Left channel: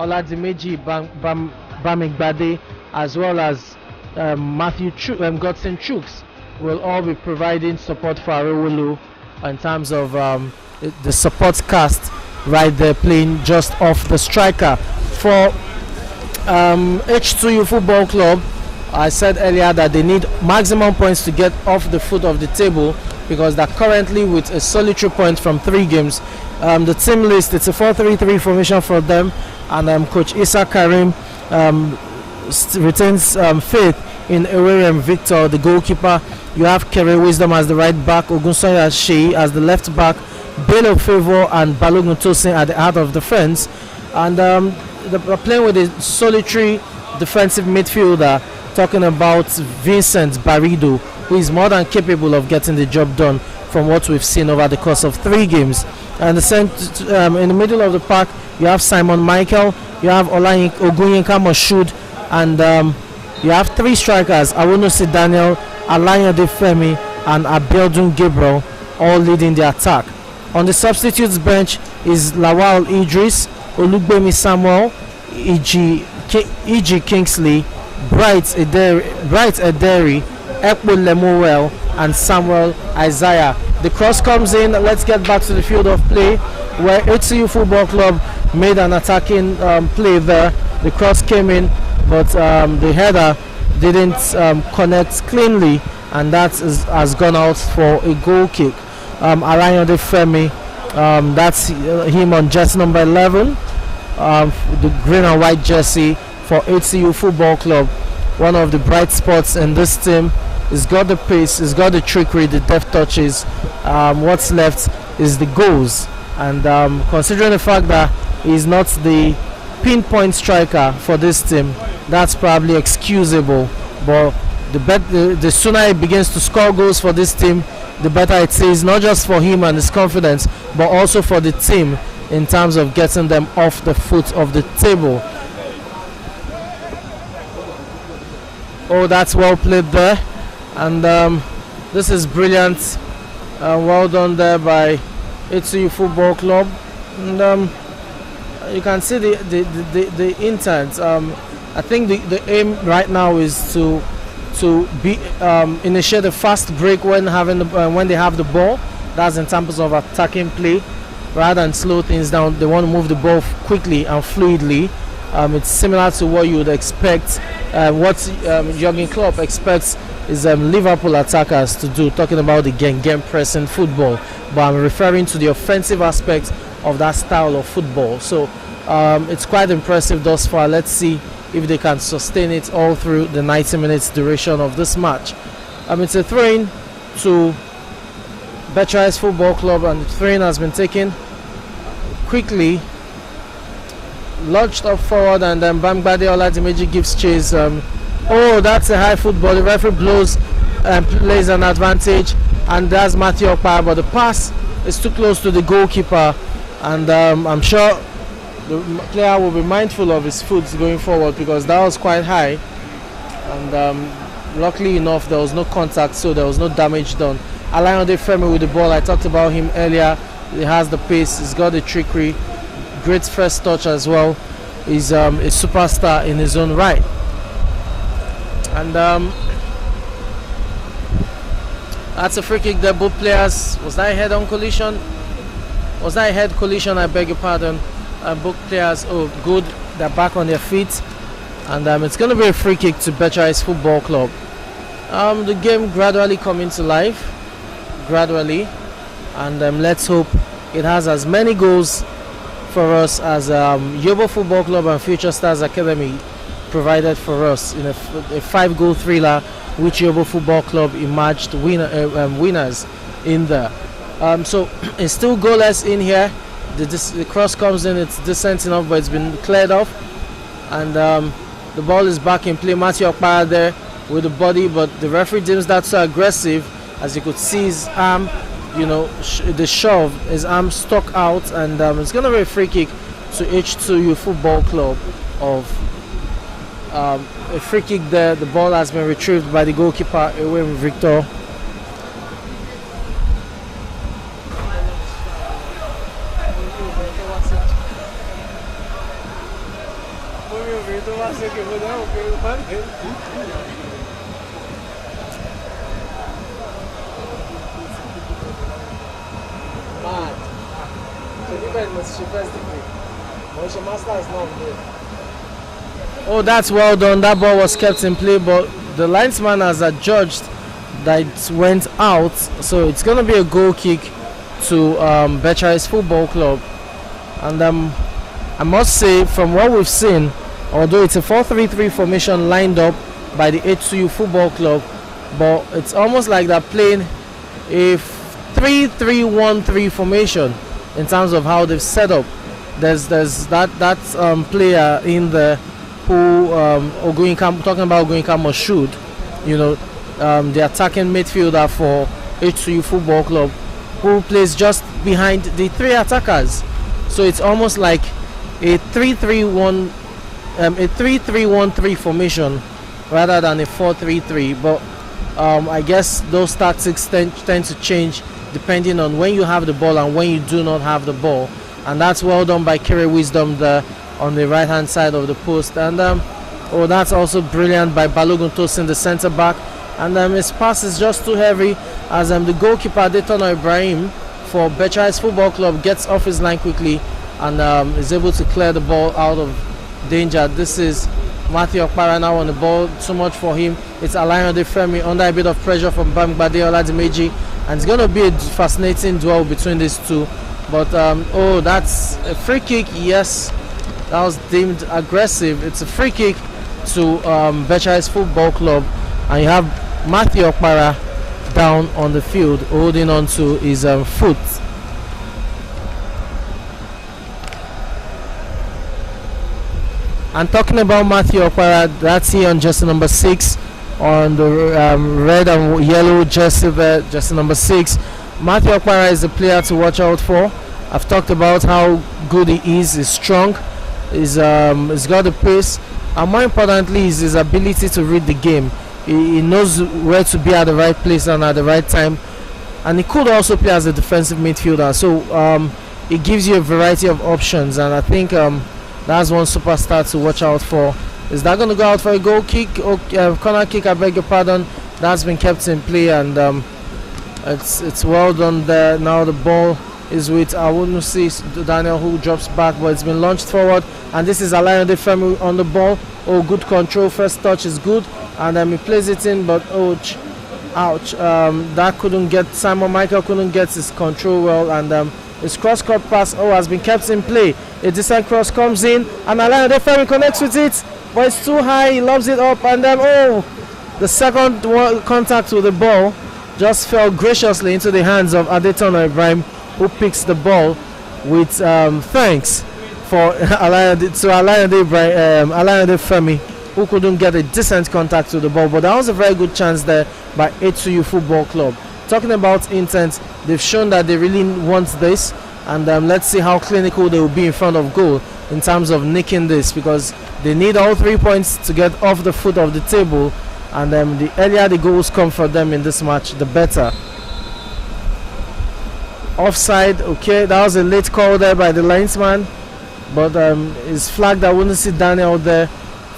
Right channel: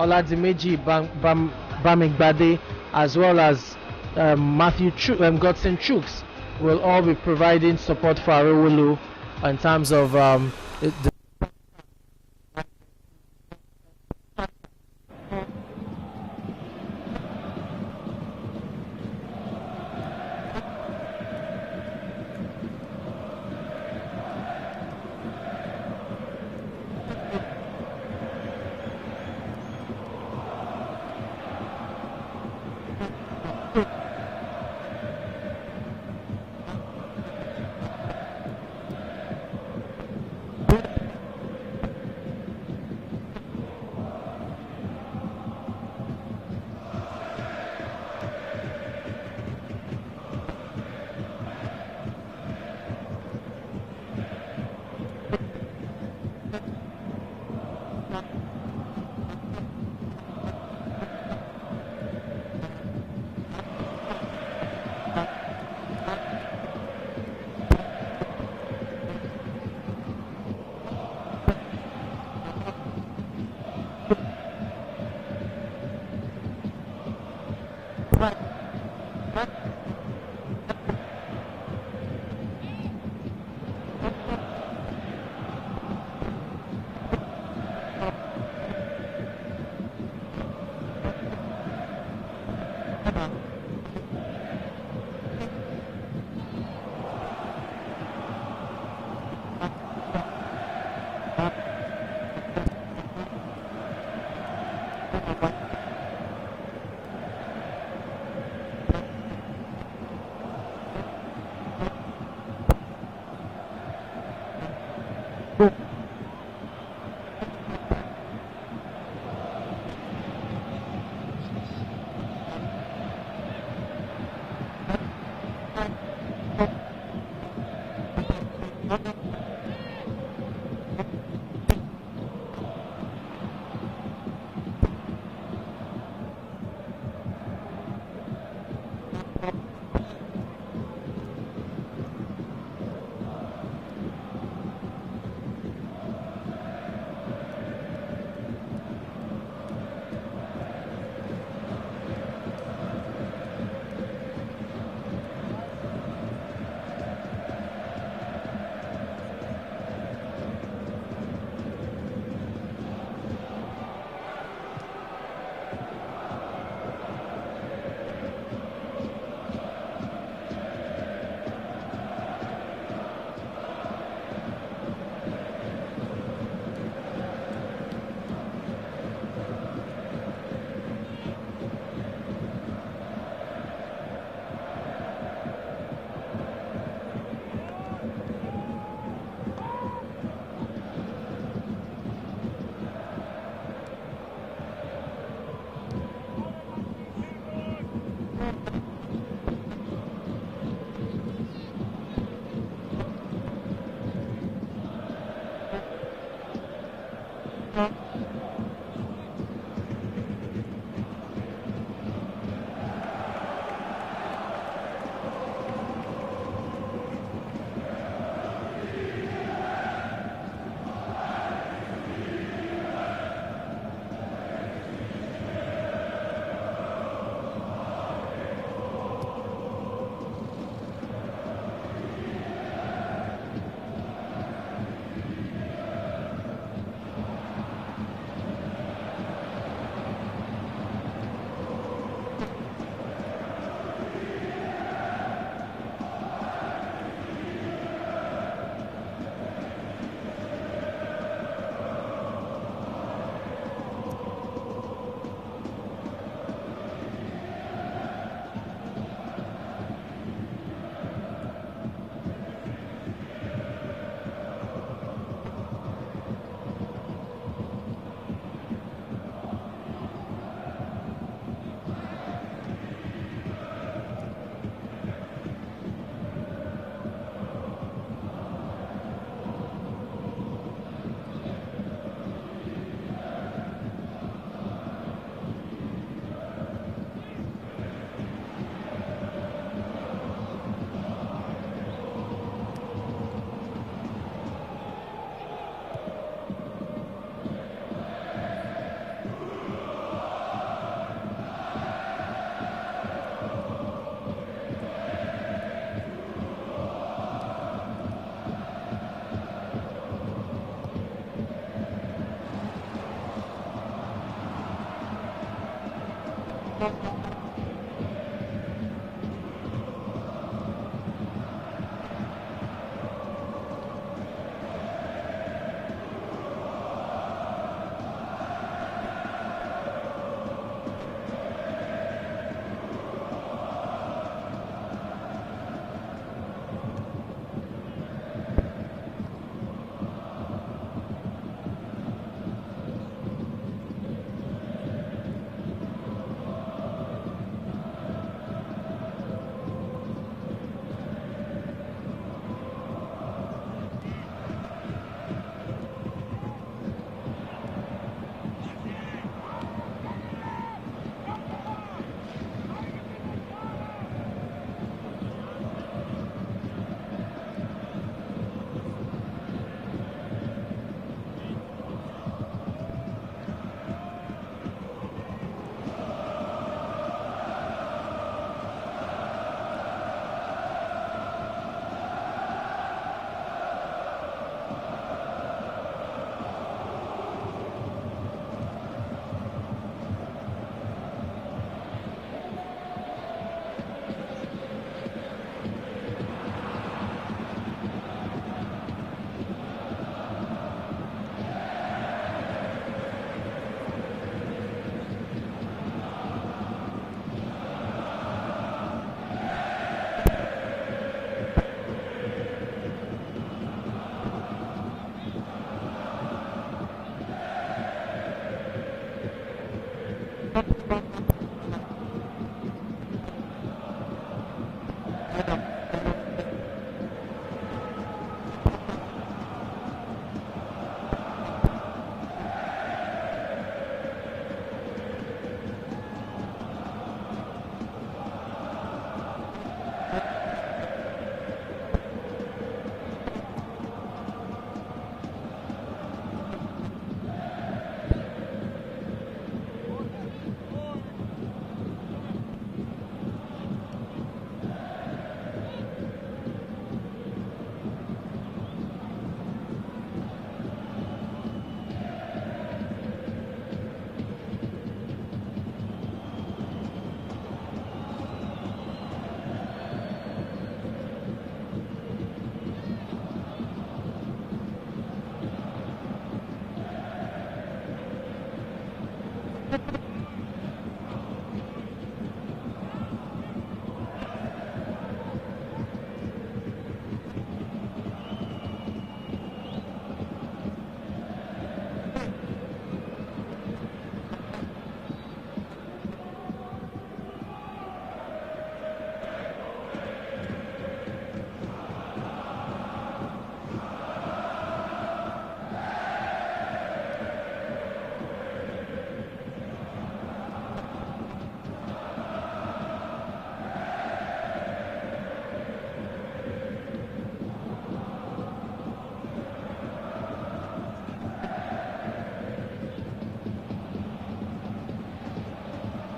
Oladimeji Bamigbade, as well as Godson Chooks will all be providing support for Arewolu in terms of the support cast right there playing just off the striker. For H2U Football Club, I said earlier that they need maximum points to get off the foot of the table because they're currently with a solitary point from 3 games. The team list, it's a 4-3-3 formation for them, and Coach Issa Karim retains faith in Eweriam Victor, the goalkeeper. You have Kere Wisdom as the right back, Ogunsoya Shei as the left back, Bello Favor and Balogun Tosin at the heart of defense. And they're playing with a solitary defensive midfielder, talking about Vincent Barido, who is more than capable of getting the job done from what we've seen over the course of 3 games. And in the middle of the park, you have Simon Michael, you have Ogunyinka Moshood, and you have 3 strikers, Awonosi Daniel, Alayande Femi, and Abiodun Gabriel, all leading the attack. On the substitutes bench is Lawal Idris, Olugbemi Samuel, E.G. Kingsley, Bright Ederi, Ekpo Lemuel, and Samuel Isaiah. The cross comes in. Let's get back to the field of play where H2U Football Club made an attacking play there. The cross came in, but the header didn't connect cleanly, and that has gone out for a goal kick. Alayande Femi, that's him on jersey number 11, the green and white jersey for H2U Football Club. One of the bright spots in this team. He's got the pace, he's got the trickery, the deft touches. What's left is the goals, and considering the fact that he's not the pinpoint striker for this team, that's probably excusable. But the sooner he begins to score goals for this team, the better it is, not just for him and his confidence, but also for the team in terms of getting them off the foot of the table. Oh, that's well played there, and this is brilliant. Well done there by H2U Football Club, and you can see the intent. I think the aim right now is to initiate a fast break when they have the ball. That's in terms of attacking play, rather than slow things down. They want to move the ball quickly and fluidly. It's similar to what you would expect, what Jurgen Klopp expects is Liverpool attackers to do, talking about the game pressing football, but I'm referring to the offensive aspect of that style of football. So it's quite impressive thus far. Let's see if they can sustain it all through the 90 minutes duration of this match. It's a throw-in to Becharis Football Club, and the throw-in has been taken quickly, launched up forward, and then Bamigbade Oladimeji gives chase. Oh, that's a high football. The referee blows and plays an advantage, and that's Matthew Okpa, but the pass is too close to the goalkeeper, and I'm sure the player will be mindful of his foot going forward because that was quite high, and luckily enough there was no contact, so there was no damage done. Alayande Femi with the ball, I talked about him earlier. He has the pace, he's got the trickery, great first touch as well. He's a superstar in his own right. And that's a free kick there. Both players, was that a head-on collision? Was that a head collision? I beg your pardon. Both players, oh good, they're back on their feet, and it's going to be a free kick to Becharis Football Club. The game gradually coming to life, and let's hope it has as many goals for us as Yobo Football Club and Future Stars Academy provided for us in a 5-goal thriller, which Yobo Football Club emerged winners in there. So it's still goalless in here. The cross comes in, it's decent enough, but it's been cleared off, and the ball is back in play. Matthew Okpa there with the body, but the referee deems that so aggressive, as you could see his arm, the shove, his arm stuck out, and it's going to be a free kick to H2U Football Club. A free kick there. The ball has been retrieved by the goalkeeper, away with Victor. Oh, that's well done. That ball was kept in play, but the linesman has adjudged that it went out, so it's going to be a goal kick to Becharis Football Club. And I must say, from what we've seen, although it's a 4-3-3 formation lined up by the H2U Football Club, but it's almost like they're playing a 3-3-1-3 formation in terms of how they've set up. There's that player in there who talking about Oguinka Moshood, the attacking midfielder for H2U Football Club, who plays just behind the three attackers. So it's almost like a 3-3-1-3 formation rather than a 4-3-3. But I guess those tactics tend to change depending on when you have the ball and when you do not have the ball. And that's well done by Kere Wisdom there on the right hand side of the post. And that's also brilliant by Balogun Tosin, the centre back. And his pass is just too heavy as the goalkeeper Adetono Ibrahim for Becharis Football Club gets off his line quickly and is able to clear the ball out of danger. This is Matthew Okpara now on the ball. Too much for him. It's Alayande Femi under a bit of pressure from Bamgbade Oladimeji, and it's going to be a fascinating duel between these two. But that's a free kick. Yes, that was deemed aggressive. It's a free kick to Becharis Football Club, and you have Matthew Okpara down on the field holding on to his foot. And talking about Matthew Okpara, that's here on jersey number 6 on the red and yellow jersey there, jersey number 6. Matthew Okpara is a player to watch out for. I've talked about how good he is. He's strong. He's got the pace, and more importantly, is his ability to read the game. He knows where to be at the right place and at the right time, and he could also play as a defensive midfielder. So it gives you a variety of options, and I think that's one superstar to watch out for. Is that going to go out for a goal kick or corner kick? I beg your pardon. That's been kept in play, and it's well done there. Now the ball is with Awunusi Daniel, who drops back, but it's been launched forward, and this is Alayande Femi on the ball. Oh, good control. First touch is good, and he plays it in, but ouch. That couldn't get, Simon Michael couldn't get his control well, and his cross-court pass has been kept in play. A decent cross comes in, and Alayande Femi connects with it, but it's too high. He lobs it up, and the second contact with the ball just fell graciously into the hands of Adetono Ibrahim, who picks the ball with thanks for Alayande Femi, who couldn't get a decent contact with the ball. But that was a very good chance there by H2U Football Club. Talking about intent, they've shown that they really want this, and let's see how clinical they will be in front of goal in terms of nicking this, because they need all 3 points to get off the foot of the table, and the earlier the goals come for them in this match, the better. Offside, okay, that was a late call there by the linesman, but it's flagged. I wouldn't see Daniel there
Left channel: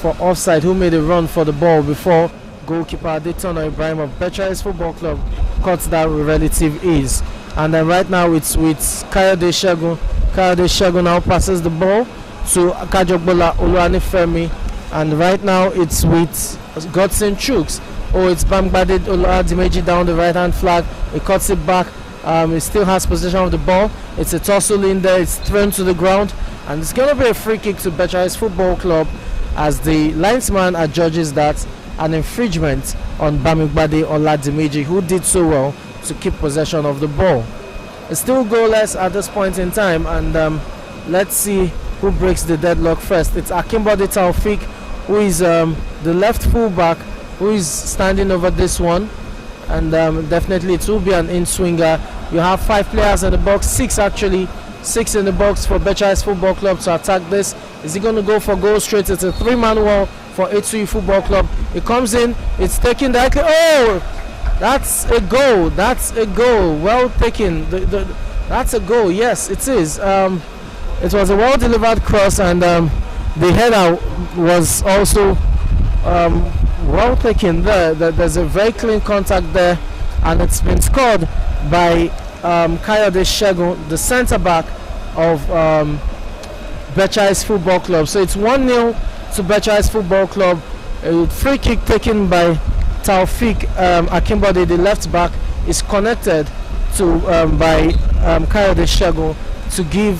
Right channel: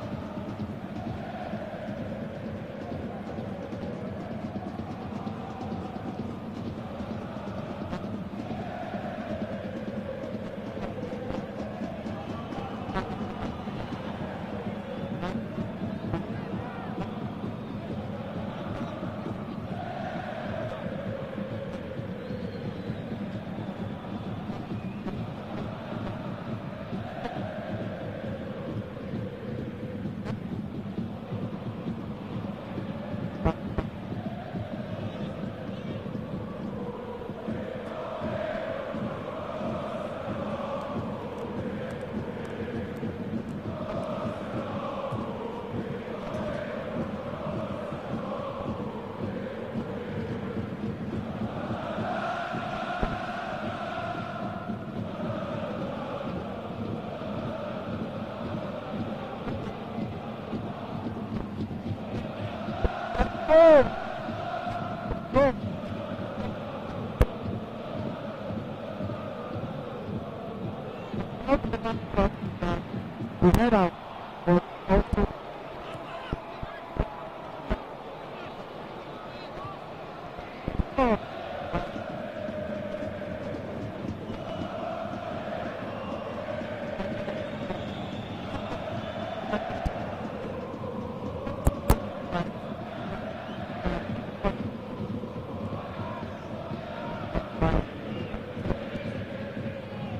for offside, who made a run for the ball before goalkeeper Adetono Ibrahim of Becharis Football Club caught that with relative ease. And then right now it's with Kayode Segun. Kayode Segun now passes the ball to Kajogbola Oluwanifemi, and right now it's with Godson Chooks. It's Bamgbade Oladimeji down the right hand flag. He cuts it back. He still has possession of the ball. It's a tussle in there. It's thrown to the ground, and it's going to be a free kick to Becharis Football Club, as the linesman adjudges that an infringement on Bamgbade Oladimeji, who did so well to keep possession of the ball. It's still goalless at this point in time, and let's see who breaks the deadlock first. It's Akimbode Taufik, who is the left fullback, who is standing over this one, and definitely it will be an in-swinger. You have 5 players in the box, 6 actually, 6 in the box for Becharis Football Club to attack this. Is he going to go for goal straight? It's a 3-man wall for H2U Football Club. It comes in, it's taken directly. That's a goal. That's a goal. Well taken. That's a goal. Yes, it is. It was a well-delivered cross, and the header was also well taken there. There's a very clean contact there, and it's been scored by Kayode Shegun, the centre back of Becharis Football Club. So it's 1-0 to Becharis Football Club. A free kick taken by Taufik Akimbode, the left back, is connected to by Kayode Shegun to give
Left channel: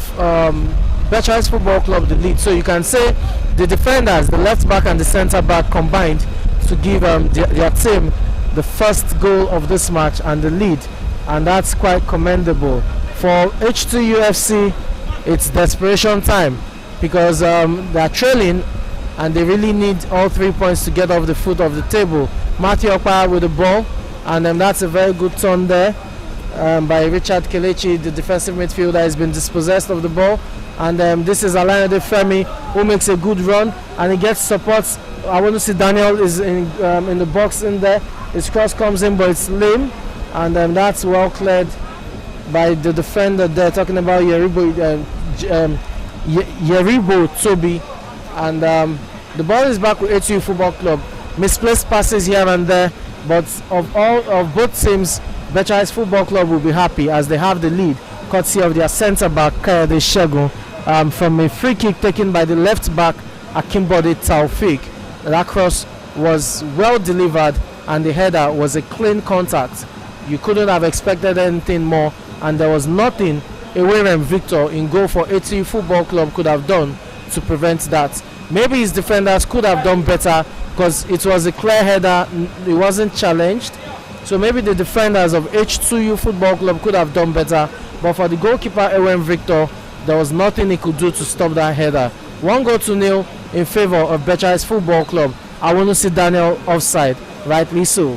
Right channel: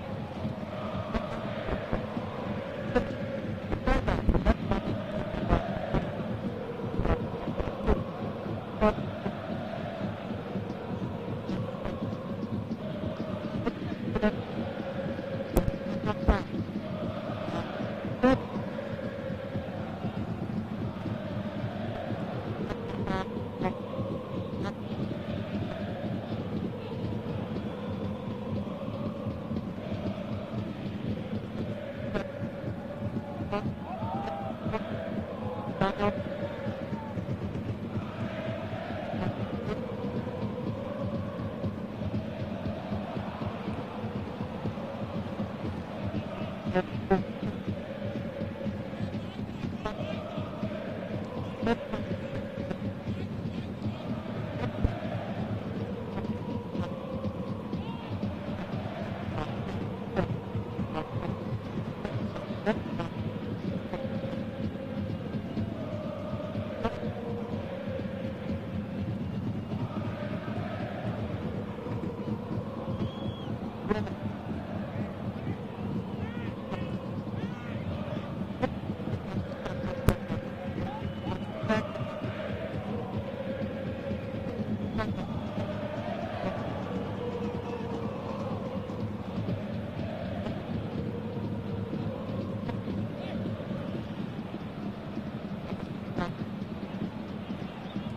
Becharis Football Club the lead. So you can say the defenders, the left back and the centre back, combined to give their team the first goal of this match and the lead, and that's quite commendable. For H2U Fc, it's desperation time because they're trailing and they really need all 3 points to get off the foot of the table. Matthew Okpara with the ball, and that's a very good turn there by Richard Kelechi, the defensive midfielder. Has been dispossessed of the ball, and this is Alayande Femi, who makes a good run and he gets support. I want to see Daniel is in the box in there. His cross comes in, but it's lame, and that's well cleared by the defender there, talking about Yeribo Toby, and the ball is back with H2U Football Club. Misplaced passes here and there, but of both teams, Becharis Football Club will be happy as they have the lead, courtesy of their centre back Kayode Shegun, from a free kick taken by the left back Akimbode Taufik. That cross was well delivered, and the header was a clean contact. You couldn't have expected anything more, and there was nothing Eweren Victor in goal for H2U Football Club could have done to prevent that. Maybe his defenders could have done better because it was a clear header, it wasn't challenged. So maybe the defenders of H2U Football Club could have done better, but for the goalkeeper Eweren Victor, there was nothing he could do to stop that header. 1-0 in favour of Becharis Football Club. I want to see Daniel offside, rightly so.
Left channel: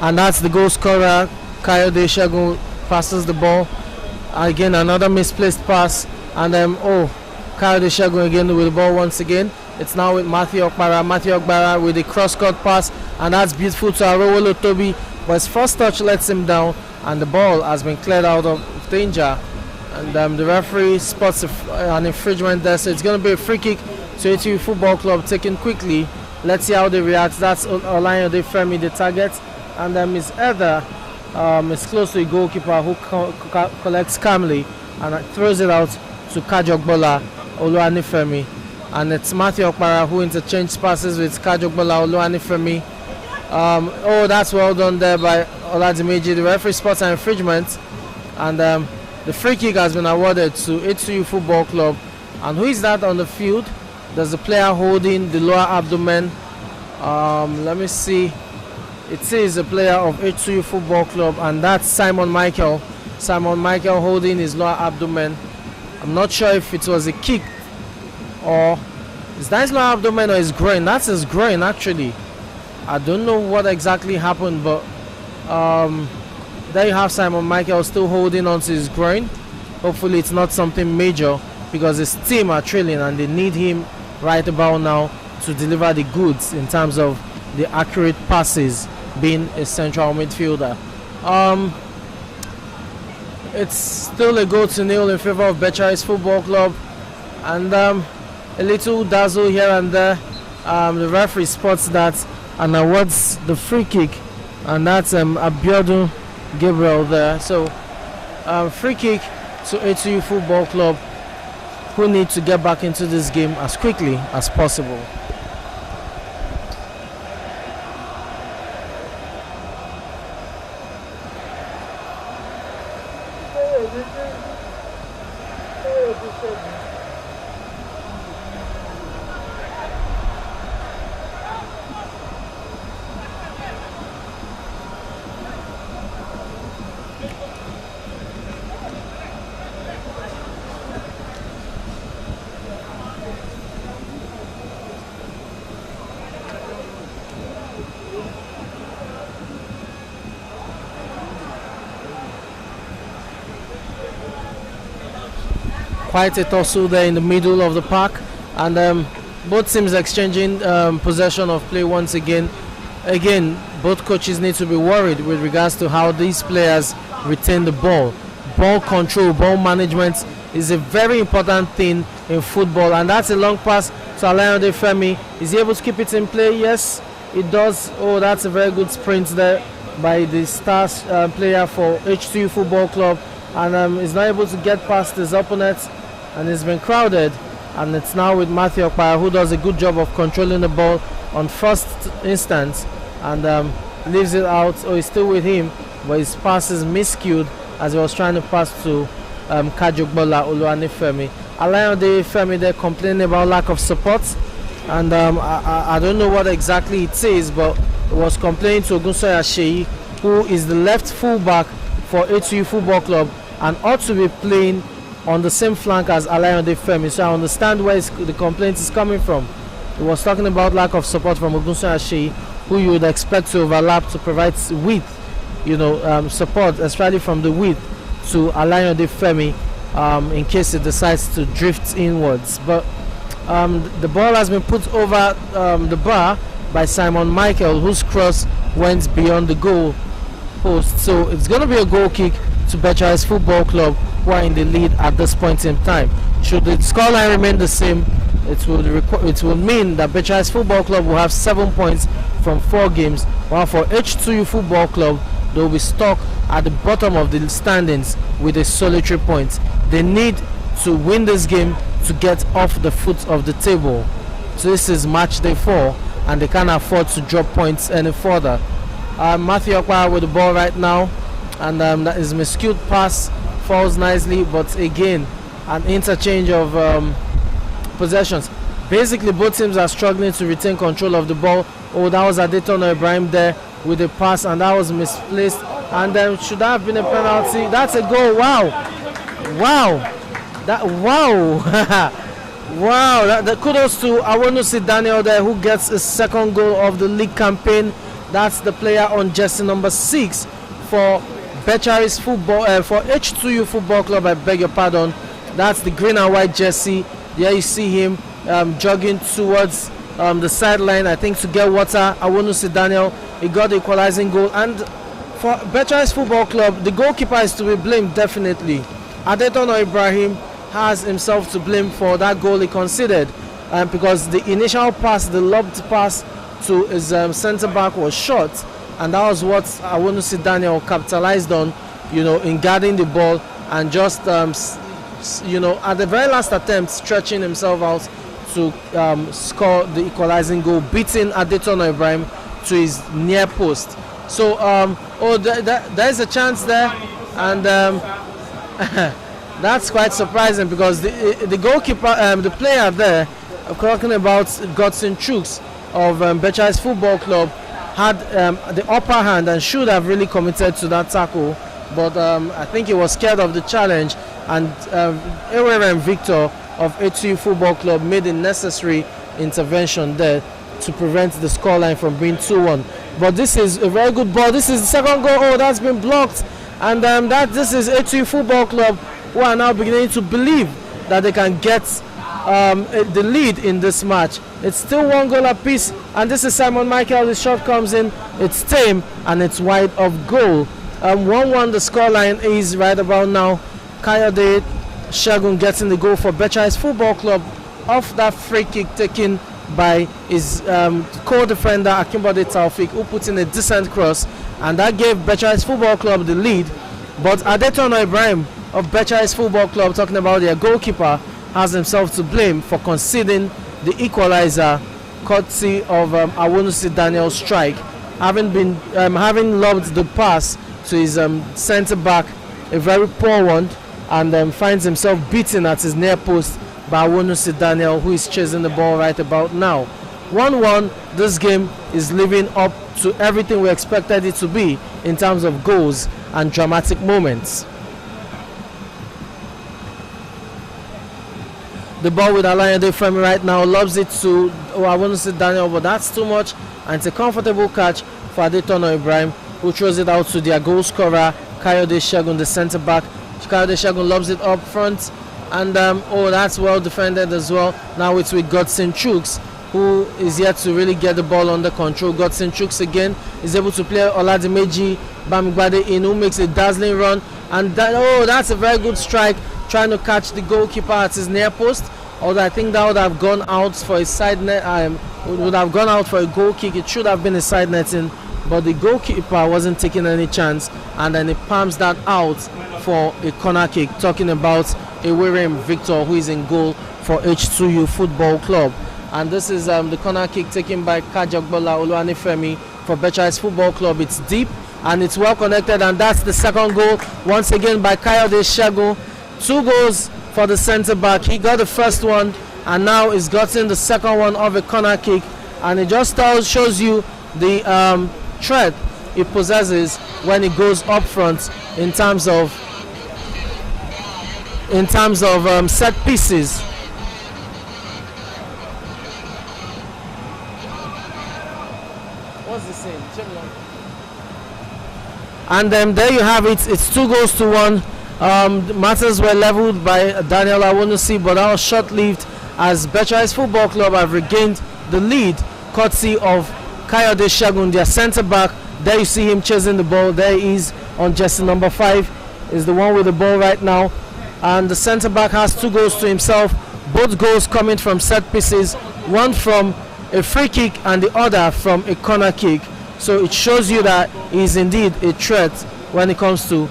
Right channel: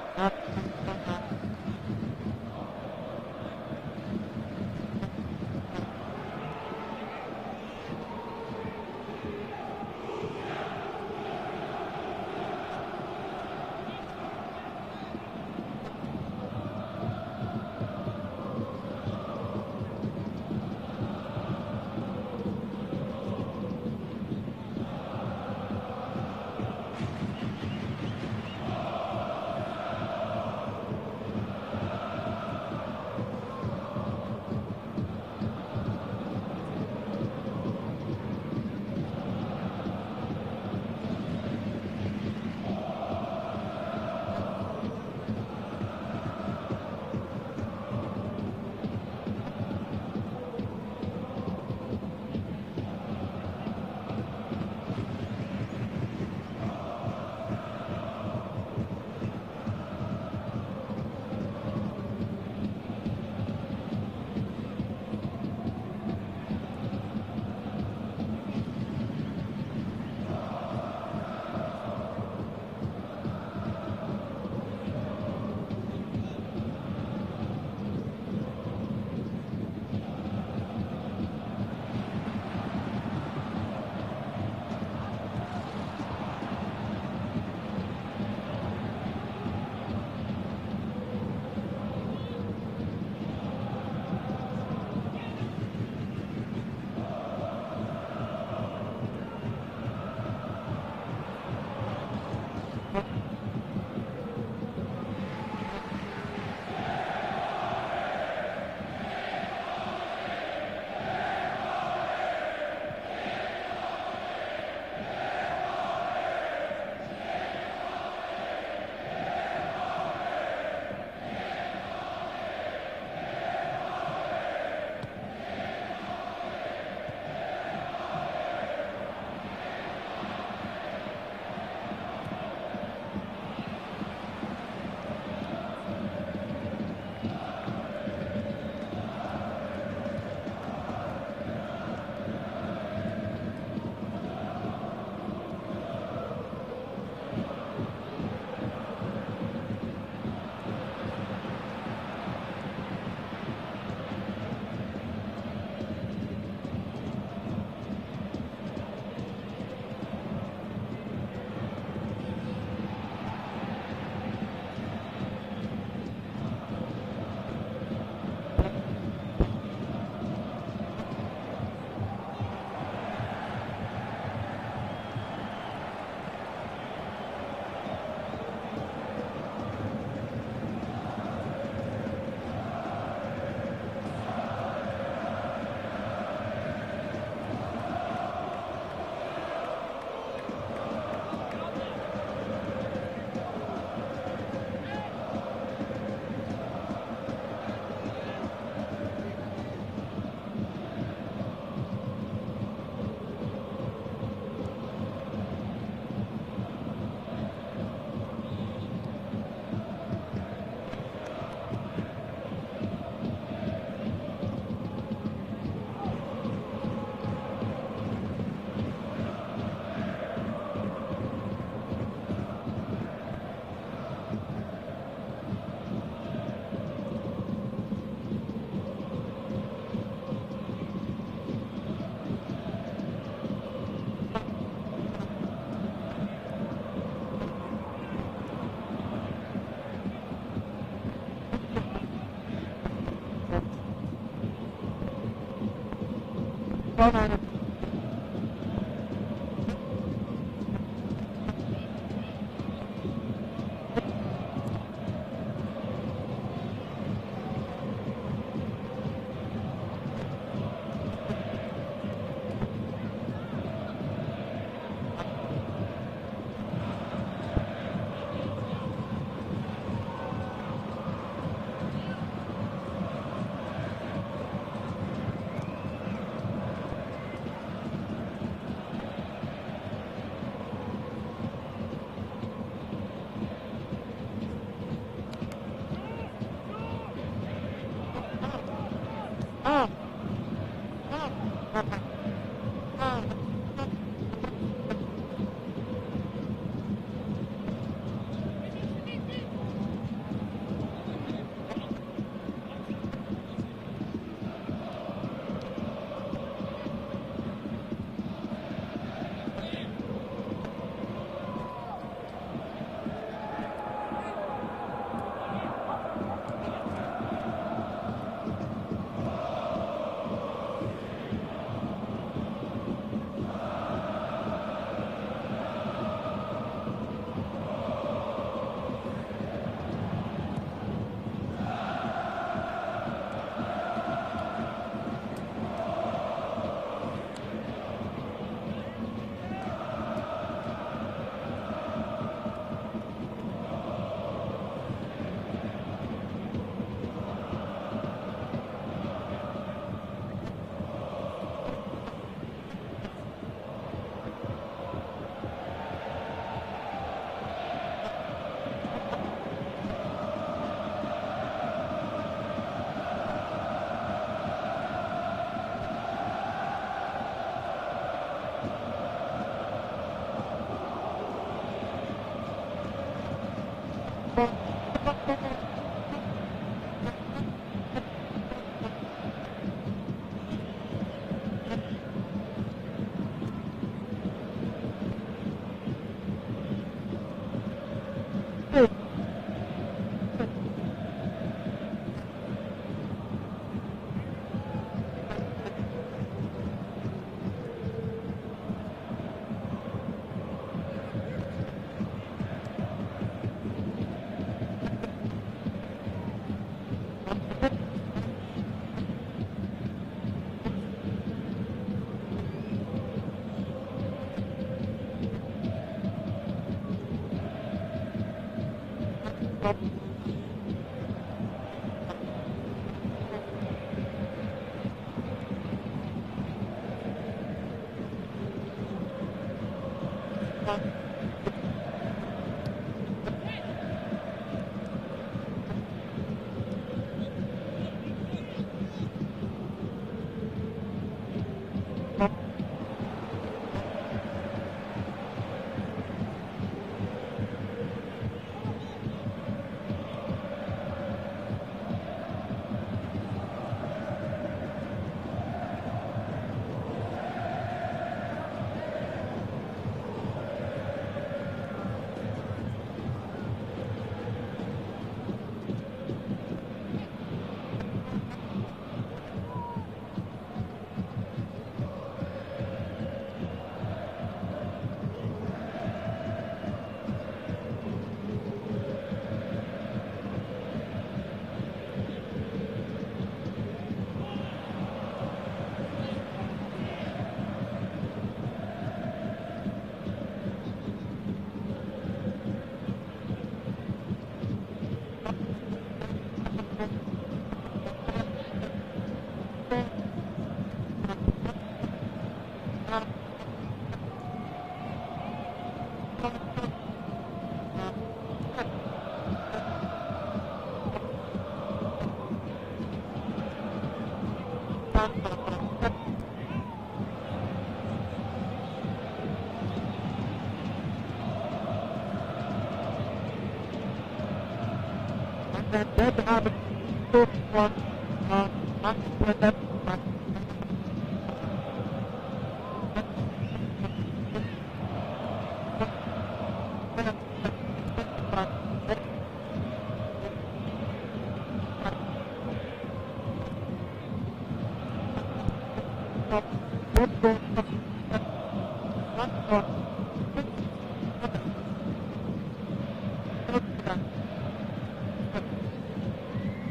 And that's the goal scorer. Kayode Shegun passes the ball. Again, another misplaced pass, and Kayode Shegun again with the ball once again. It's now with Matthew Okpara. Matthew Okpara with the cross-court pass, and that's beautiful to Arowolo Toby, but his first touch lets him down, and the ball has been cleared out of danger. And the referee spots an infringement there, so it's going to be a free kick to H2U Football Club, taken quickly. Let's see how they react. That's Olayande Femi, the target, and his header is close to the goalkeeper, who collects calmly and throws it out to Kajokbola Oluwanifemi. And it's Matthew Okpara who interchanges passes with Kajokbola Oluwanifemi. That's well done there by Oladimeji. The referee spots an infringement, and the free kick has been awarded to H2U Football Club. And who is that on the field? There's a player holding the lower abdomen. Let me see. It is a player of H2U Football Club, and that's Simon Michael. Simon Michael holding his lower abdomen. I'm not sure if it was a kick or is that his lower abdomen or his groin. That's his groin actually. I don't know what exactly happened, but there you have Simon Michael still holding onto his groin. Hopefully it's not something major, because his team are trailing and they need him right about now to deliver the goods in terms of the accurate passes, being a central midfielder. It's still a 0-0 in favor of Becharis Football Club, and a little dazzle here and there. The referee spots that and awards the free kick, and that's Abiodun Gabriel there. So free kick to H2U Football Club, who need to get back into this game as quickly as possible. quite a tussle there in the middle of the park, and both teams exchanging possession of play once again. Again, both coaches need to be worried with regards to how these players retain the ball. Ball control, ball management is a very important thing in football, and that's a long pass to Alayande Femi. Is he able to keep it in play? Yes, it does. Oh, that's a very good sprint there by the stars player for H2U Football Club, and he's not able to get past his opponent, and it's been crowded, and it's now with Matthew Okpara, who does a good job of controlling the ball on first instance, and leaves it out. Oh, he's still with him, but his pass is miscued as he was trying to pass to Kajugbola Oluwanifemi. Alayande Femi, they're complaining about lack of support, and I don't know what exactly it is, but it was complaining to Ogunsoya Sheyi, who is the left fullback for H2U Football Club and ought to be playing on the same flank as Alayande Femi. So I understand where the complaint is coming from. He was talking about lack of support from Ogunsoya Sheyi, who you would expect to overlap to provide width, support, especially from the width to Alayande Femi in case it decides to drift inwards. But the ball has been put over the bar by Simon Michael, whose cross went beyond the goal post. So it's going to be a goal kick to Becharis Football Club, who are in the lead at this point in time. Should the scoreline remain the same, it will mean that Becharis Football Club will have 7 points from 4 games, while for H2U Football Club, they will be stuck at the bottom of the standings with a solitary point. They need to win this game to get off the foot of the table. So this is match day 4, and they can't afford to drop points any further. Matthew Okpara with the ball right now, and that is miscued pass, falls nicely, but again an interchange of possessions. Basically both teams are struggling to retain control of the ball. Oh, that was Adetono Ibrahim there with a pass, and that was misplaced, and then should that have been a penalty? That's a goal. Wow. Wow, that kudos to Awonusi Daniel there, who gets his second goal of the league campaign. That's the player on jersey number 6 for Becharis Football, for H2U Football Club, I beg your pardon. That's the green and white jersey. There you see him jogging towards the sideline, I think to get water. Awonusi Daniel, he got the equalizing goal. And for Becharis Football Club, the goalkeeper is to be blamed, definitely. Adetono Ibrahim has himself to blame for that goal he conceded, because the initial pass, the lobbed pass to his centre back was short, and that was what Awonusi Daniel capitalized on, in guarding the ball and just at the very last attempt stretching himself out to score the equalizing goal, beating Adetono Ibrahim to his near post. So there's a chance there, and that's quite surprising, because the goalkeeper, the player there, talking about Godson Chooks of Becharis Football Club, had the upper hand and should have really committed to that tackle, but I think he was scared of the challenge, and Eweren Victor of H2U Football Club made the necessary intervention there to prevent the scoreline from being 2-1. But this is a very good ball. This is the second goal. Oh, that's been blocked, and this is H2U Football Club, who are now beginning to believe that they can get the lead in this match. It's still 1 goal apiece, and this is Simon Michael. The shot comes in, it's tame, and it's wide of goal. 1-1 the scoreline is right about now. Kayode Shagun getting the goal for Becharis Football Club off that free kick taken by his co-defender Akimbode Taufik, who put in a decent cross, and that gave Becharis Football Club the lead. But Adetono Ibrahim of Becharis Football Club, talking about their goalkeeper, has himself to blame for conceding the equalizer, courtesy of Awonusi Daniel's strike, having lobbed the pass to his centre back, a very poor one, and finds himself beaten at his near post by Awonusi Daniel, who is chasing the ball right about now. 1-1, this game is living up to everything we expected it to be in terms of goals and dramatic moments. The ball with Alayande Femi right now, lobs it to Awonusi Daniel, but that's too much, and it's a comfortable catch for Adetono Ibrahim, who throws it out to their goal scorer Kayode Shagun, the centre back. Kayode Shagun lobs it up front, And oh, that's well defended as well. Now it's with Godson Chooks, who is yet to really get the ball under control. Godson Chooks again is able to play Oladimeji Bamigbade in, who makes a dazzling run. And that's a very good strike, trying to catch the goalkeeper at his near post. Although I think that would have gone out for a side net, would have gone out for a goal kick. It should have been a side netting, but the goalkeeper wasn't taking any chance, and then he palms that out for a corner kick. Talking about Ewerem Victor, who is in goal for H2U Football Club. And this is the corner kick taken by Kajagbola Oluwanifemi for Becharis Football Club. It's deep and it's well connected, and that's the second goal once again by Kayode Segun. 2 goals for the centre back. He got the first one, and now he's gotten the second one of a corner kick, and it just shows you the threat he possesses when he goes up front in terms of set pieces. What's the same? And there you have it. It's 2 goals to 1. Matters were leveled by Daniel Awunusi, but that was short-lived as Becharis Football Club have regained the lead courtesy of Kayode Segun, their centre-back. There you see him chasing the ball. There he is on jersey number 5, is the one with the ball right now. And the centre-back has 2 goals to himself, both goals coming from set pieces, one from a free kick and the other from a corner kick. So it shows you that he is indeed a threat when it comes to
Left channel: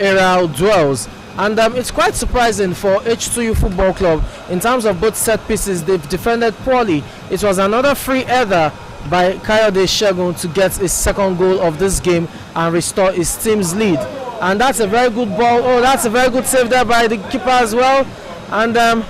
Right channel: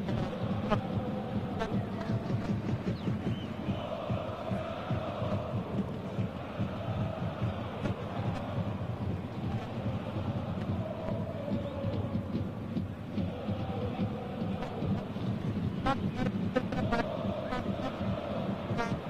aerial duels. And it's quite surprising for H2U Football Club in terms of both set pieces. They've defended poorly. It was another free header by Kayode Segun to get his second goal of this game and restore his team's lead. And that's a very good ball. Oh, that's a very good save there by the keeper as well. And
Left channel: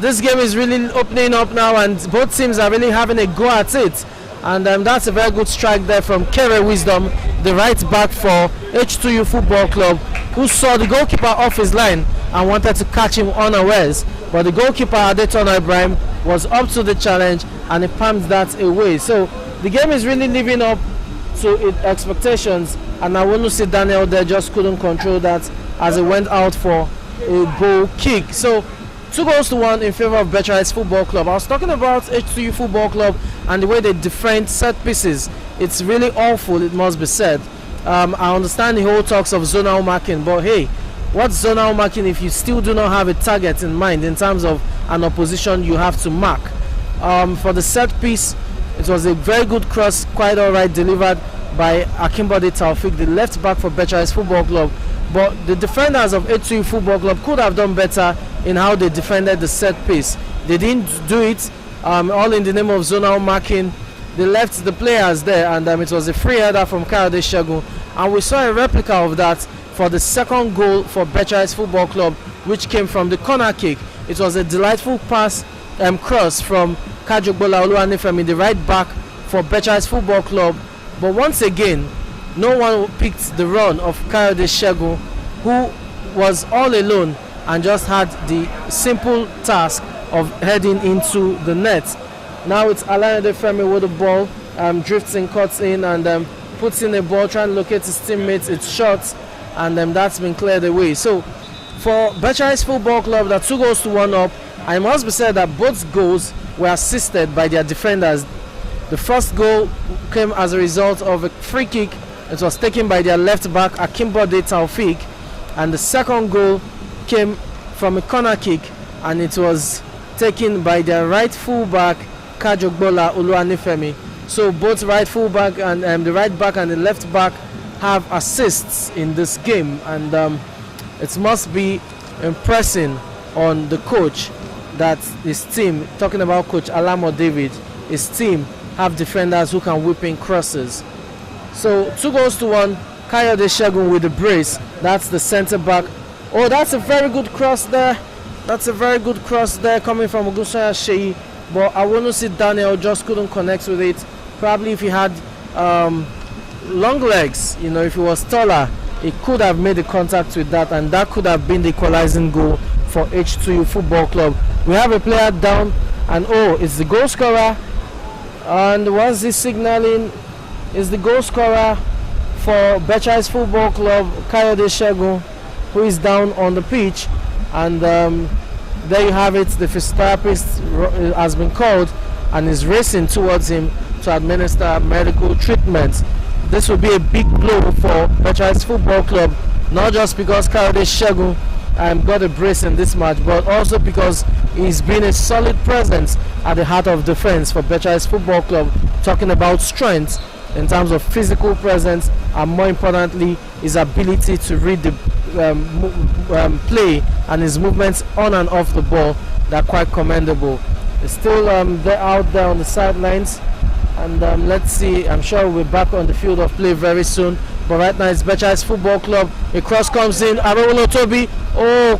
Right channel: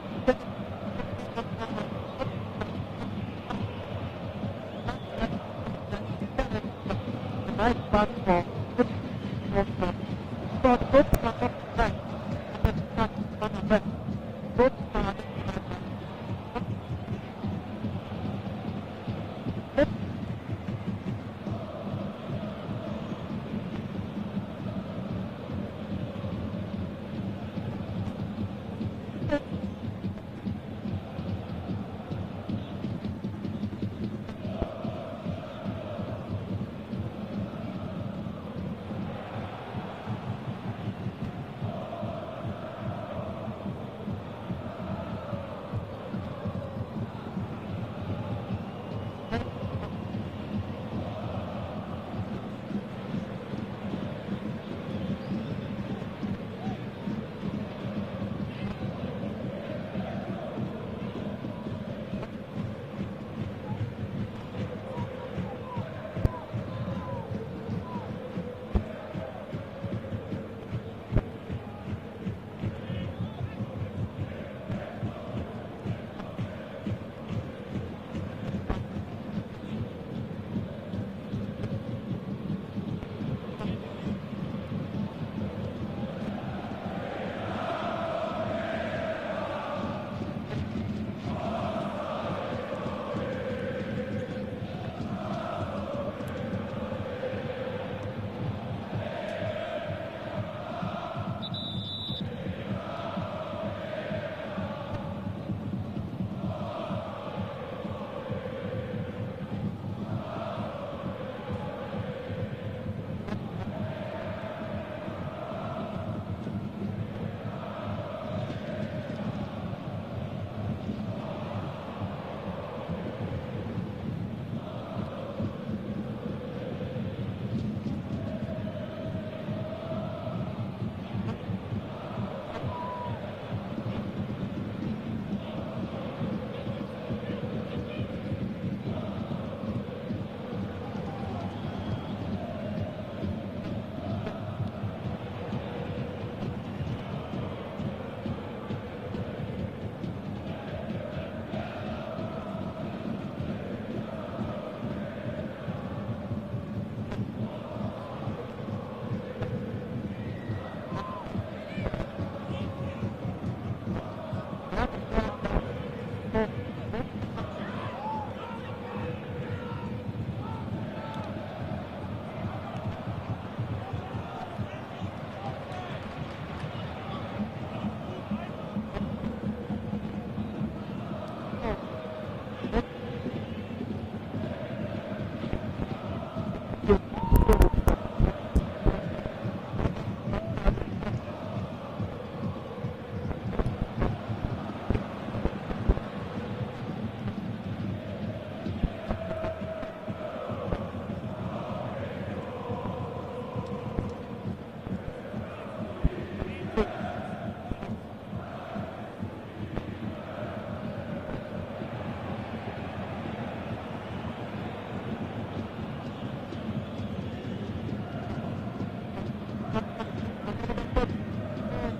this game is really opening up now, and both teams are really having a go at it. And that's a very good strike there from Kere Wisdom, the right back for H2U Football Club, who saw the goalkeeper off his line and wanted to catch him unawares. But the goalkeeper, Adetona Ibrahim, was up to the challenge and he palmed that away. So the game is really living up to its expectations, and I want to see Daniel there just couldn't control that as he went out for a goal kick. So 2 goals to 1 in favor of Becharis Football Club. I was talking about H2U Football Club and the way they defend set pieces. It's really awful, it must be said. I understand the whole talks of zonal marking, but hey, what's zonal marking if you still do not have a target in mind in terms of an opposition you have to mark? For the set piece, it was a very good cross, quite alright, delivered by Akimbode Taufik, the left back for Becharis Football Club. But the defenders of H2U Football Club could have done better in how they defended the set piece. They didn't do it all in the name of zonal marking. They left the players there, and it was a free header from Kayode Segun. And we saw a replica of that for the second goal for Becharis Football Club, which came from the corner kick. It was a delightful pass cross from Kajagbola Oluwanifemi, the right back for Becharis Football Club. But once again, no one picked the run of Kayode Segun, who was all alone and just had the simple task of heading into the net. Now it's Alayande Femi with the ball, drifts in, cuts in, and puts in a ball, trying to locate his teammates. It's shot, and that's been cleared away. So for Becharis Football Club, they're 2 goals to 1 up. I must be said that both goals were assisted by their defenders. The first goal came as a result of a free kick. It was taken by their left back, Akimbode Taufik, and the second goal came from a corner kick, and it was taken by their right full back, Kajagbola Oluwanifemi. So both right full back and the right back and the left back have assists in this game, and it must be impressing on the coach that his team, talking about Coach Alamo David, his team have defenders who can whip in crosses. So 2 goals to 1, Kayode Segun with the brace. That's the centre back. Oh, that's a very good cross there. That's a very good cross there coming from Ogunsanya Sheyi. But I want to see Daniel just couldn't connect with it. Probably if he had long legs, if he was taller, he could have made the contact with that, and that could have been the equalizing goal for H2U Football Club. We have a player down, and it's the goal scorer. And what's this signaling? Is the goal scorer for Becharis Football Club, Kayode Segun, who is down on the pitch. And there you have it. The physiotherapist has been called and is racing towards him to administer medical treatment. This will be a big blow for Becharis Football Club, not just because Kayode Segun got a brace in this match, but also because he's been a solid presence at the heart of defense for Becharis Football Club, talking about strength in terms of physical presence and, more importantly, his ability to read the play and his movements on and off the ball. They're quite commendable. It's still they're out there on the sidelines, and let's see. I'm sure we'll be back on the field of play very soon. But right now it's Becharis Football Club. A cross comes in. Arolo Toby,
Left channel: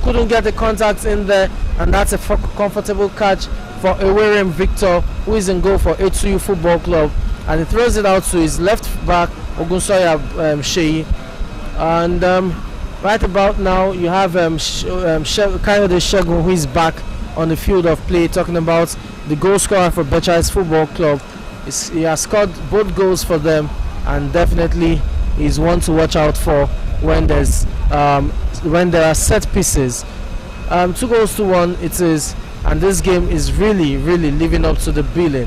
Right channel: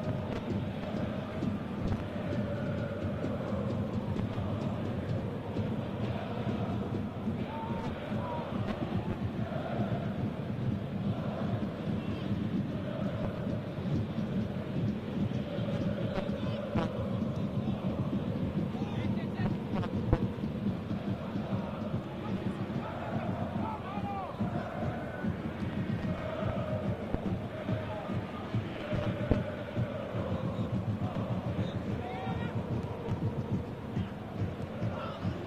couldn't get the contact in there, and that's a comfortable catch for Ewerem Victor, who is in goal for H2U Football Club, and he throws it out to his left back Ogunsoya Sheyi. And right about now you have Kayode Segun, who is back on the field of play, talking about the goal scorer for Becharis Football Club. He has scored both goals for them, and definitely is one to watch out for when there's when there are set pieces. 2-1 it is, and this game is really living up to the billing.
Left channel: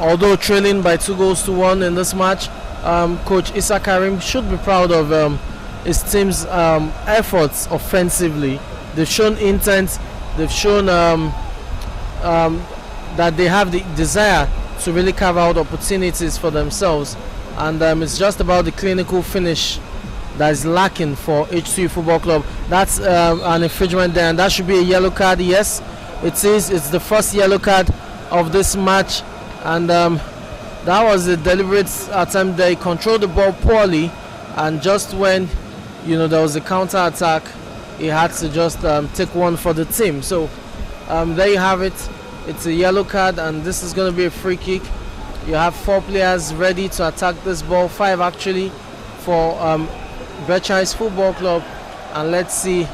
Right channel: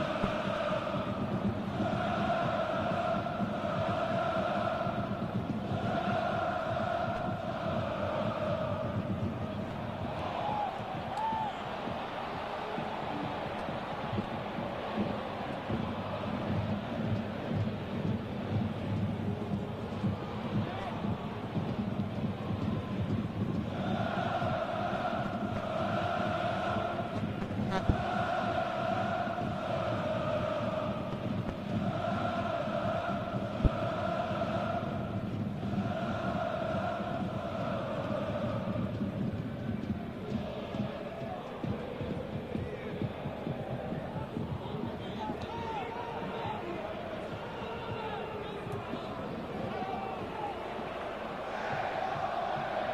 Although trailing by 2-1 in this match, Coach Issa Karim should be proud of his team's efforts offensively. They've shown intent, they've shown that they have the desire to really carve out opportunities for themselves, and it's just about the clinical finish that is lacking for H2U Football Club. That's an infringement there, and that should be a yellow card. Yes, it is. It's the first yellow card of this match, and that was a deliberate attempt there. He controlled the ball poorly, and just when there was a counter attack, he had to just take one for the team. So there you have it. It's a yellow card, and this is going to be a free kick. You have 4 players ready to attack this ball, 5 actually, for Becharis Football Club, and let's see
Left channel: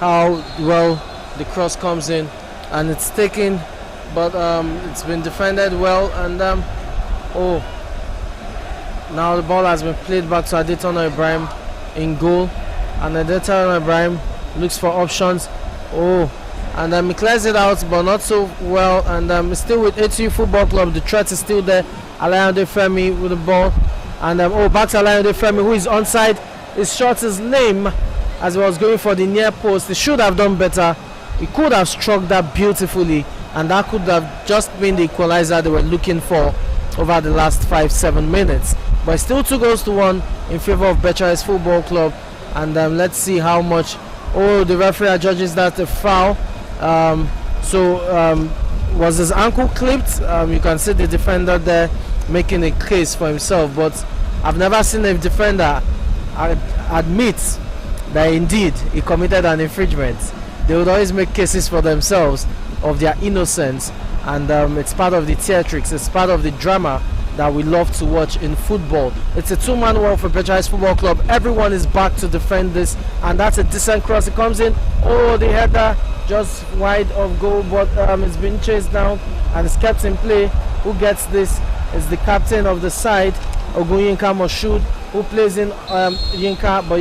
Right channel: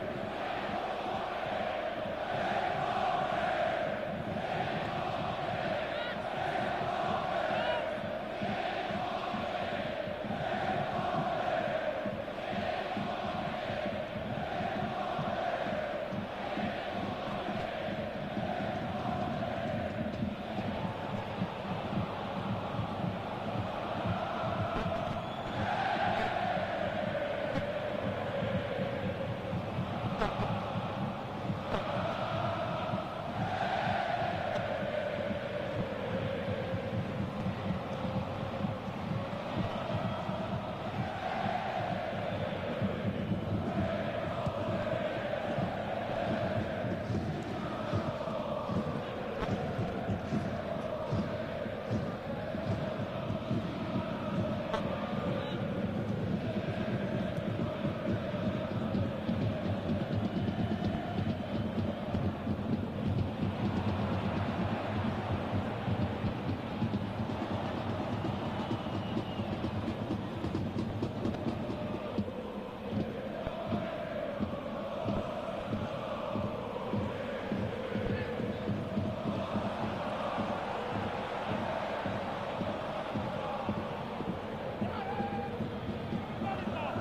how well the cross comes in, and it's taken, but it's been defended well, and now the ball has been played back to Adetono Ibrahim in goal, and Adetono Ibrahim looks for options. And he clears it out, but not so well, and still with H2U Football Club. The threat is still there. Alayande Femi with the ball, and back to Alayande Femi, who is onside. He shot his name as he was going for the near post. He should have done better. He could have struck that beautifully, and that could have just been the equalizer they were looking for over the last 5-7 minutes. But still 2-1 in favor of Becharis Football Club, and let's see how much. The referee adjudges that a foul. Was his ankle clipped? You can see the defender there making a case for himself, but I've never seen a defender admit that indeed he committed an infringement. They would always make cases for themselves of their innocence, and it's part of the theatrics, it's part of the drama that we love to watch in football. It's a 2-man war for Becharis Football Club. Everyone is back to defend this, and that's a decent cross. It comes in. The header just wide of goal, but it's been chased down and it's kept in play. Who gets this is the captain of the side, Ogunyinka Moshood, who plays in Yinka, but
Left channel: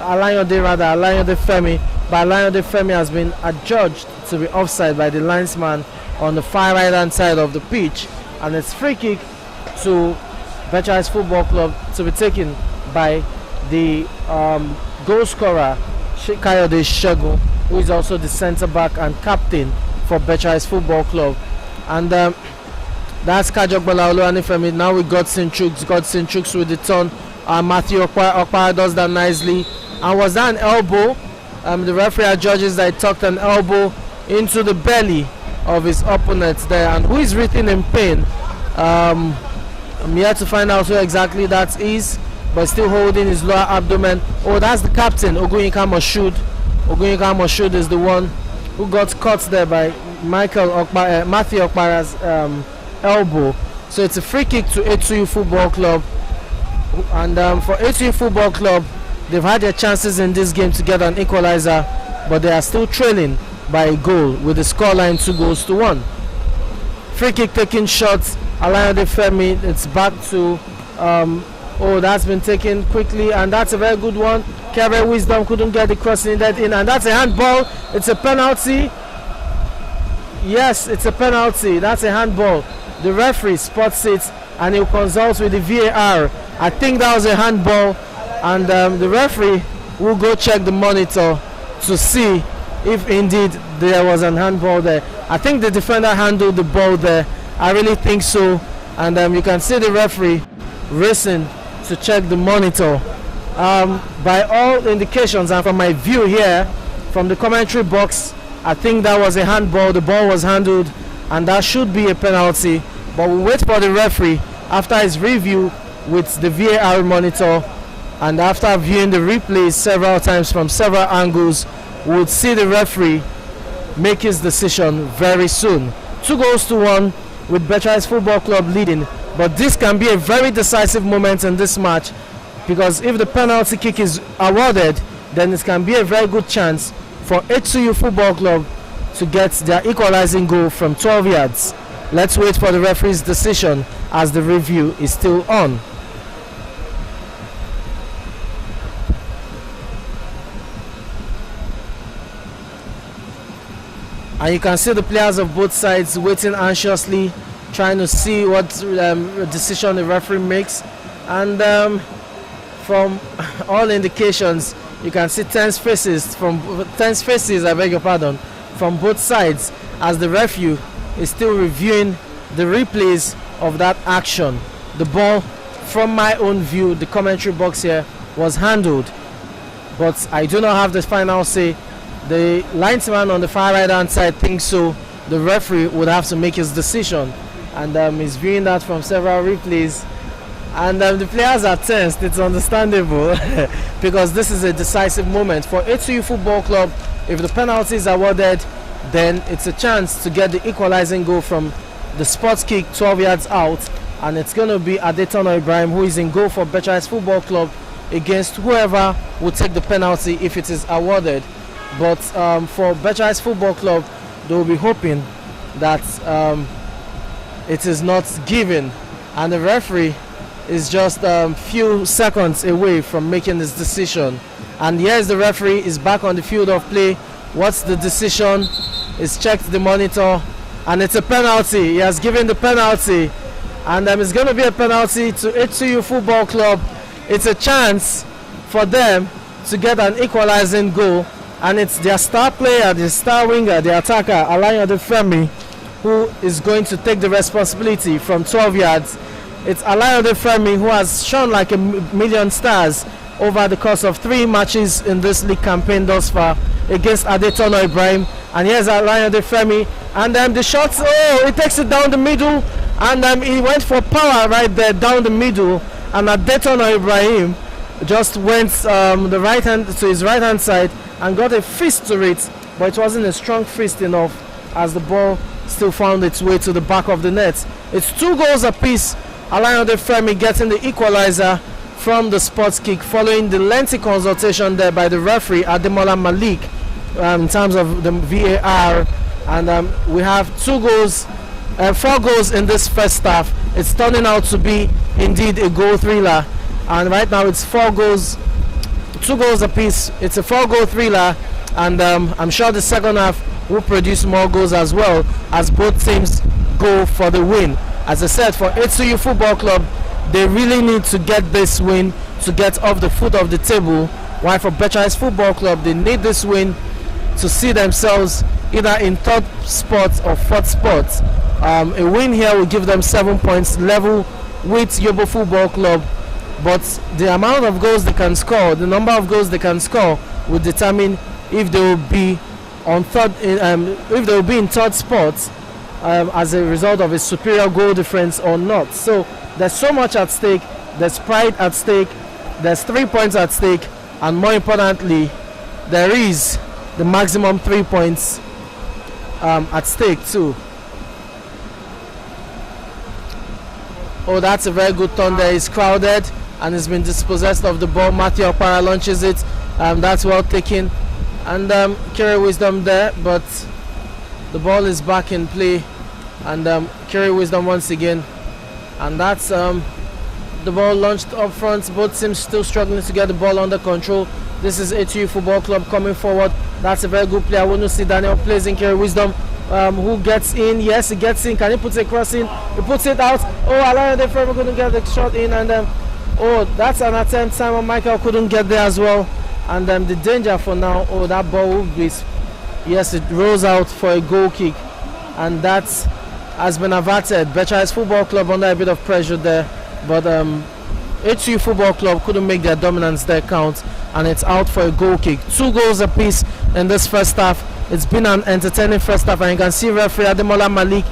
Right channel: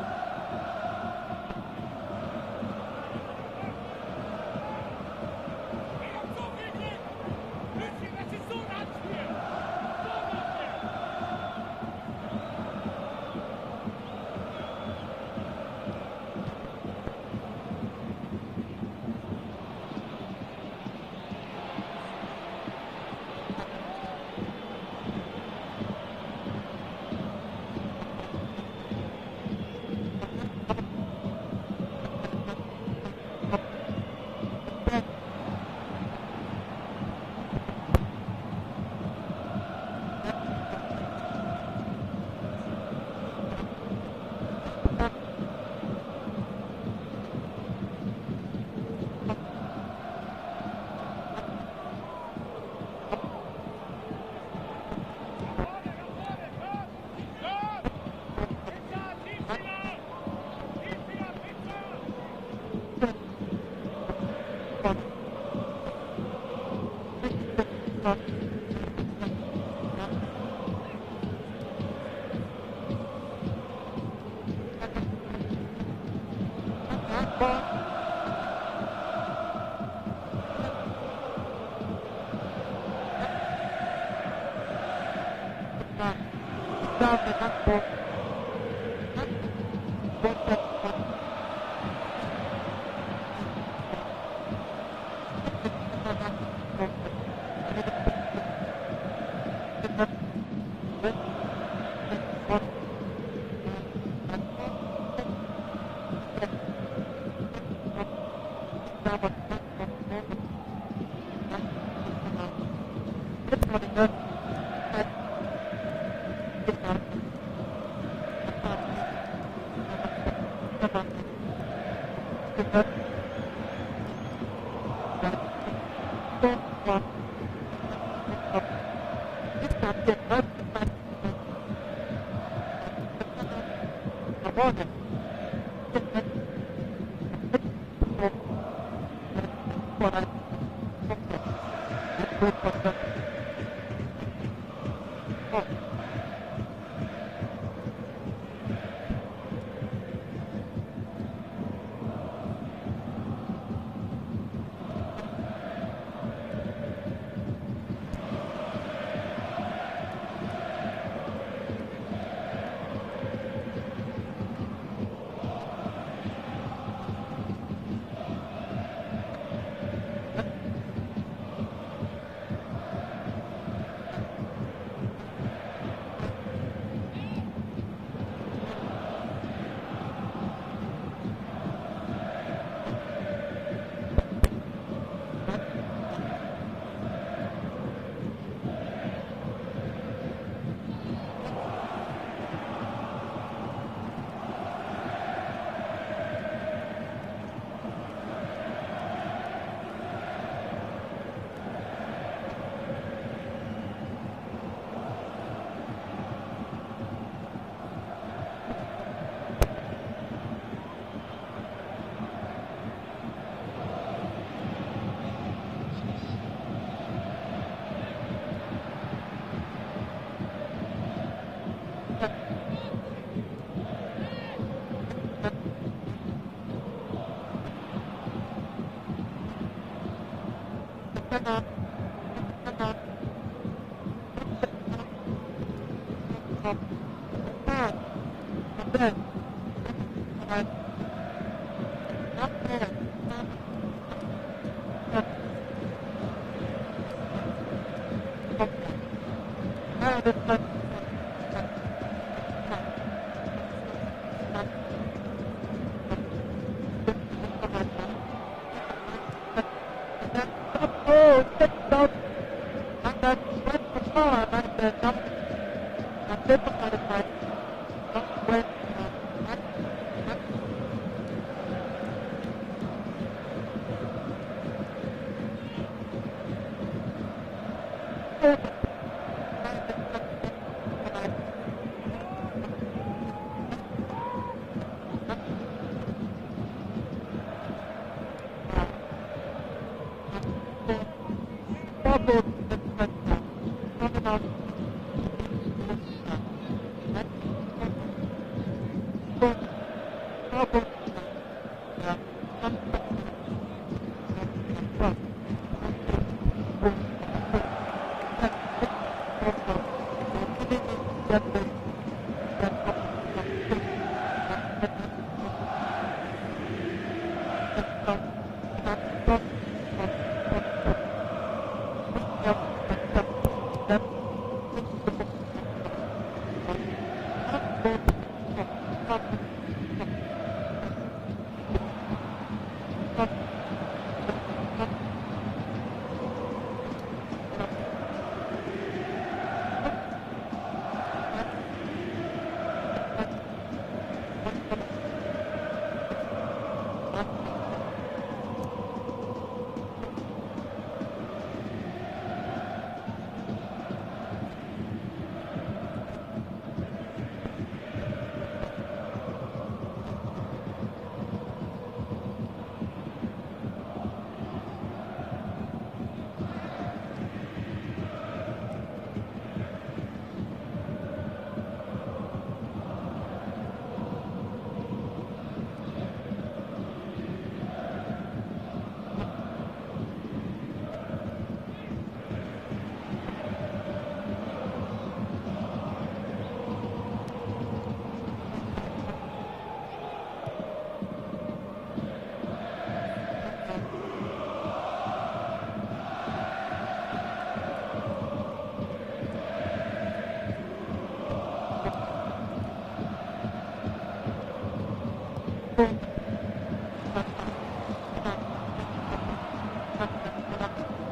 Alayande Femi. But Alayande Femi has been adjudged to be offside by the linesman on the far right hand side of the pitch, and it's free kick to Becharis Football Club to be taken by the goal scorer Kayode Segun, who is also the centre back and captain for Becharis Football Club. And That's Kajok Balaolo and Ifemi. Now we got Sinchuks with the turn. Matthew Okpara does that nicely. And was that an elbow? The referee judges that he tucked an elbow into the belly of his opponent there. And who is written in pain? I'm yet to find out who exactly that is, but still holding his lower abdomen. Oh, that's the captain, Oguyinka Moshood. Oguyinka Moshood is the one who got caught there by Matthew Okpara's elbow. So it's a free kick to H2U Football Club. And for H2U Football Club, they've had their chances in this game to get an equalizer, but they are still trailing by a goal with the scoreline 2-1. Free kick taking shots. Alayande Femi, it's back to that's been taken quickly, and that's a very good one. Kevin Wisdom couldn't get the cross needed in, and that's a handball. It's a penalty. Yes, it's a penalty. That's a handball. The referee spots it and he'll consult with the VAR. I think that was a handball, and the referee will go check the monitor to see if indeed there was an handball there. I think the defender handled the ball there. I really think so. And you can see the referee racing to check the monitor. By all indications and from my view here, from the commentary box, I think that was a handball. The ball was handled and that should be a penalty. But we'll wait for the referee after his review with the VAR monitor, and after viewing the replays several times from several angles, we'll see the referee make his decision very soon. 2-1 with Becharis Football Club leading, but this can be a very decisive moment in this match, because if the penalty kick is awarded, then it can be a very good chance for H2U Football Club to get their equalizing goal from 12 yards. Let's wait for the referee's decision as the review is still on. And you can see the players of both sides waiting anxiously, trying to see what decision the referee makes. And from all indications, you can see tense faces, I beg your pardon, from both sides, as the referee is still reviewing the replays of that action. The ball, from my own view, the commentary box here, was handled, but I do not have the final say. The linesman on the far right hand side thinks so. The referee would have to make his decision, and he's viewing that from several replays. And the players are tensed. It's understandable because this is a decisive moment for H2U Football Club. If the penalty is awarded, then it's a chance to get the equalizing goal from the sports kick 12 yards out, and it's going to be Adetono Ibrahim who is in goal for Becharis Football Club against whoever will take the penalty if it is awarded. But for Becharis Football Club, they will be hoping that it is not given, and the referee is just a few seconds away from making this decision. And here's the referee, is back on the field of play. What's the decision? He's checked the monitor, and it's a penalty. He has given the penalty, and it's going to be a penalty to H2U Football Club. It's a chance for them to get an equalizing goal, and it's their star player, the star winger, the attacker, Alayande Femi, who is going to take the responsibility from 12 yards. It's Alayande Femi who has shown like a million stars over the course of 3 matches in this league campaign thus far against Adetono Ibrahim. And here's Alayande Femi, and the shots, he takes it down the middle, and he went for power right there down the middle, and Adetono Ibrahim just went the right hand to his right hand side and got a fist to it, but it wasn't a strong fist enough as the ball still found its way to the back of the net. It's 2 goals apiece. Alayande Femi getting the equalizer from the sports kick following the lengthy consultation there by the referee Ademola Malik in terms of the VAR. And we have 4 goals in this first half. It's turning out to be indeed a goal thriller, and right now it's 4 goals, 2 goals apiece. It's a 4-goal thriller, and I'm sure the second half will produce more goals as well, as both teams go for the win. As I said, for H2U Football Club, they really need to get this win to get off the foot of the table, while for Becharis Football Club, they need this win to see themselves either in 3rd spot or 4th spot A win here will give them 7 points, level with Yobo Football Club. But the amount of goals they can score, the number of goals they can score, will determine if they will be on if they will be in third spot as a result of a superior goal difference or not. So there's so much at stake. There's pride at stake. There's 3 points at stake, and more importantly, there is the maximum 3 points at stake too. Oh, that's a very good turn there. It's crowded and it's been dispossessed of the ball. Matthew Okpara launches it. That's well taken. And Kiri Wisdom there, but the ball is back in play. And Kiri Wisdom once again. And that's the ball launched up front. Both teams still struggling to get the ball under control. This is H2U Football Club coming forward. That's a very good play. I want to see Daniel plays in Kiri Wisdom. Who gets in? Yes, he gets in. Can he put a cross in? He puts it out. Oh, Alain Defreva couldn't get the shot in, and oh, that's an attempt. Simon Michael couldn't get there as well. And the danger for now. Oh, that ball will be. Yes, it rolls out for a goal kick, and that has been averted. Becharis Football Club under a bit of pressure there, but H2U Football Club couldn't make their dominance there count, and it's out for a goal kick. 2 goals apiece in this first half. It's been an entertaining first half, and you can see referee Ademola Malik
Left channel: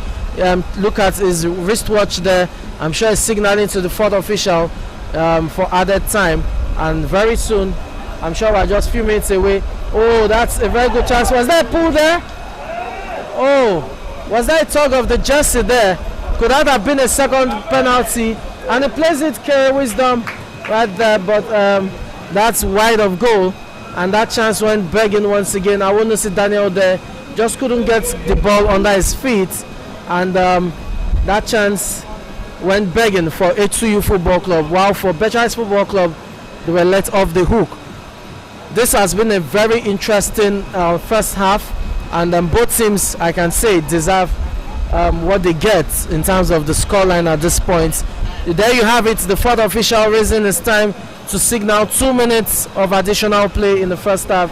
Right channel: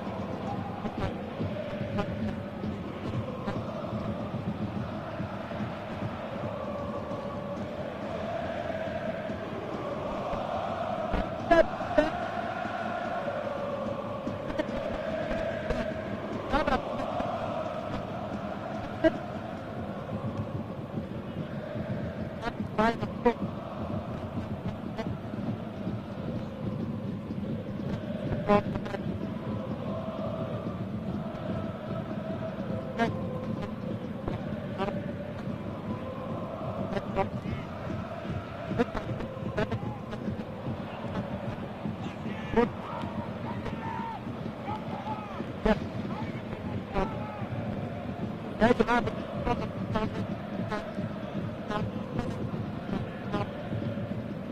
look at his wristwatch there. I'm sure he's signaling to the fourth official for added time, and very soon, I'm sure we're just a few minutes away. Oh, that's a very good chance. Was that a pull there? Oh, was that a tug of the jersey there? Could that have been a second penalty? And he plays it, Kiri Wisdom, right there, but that's wide of goal. And that chance went begging once again. I want to see Daniel there. Just couldn't get the ball under his feet. And that chance went begging for H2U Football Club. While for Becharis Football Club, they were let off the hook. This has been a very interesting first half. And both teams, I can say, deserve what they get in terms of the scoreline at this point. There you have it. The fourth official raising his time to signal 2 minutes of additional play in the first half.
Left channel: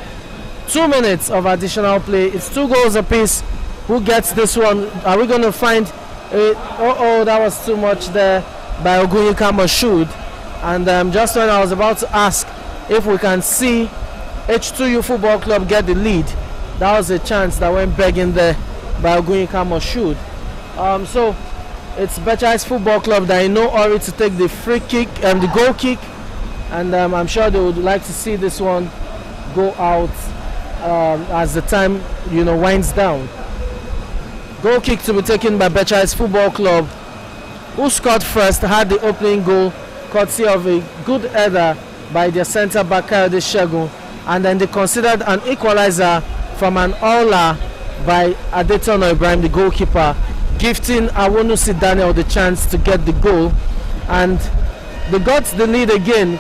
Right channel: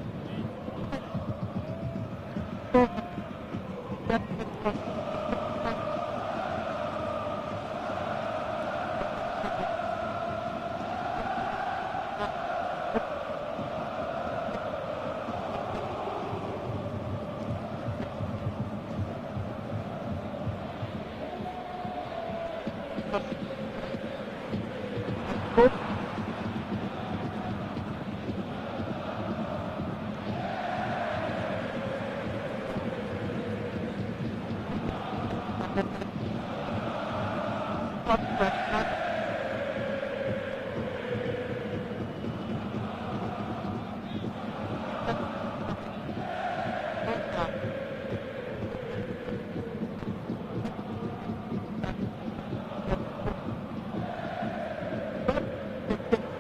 2 minutes of additional play. It's 2 goals apiece. Who gets this one? Are we going to find oh, that was too much there by Ogunyika Moshood. And just when I was about to ask if we can see H2U Football Club get the lead, that was a chance that went begging there by Ogunyika Moshood. So it's Becharis Football Club that in no hurry to take the free kick and the goal kick. And I'm sure they would like to see this one go out as the time winds down. Goal kick to be taken by Becharis Football Club, who scored first, had the opening goal courtesy of a good header by their centre back Kayode Segun, and then they considered an equalizer from an Ola by Adetono Ibrahim, the goalkeeper, gifting Awonusi Daniel the chance to get the goal. And they got the lead again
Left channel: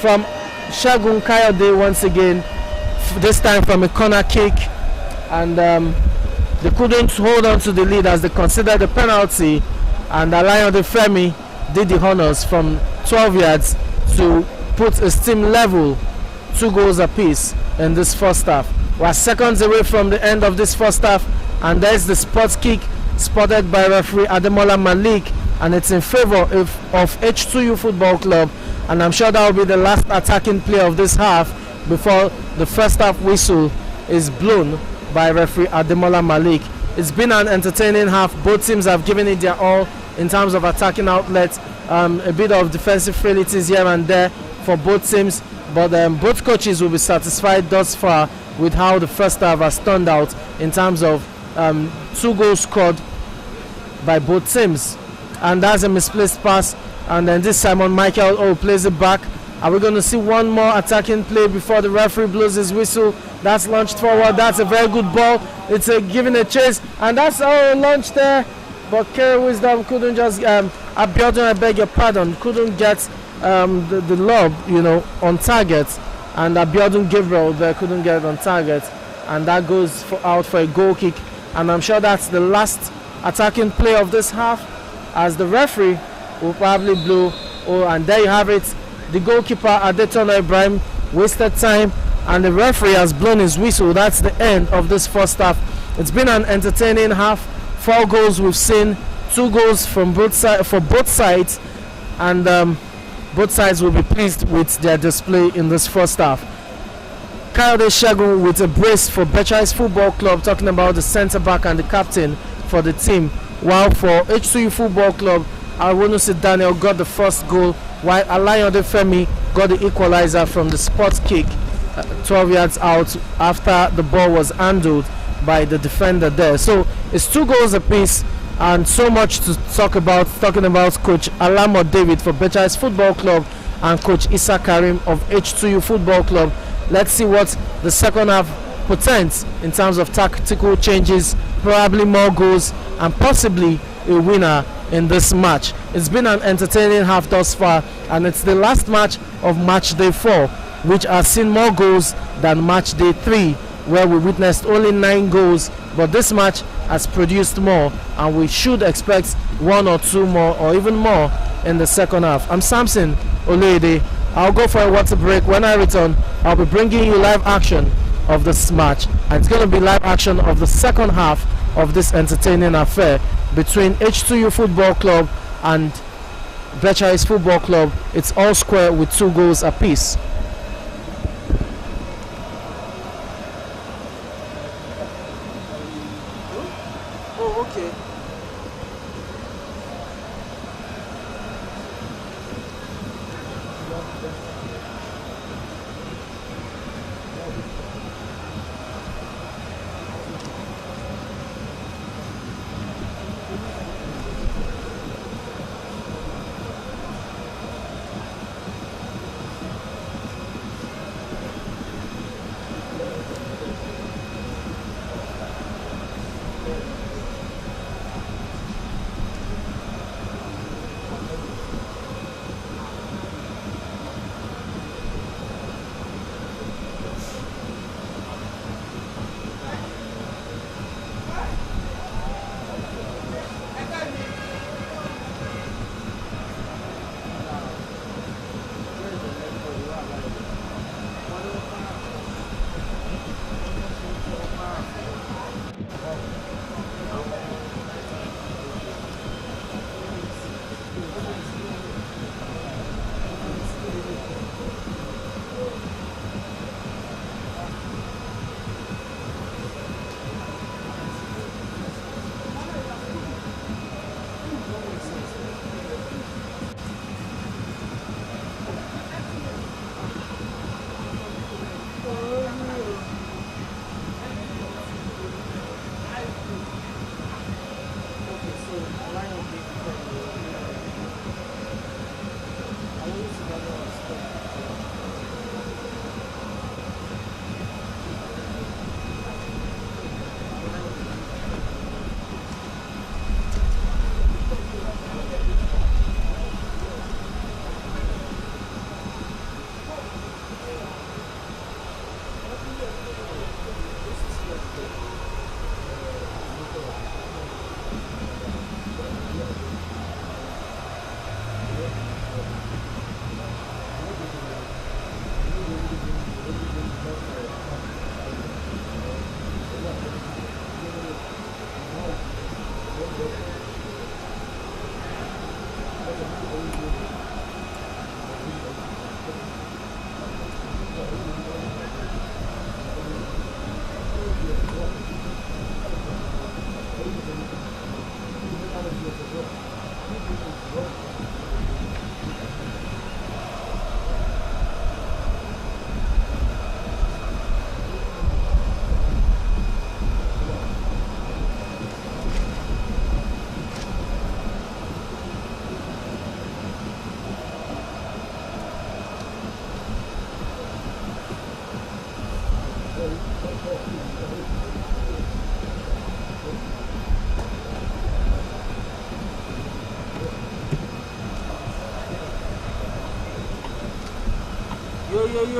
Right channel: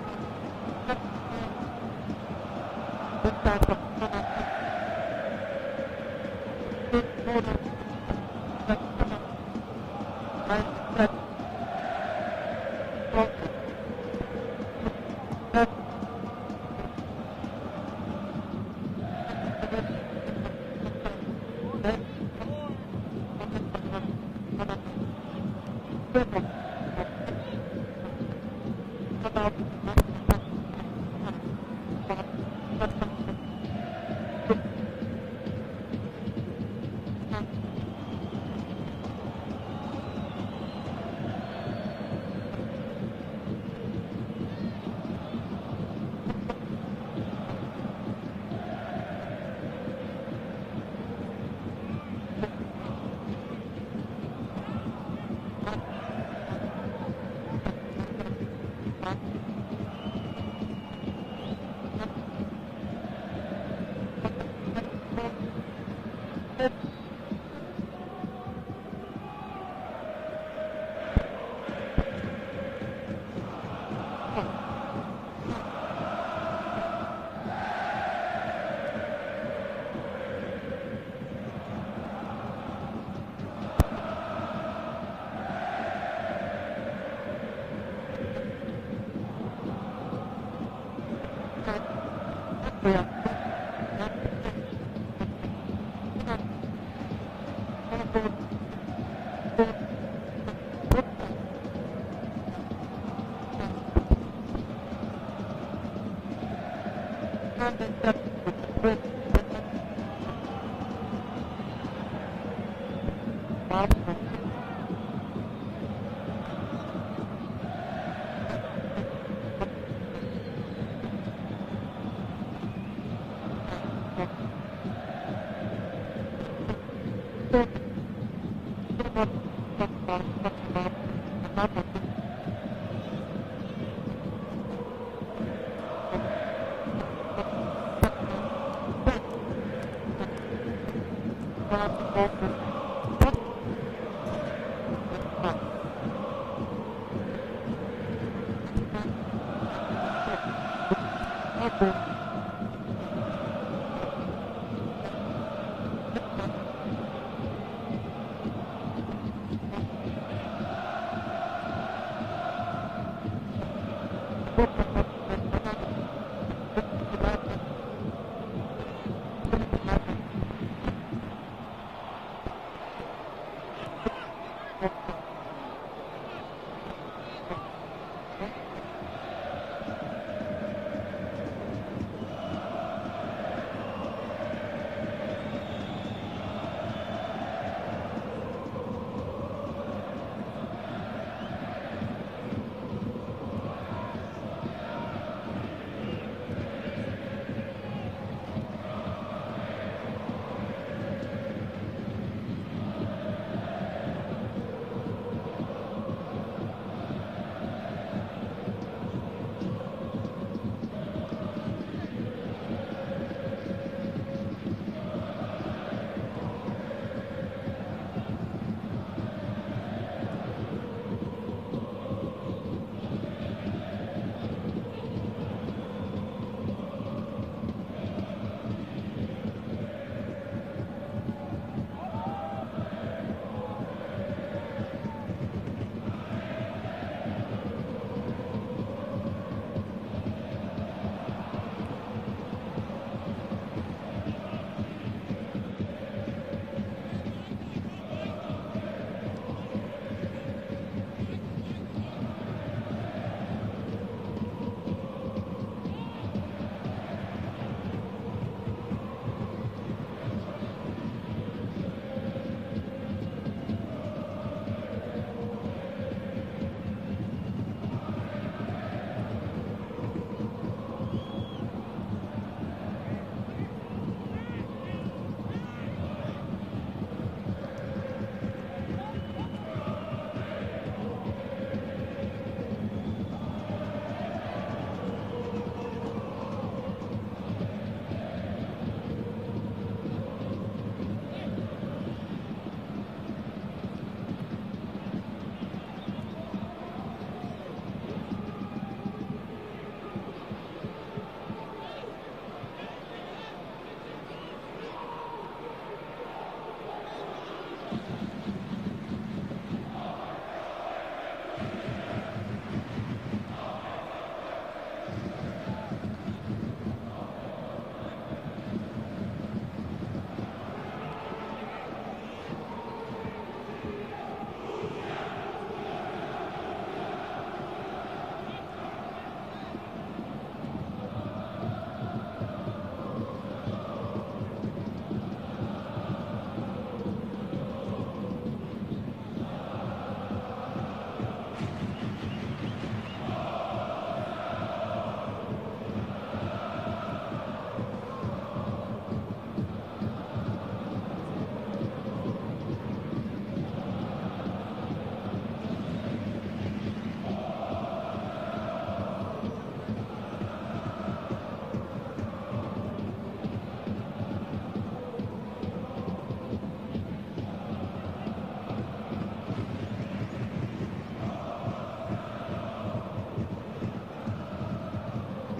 from Segun Kayode once again, this time from a corner kick, and they couldn't hold on to the lead as they considered the penalty, and Alain Defremi did the honors from 12 yards to put his team level, 2 goals apiece in this first half. We're seconds away from the end of this first half, and there's the spot kick spotted by referee Ademola Malik, and it's in favor of H2U Football Club, and I'm sure that will be the last attacking play of this half before the first half whistle is blown by referee Ademola Malik. It's been an entertaining half. Both teams have given it their all in terms of attacking outlets, a bit of defensive frailties here and there for both teams, but both coaches will be satisfied thus far with how the first half has turned out in terms of 2 goals scored by both teams. And that's a misplaced pass, and then this Simon Michael plays it back. Are we going to see one more attacking play before the referee blows his whistle? That's launched forward. That's a very good ball. It's giving a chase, and that's our launch there. But Kiri Wisdom couldn't just Abiodun, I beg your pardon, couldn't get the lob, on target, and Abiodun Gabriel there couldn't get it on target, and that goes out for a goal kick. And I'm sure that's the last attacking play of this half, as the referee will probably blow. And there you have it. The goalkeeper Adetono Ibrahim wasted time, and the referee has blown his whistle. That's the end of this first half. It's been an entertaining half 4 goals we've seen, 2 goals from both sides, and both sides will be pleased with their display in this first half. Kayode Segun with a brace for Becharis Football Club, talking about the centre back and the captain for the team, while for H2U Football Club, Awonusi Daniel got the first goal, while Alayode Femi got the equalizer from the spot kick 12 yards out after the ball was handled by the defender there. So it's 2 goals apiece, and so much to talk about, talking about Coach Alamo David for Becharis Football Club and Coach Issa Karim of H2U Football Club. Let's see what the second half portends in terms of tactical changes, probably more goals, and possibly a winner in this match. It's been an entertaining half thus far, and it's the last match of match day 4, which has seen more goals than match day 3, where we witnessed only 9 goals, but this match has produced more, and we should expect 1 or 2 more or even more in the second half. I'm Samson Olede. I'll go for a water break. When I return, I'll be bringing you live action of this match, and it's going to be live action of the second half of this entertaining affair between H2U Football Club and Becharis Football Club. It's all square with 2 goals apiece.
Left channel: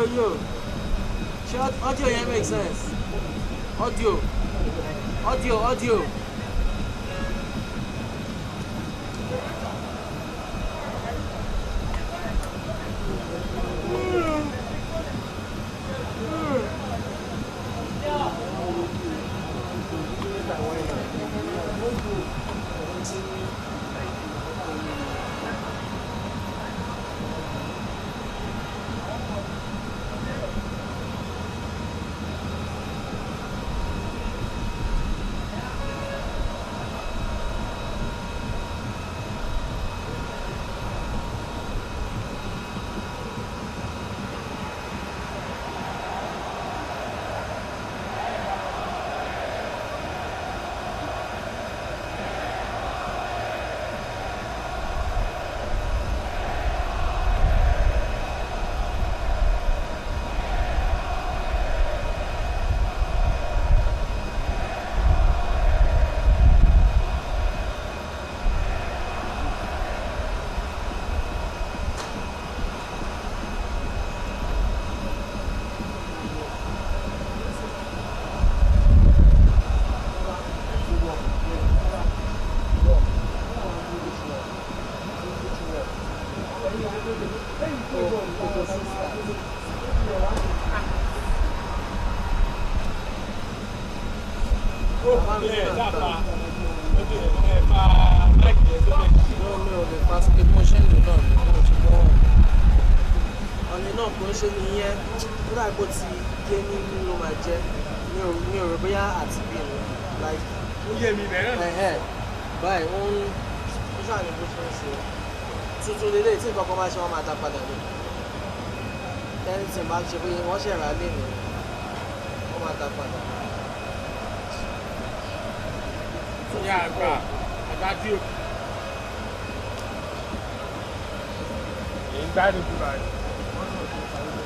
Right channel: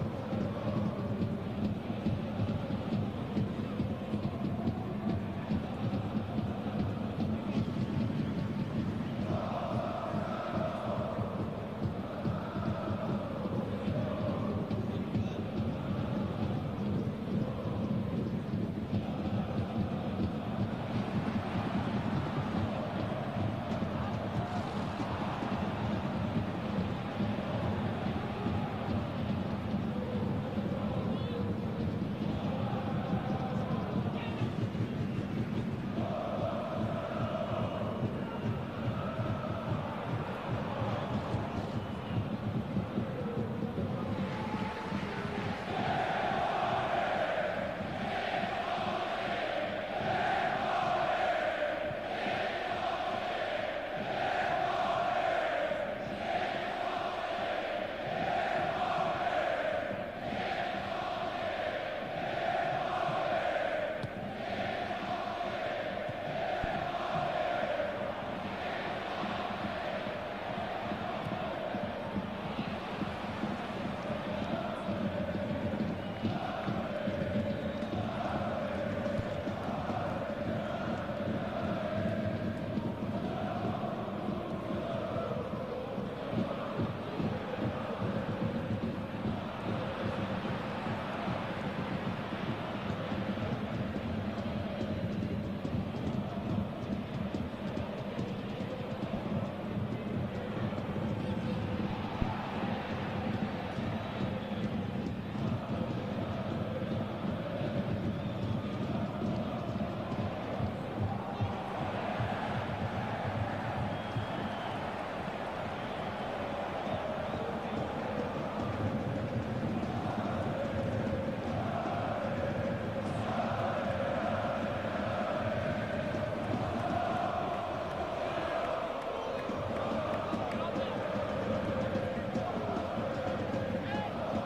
Yo. Short audio here makes sense. Audio.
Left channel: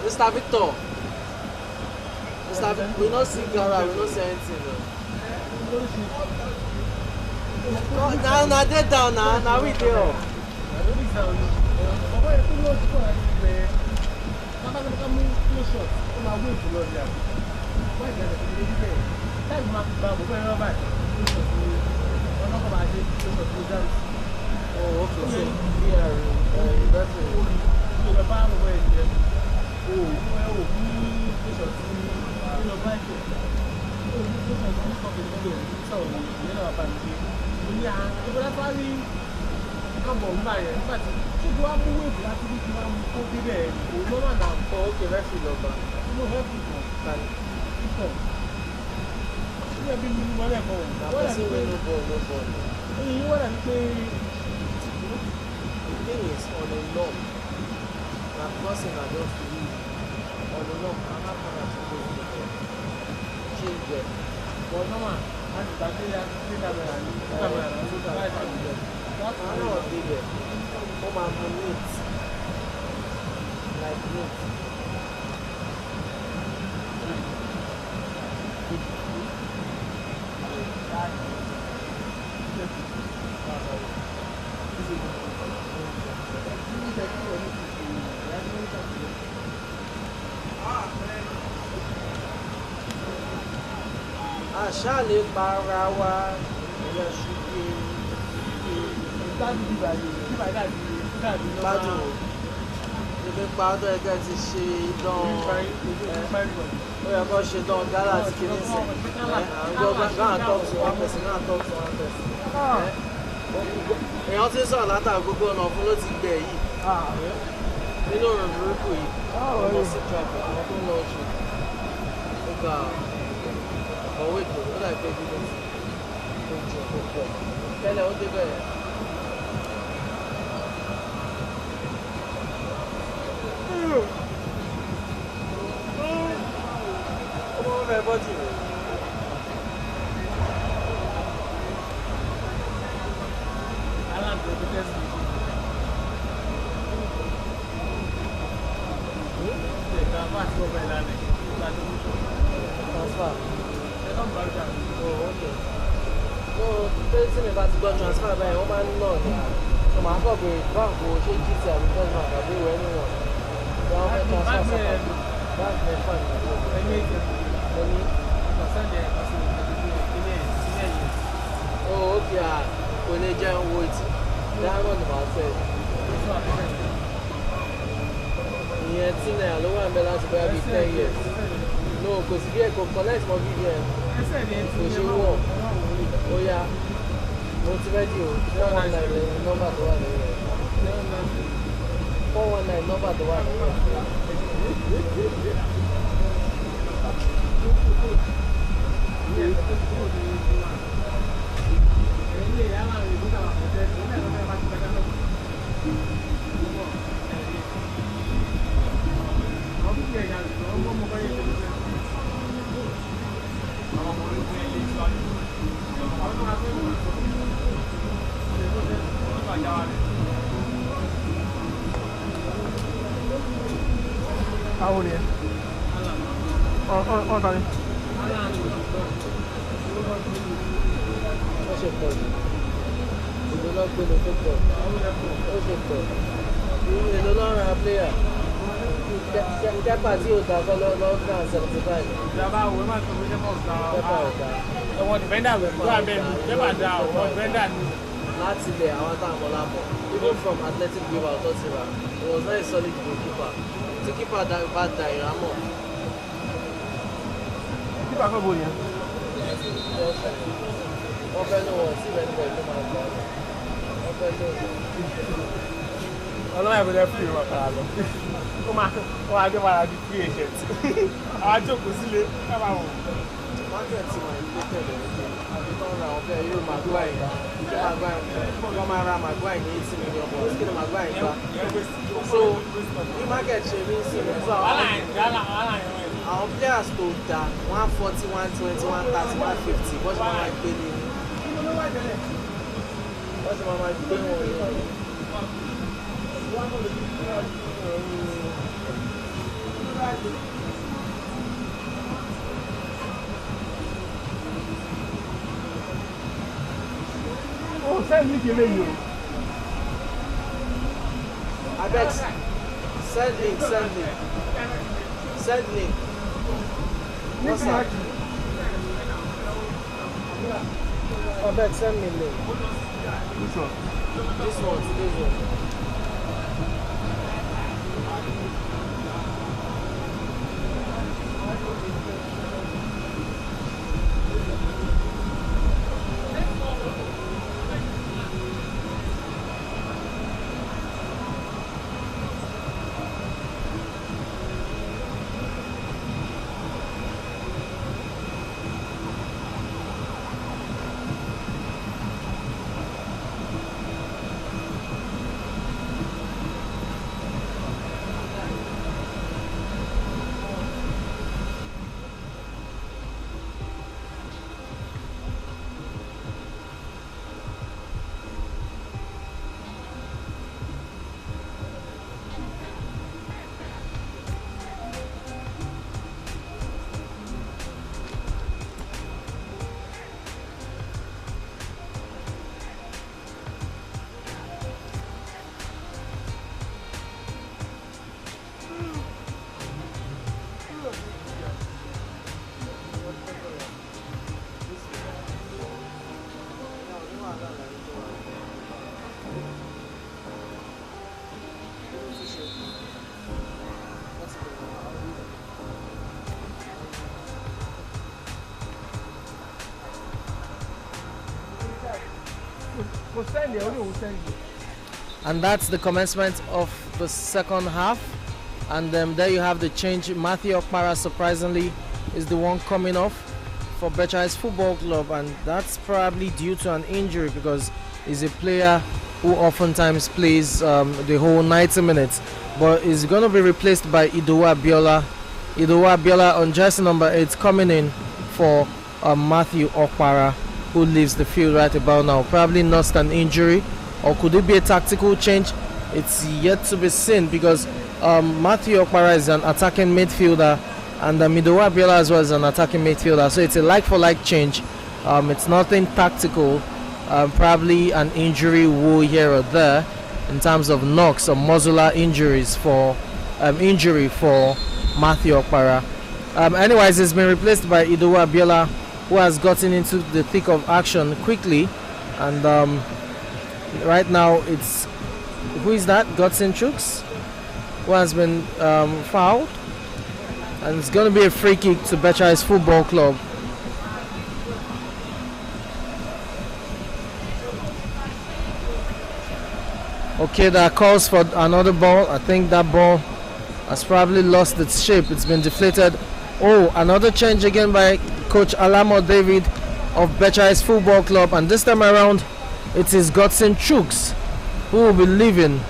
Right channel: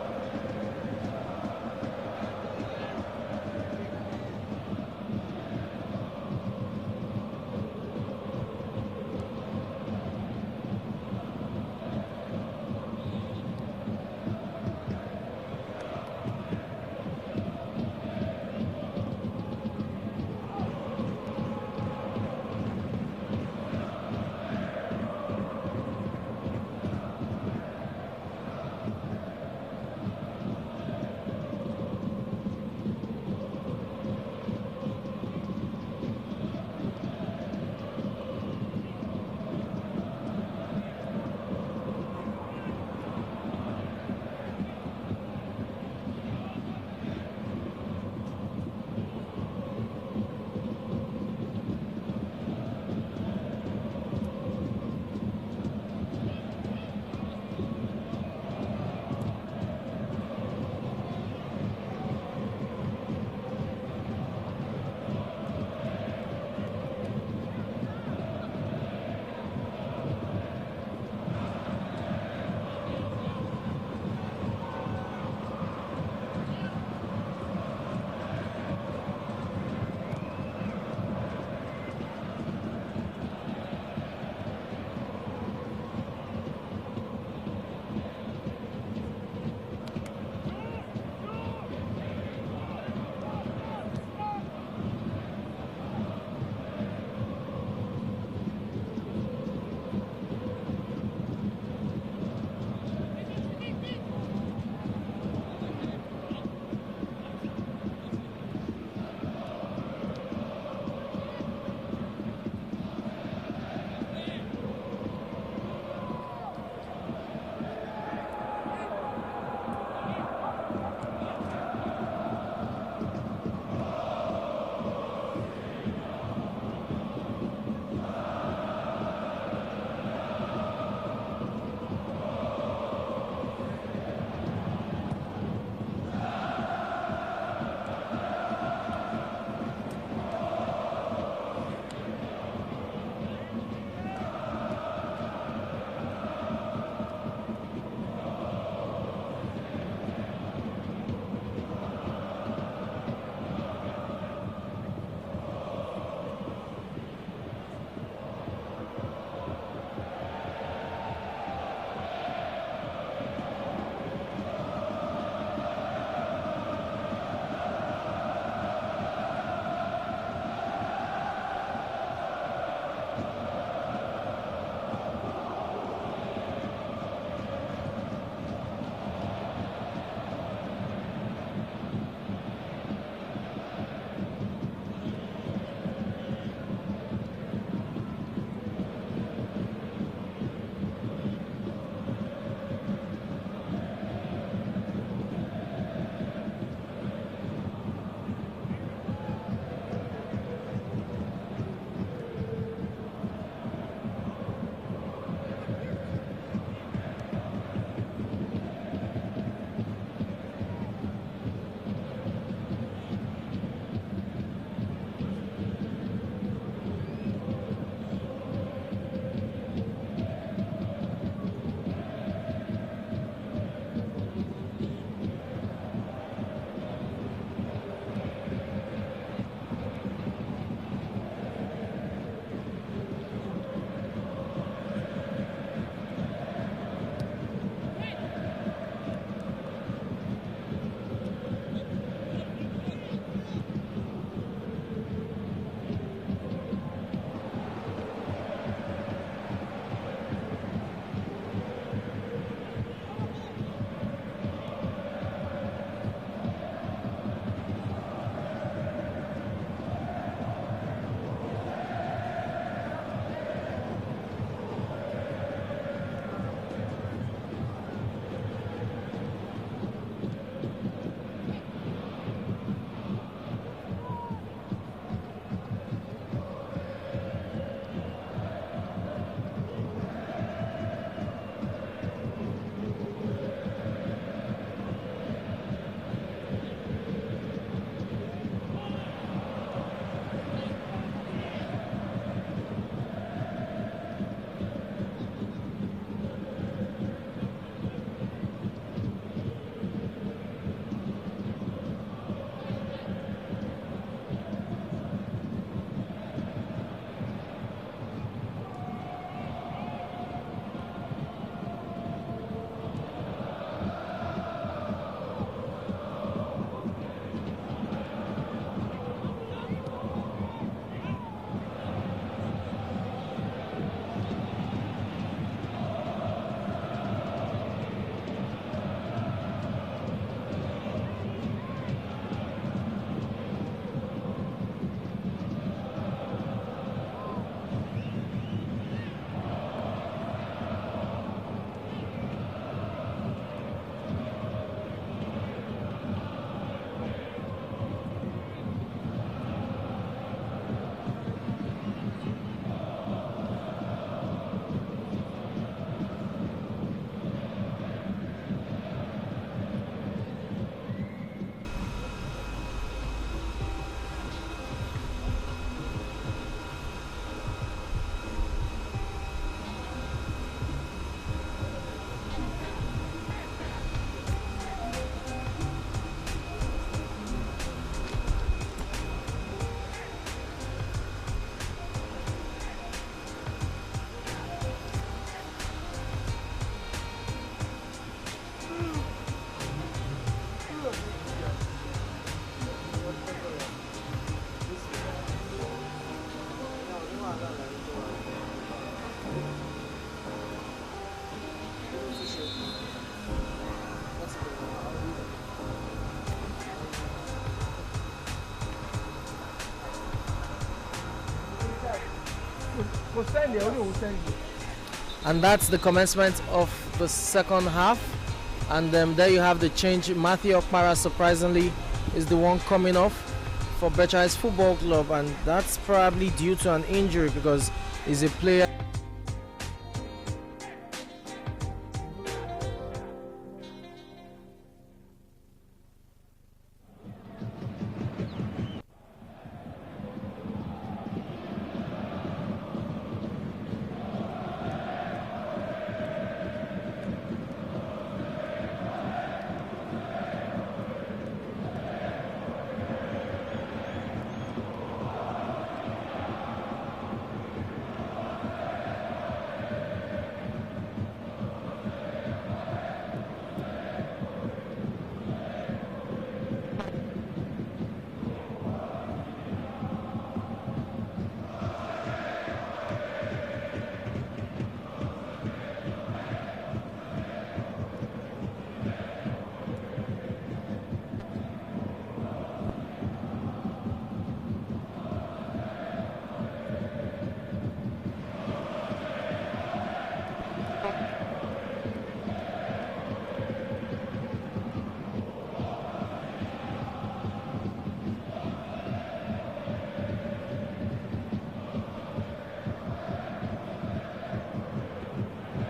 Mr. Victor, we don't see Gara, we don't see anything. Now they down now we there. Ṣáàlè para wa gbádùn nípa ọdún ẹgbẹ́ ti ṣe idán ó yẹ kó ṣe dán gálà àti kìíní sí àwọn gáà tọ́ọ̀tù wọn pẹ̀sì gáà tọ́ọ̀tù wọn pẹ̀sì èèyàn ti sọ̀rọ̀ látàrí gbogbo ọ̀nà fún ló ti gbẹ̀ yìí nínú òrùn burúkú yìí ọmọ sí jọ ọkùnrin lọ jù nípa ọwọ́ ètò ó láì pé bíbí ojú púpọ̀ tẹ́lẹ̀ ó dé bẹ́ẹ̀. ọmọ wọn fẹ́ bọ́jú rẹ̀. Transfer by woman no. So my father bank go change it to because my father wey no. So I transfer. That's the fun. Oh okay. Kò lè jẹ́ owó ìtì. Dáhùn ni màá fẹ́. Ìyẹn tí náírà ló wà ń bẹ láti bẹ́ẹ̀ bí 10 years. No, kò sí bí ẹ̀ kò collect mọ́ bí ẹ̀. Kò ṣe wọ̀. Ó yá. Mo ti fẹ́ di o, 419 nọ́mbà tó wà nínú rẹ̀. 419 nọ́mbà tó wà nínú rẹ̀. How old are you? Oh, sorry. Èlò lọ́rùn àpléyà. Kẹ́pà tí ò dá kọ́ lọ́gbà 75. Ìjọba àwọn ẹ̀ma tó wọlé mọ̀ ọ̀gá Kẹ́pà ọ̀gá. ọ̀wọ́ dìbẹ́ndà rẹ̀ tó àbẹ̀ kẹ́pà dá ọ̀wọ́ dìbẹ́ndà ni. Láti bẹ̀ àwọn táwọn lápọ̀. Even from athletic river tó ti rà, it was very solid goalkeeper. Tí kípà bá da ìrámọ̀. Kípa kọ́ bò yẹn. Ọlọ́run ẹ̀bùn lẹ́fù ìwọ̀n kan lọ. Ó máa gbé padà di free agent. Àwọn àjòkó sílé kábà wò. Market ti wà ní tẹ̀lé àbí tó ń ra ọ̀bẹ yóò Maguire wọ́n máa ra Maguire ní $80 million kí ni Maguire gbà. So bí market ṣe rí sí i so àwọn players tó dá 140, 120, 130, 150 wọ́n ṣe máa gbé ní wọ́n ṣe máa gbé wọn ní. Send me the menu. Abeg, send link. What's up? Abeg, send me link. This one, today's one. And that's the commencement of the second half. And there you have the change. Matthew Okpara, surprisingly, is the one coming off for Becharis Football Club, and that's probably due to an injury because he's a player who oftentimes plays the whole 90 minutes. But he's going to be replaced by Idowu Abiola. Idowu Abiola on jersey number 8 coming in for Matthew Okpara, who leaves the field right about now. Probably not an injury, or could it be a tactical change? It's yet to be seen because Matthew Okpara is an attacking midfielder and Idowu Abiola as well as an attacking midfielder. So it's a like-for-like change. It's nothing tactical. Probably an injury woe here or there in terms of knocks or muscular injuries for injury for Matthew Okpara. Anyways, it's been replaced by Idowu Abiola, who has gotten into the thick of action quickly, and right now it's, who is that? Godson Chooks, who has been fouled, and it's going to be a free kick to Becharis Football Club. Okay, that calls for another ball. I think that ball has probably lost its shape. It's been deflated. Oh, another change again by Coach Alamo David of Becharis Football Club, and this time around it is Godson Chooks who will be leaving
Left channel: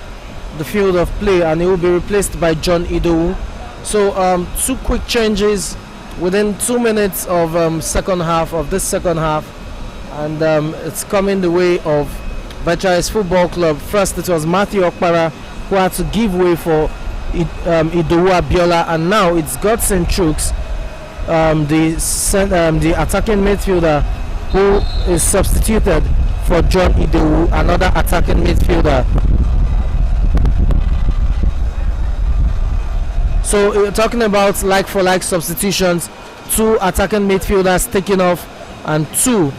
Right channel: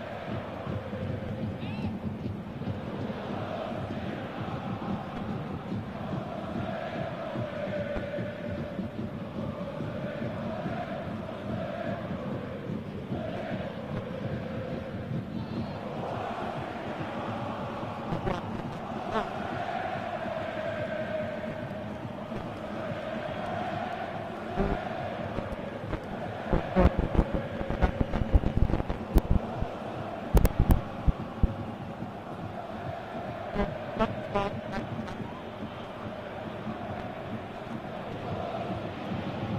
the field of play, and he will be replaced by John Idowu. So two quick changes within 2 minutes of second half, and it's coming the way of Becharis Football Club. First it was Matthew Okpara who had to give way for Idowu Abiola, and now it's Godson Chooks, the attacking midfielder, who is substituted for John Idowu, another attacking midfielder. So we're talking about like-for-like substitutions, 2 attacking midfielders taking off and 2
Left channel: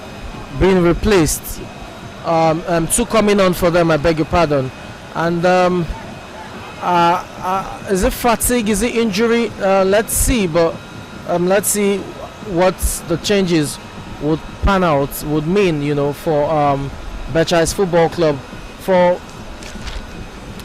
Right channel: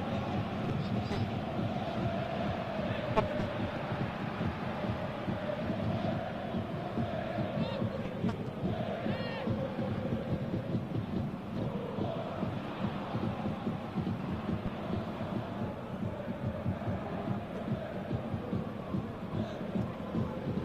being replaced. 2 coming on for them, I beg your pardon. And is it fatigue? Is it injury? Let's see. But let's see what the changes would pan out, would mean, for Becharis Football Club. For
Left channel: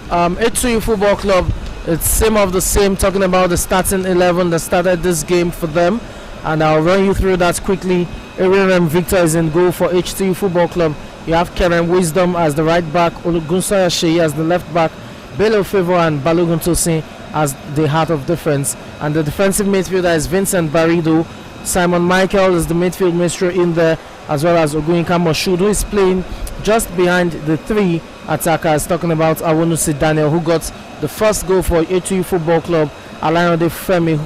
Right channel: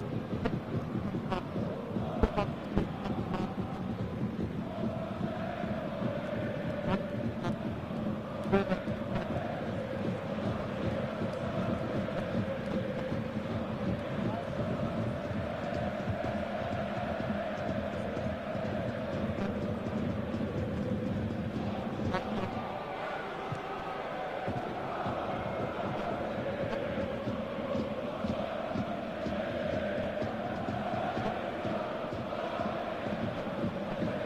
H2U Football Club, it's same of the same, talking about the starting 11 that started this game for them, and I'll run you through that quickly. Aaron Victor is in goal for H2U Football Club. You have Karen Wisdom as the right back, Olugunsoya Sheyi as the left back, Bello Favor and Balogun Tosin as the heart of defense. And the defensive midfielder is Vincent Barido. Simon Michael is the midfield maestro in there, as well as Oguinka Moshood, who is playing just behind the three attackers, talking about Awonusi Daniel, who got the first goal for H2U Football Club, Alayande Femi,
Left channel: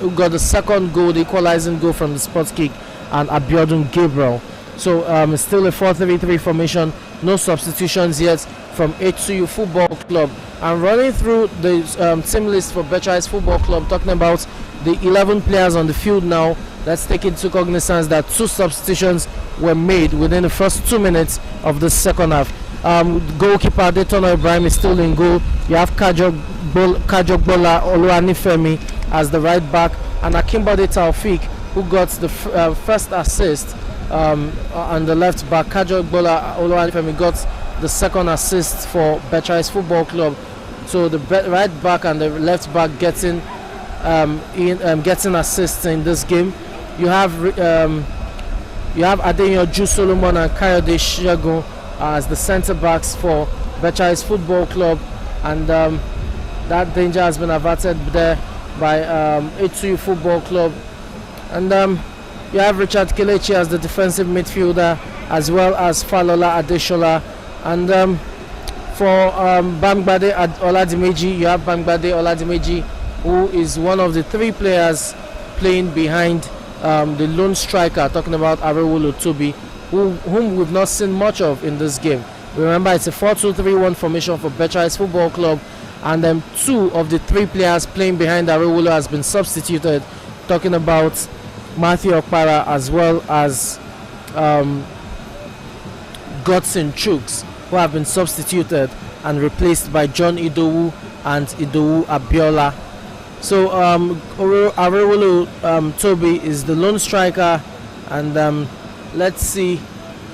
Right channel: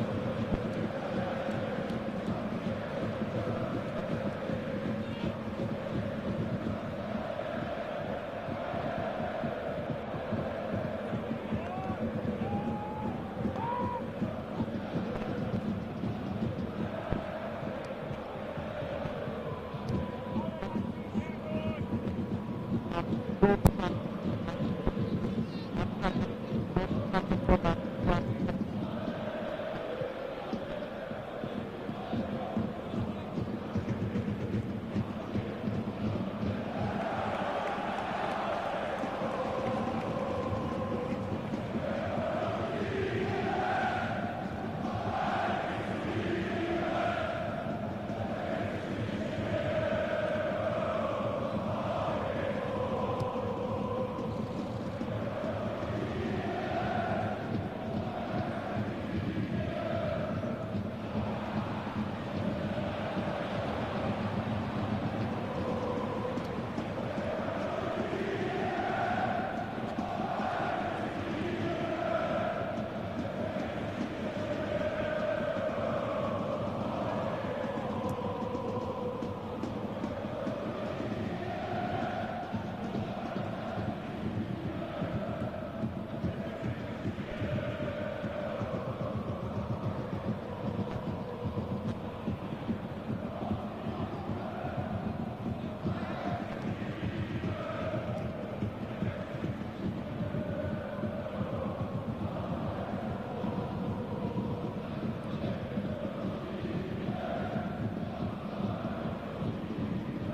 who got the second goal, the equalizing goal from the spot kick, and Abiodun Gabriel. So it's still a 4-3-3 formation, no substitutions yet from H2U Football Club. I'm running through the team list for Becharis Football Club, talking about the 11 players on the field now. Let's take into cognizance that 2 substitutions were made within the first 2 minutes of the second half. Goalkeeper Daytona Ibrahim is still in goal. You have Kajogbola Oluwanifemi as the right back, and Akimbode Taufik, who got the first assist on the left back. Kajogbola Oluwanifemi got the second assist for Becharis Football Club. So the right back and the left back getting assists in this game. You have Adeyanju Solomon and Kayode Shegun as the centre backs for Becharis Football Club, and that danger has been averted there by H2U Football Club. And you have Richard Kelechi as the defensive midfielder, as well as Falola Adeshola. And for Bangbade Oladimeji, you have Bangbade Oladimeji, who is one of the 3 players playing behind the lone striker, talking about Arewolo Tobi, whom we've not seen much of in this game. Remember, it's a 4-2-3-1 formation for Becharis Football Club, and 2 of the 3 players playing behind Arewolo has been substituted, talking about Matthew Okpara as well as Godson Chuks, who have been substituted and replaced by John Idowu and Idowu Abiola. So Arewolo Tobi is the lone striker, and let's see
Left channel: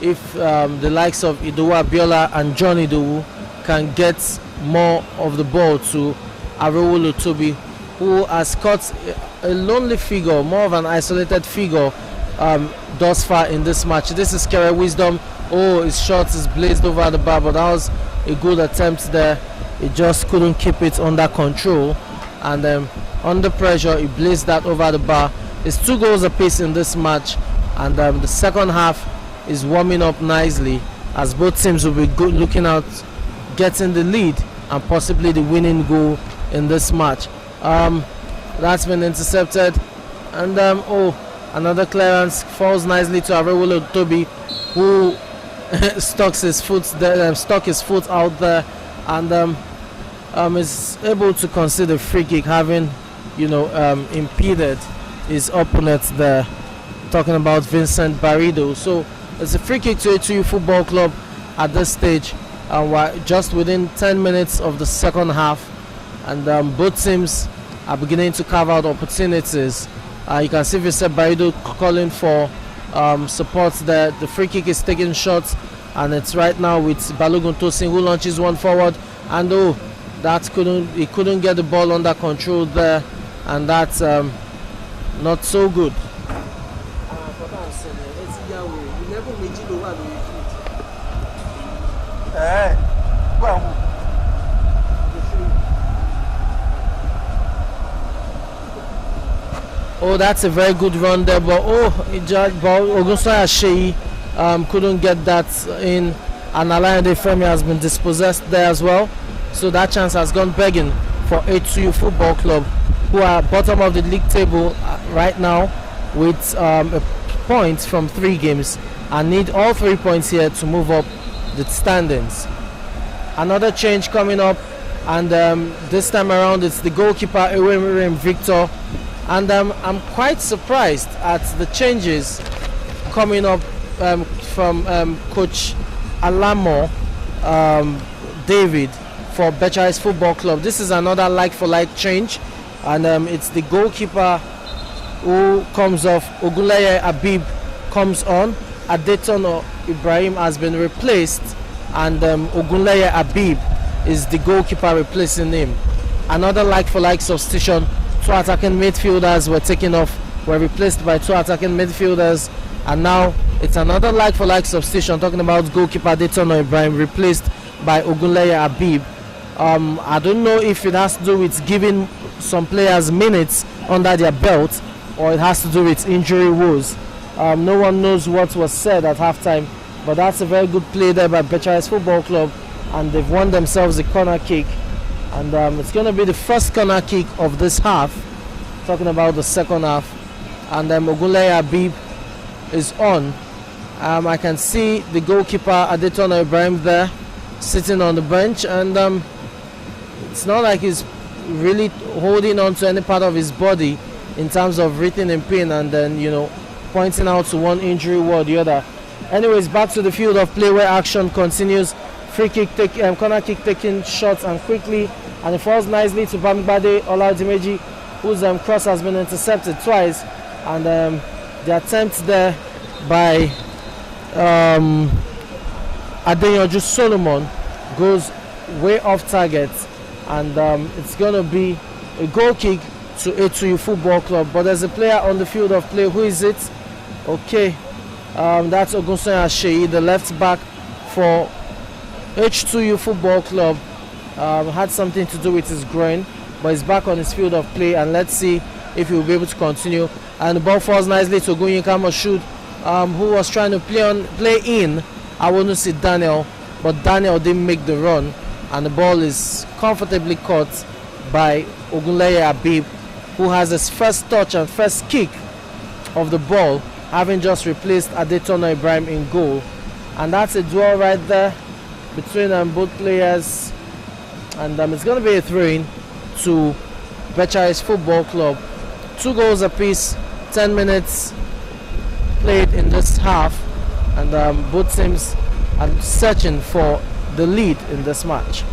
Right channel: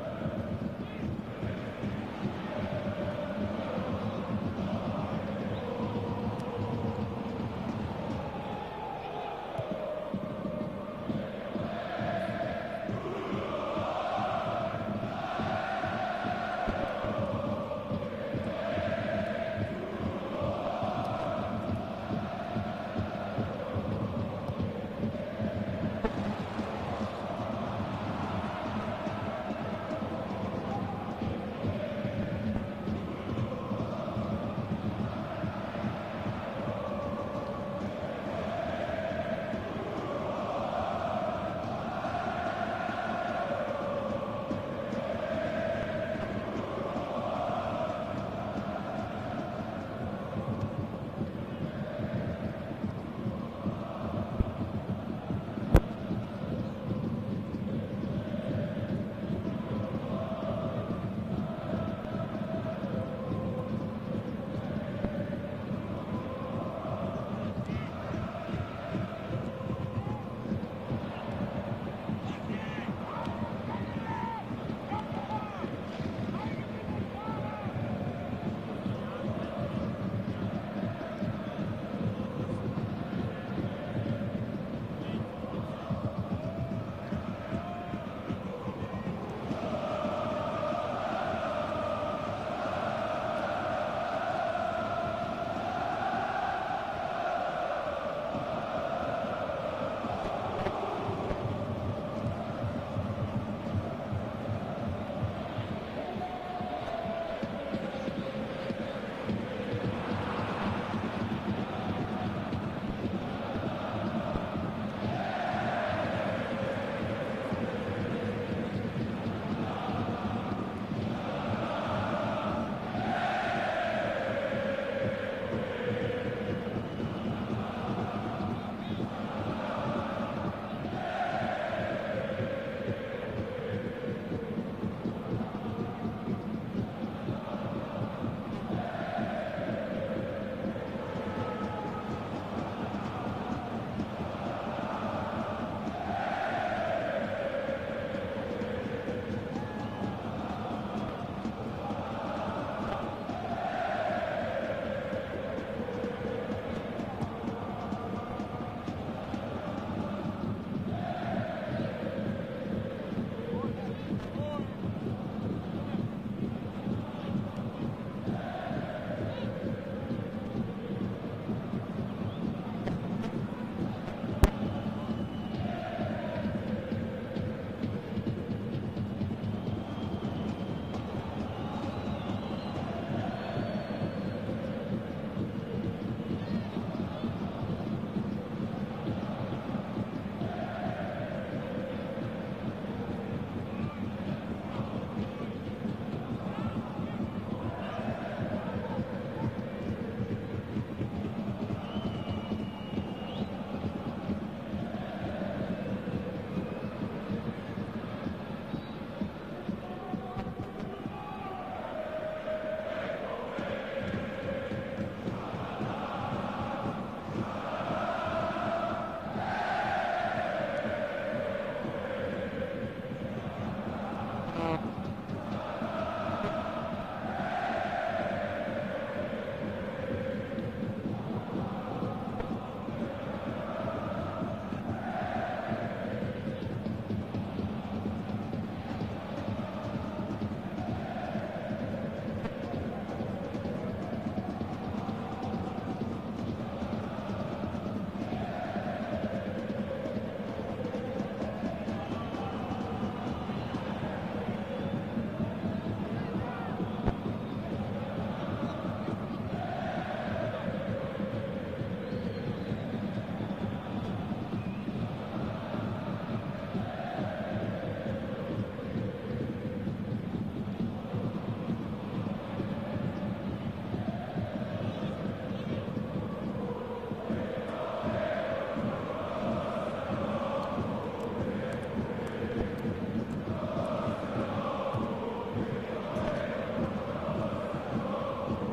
if the likes of Idowu Abiola and John Idowu can get more of the ball to Arewolo Tobi, who has caught a lonely figure, more of an isolated figure thus far in this match. This is Kere Wisdom. Oh, his shot is blazed over the bar, but that was a good attempt there. He just couldn't keep it under control, and under pressure he blazed that over the bar. It's 2 goals apiece in this match, and the second half is warming up nicely, as both teams will be looking out getting the lead and possibly the winning goal in this match. That's been intercepted, and another clearance falls nicely to Arewolo Tobi, who stuck his foot out there, and is able to concede a free kick, having impeded his opponent there, talking about Vincent Barido. So it's a free kick to H2U Football Club at this stage, and we're just within 10 minutes of the second half, and both teams are beginning to carve out opportunities. You can see Vincent Barido calling for support there. The free kick is taking shots, and it's right now with Balogun Tosin, who launches one forward, and he couldn't get the ball under control there, and that's not so good. Oh, that's a very good run there, but Ogunsoya Sheyi couldn't get that in, and Alayande Femi has been dispossessed there as well. So that chance has gone begging for H2U Football Club, who are bottom of the league table right now with a point from 3 games, and need all 3 points here to move up the standings. Another change coming up, and this time around it's the goalkeeper Ewemirim Victor. And I'm quite surprised at the changes coming up from Coach Alamo David for Becharis Football Club. This is another like-for-like change, and it's the goalkeeper who comes off, Ogunleye Abib, comes on. Adetono Ibrahim has been replaced, and Ogunleye Abib is the goalkeeper replacing him. Another like-for-like substitution. 2 attacking midfielders were replaced by 2 attacking midfielders, and now it's another like-for-like substitution. Talking about goalkeeper Adetono Ibrahim replaced by Ogunleye Abib. I don't know if it has to do with giving some players minutes under their belt, or it has to do with injury woes. No one knows what was said at halftime, but that's a very good play there by Becharis Football Club, and they've won themselves a corner kick, and it's going to be the first corner kick of this half. Talking about the second half, and Ogunleye Abib is on. I can see the goalkeeper Adetono Ibrahim there sitting on the bench, and it's not like he's really holding on to any part of his body in terms of written in pain and then pointing out to one injury or the other. Anyways, back to the field of play where action continues. Free kick, corner kick taking shots and quickly, and it falls nicely to Bamigbade Oladimeji, whose cross has been intercepted twice, and the attempt there by Adeyanju Solomon goes way off target, and it's going to be a goal kick to H2U Football Club. But there's a player on the field of play. Who is it? Okay, that's Ogunsoya Sheyi, the left back for H2U Football Club. Had something to do with his groin, but he's back on his field of play, and let's see if he will be able to continue. And the ball falls nicely to Ogunyinka Moshood, who was trying to play in Awonusi Daniel, but Daniel didn't make the run, and the ball is comfortably caught by Ogunleye Abib, who has his first touch and first kick of the ball, having just replaced Adetono Ibrahim in goal. And that's a duel right there between both players, and it's going to be a throw-in to Becharis Football Club. 2 goals apiece, 10 minutes played in this half, and both teams are searching for the lead in this match.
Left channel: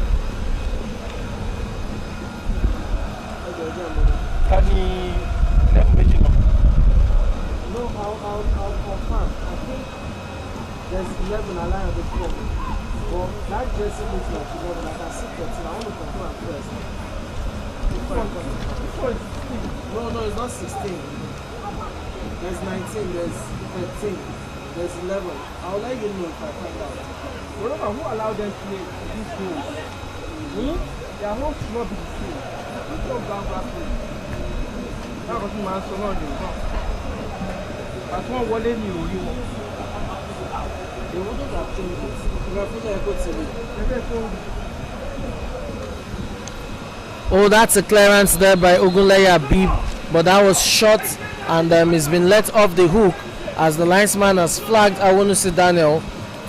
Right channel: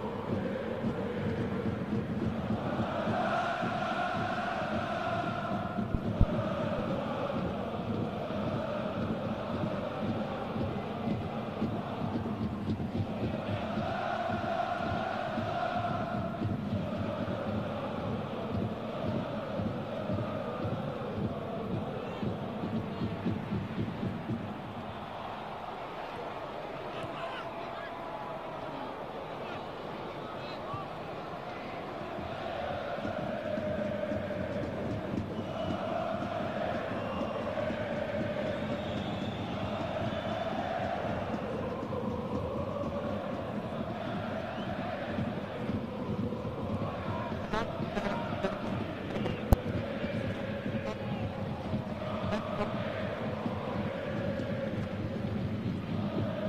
No, it's not 16. There's 19, there's 13, there's 11. I'll let you know if I come back. Who allowed them to play these games? Their home should not be the same. You don't go back to it. That's what I'm saying. As one wallet you. Oh, that's a clearance there by Ogunleye Abib, but that was short, and it's been let off the hook as the linesman has flagged Awonusi Daniel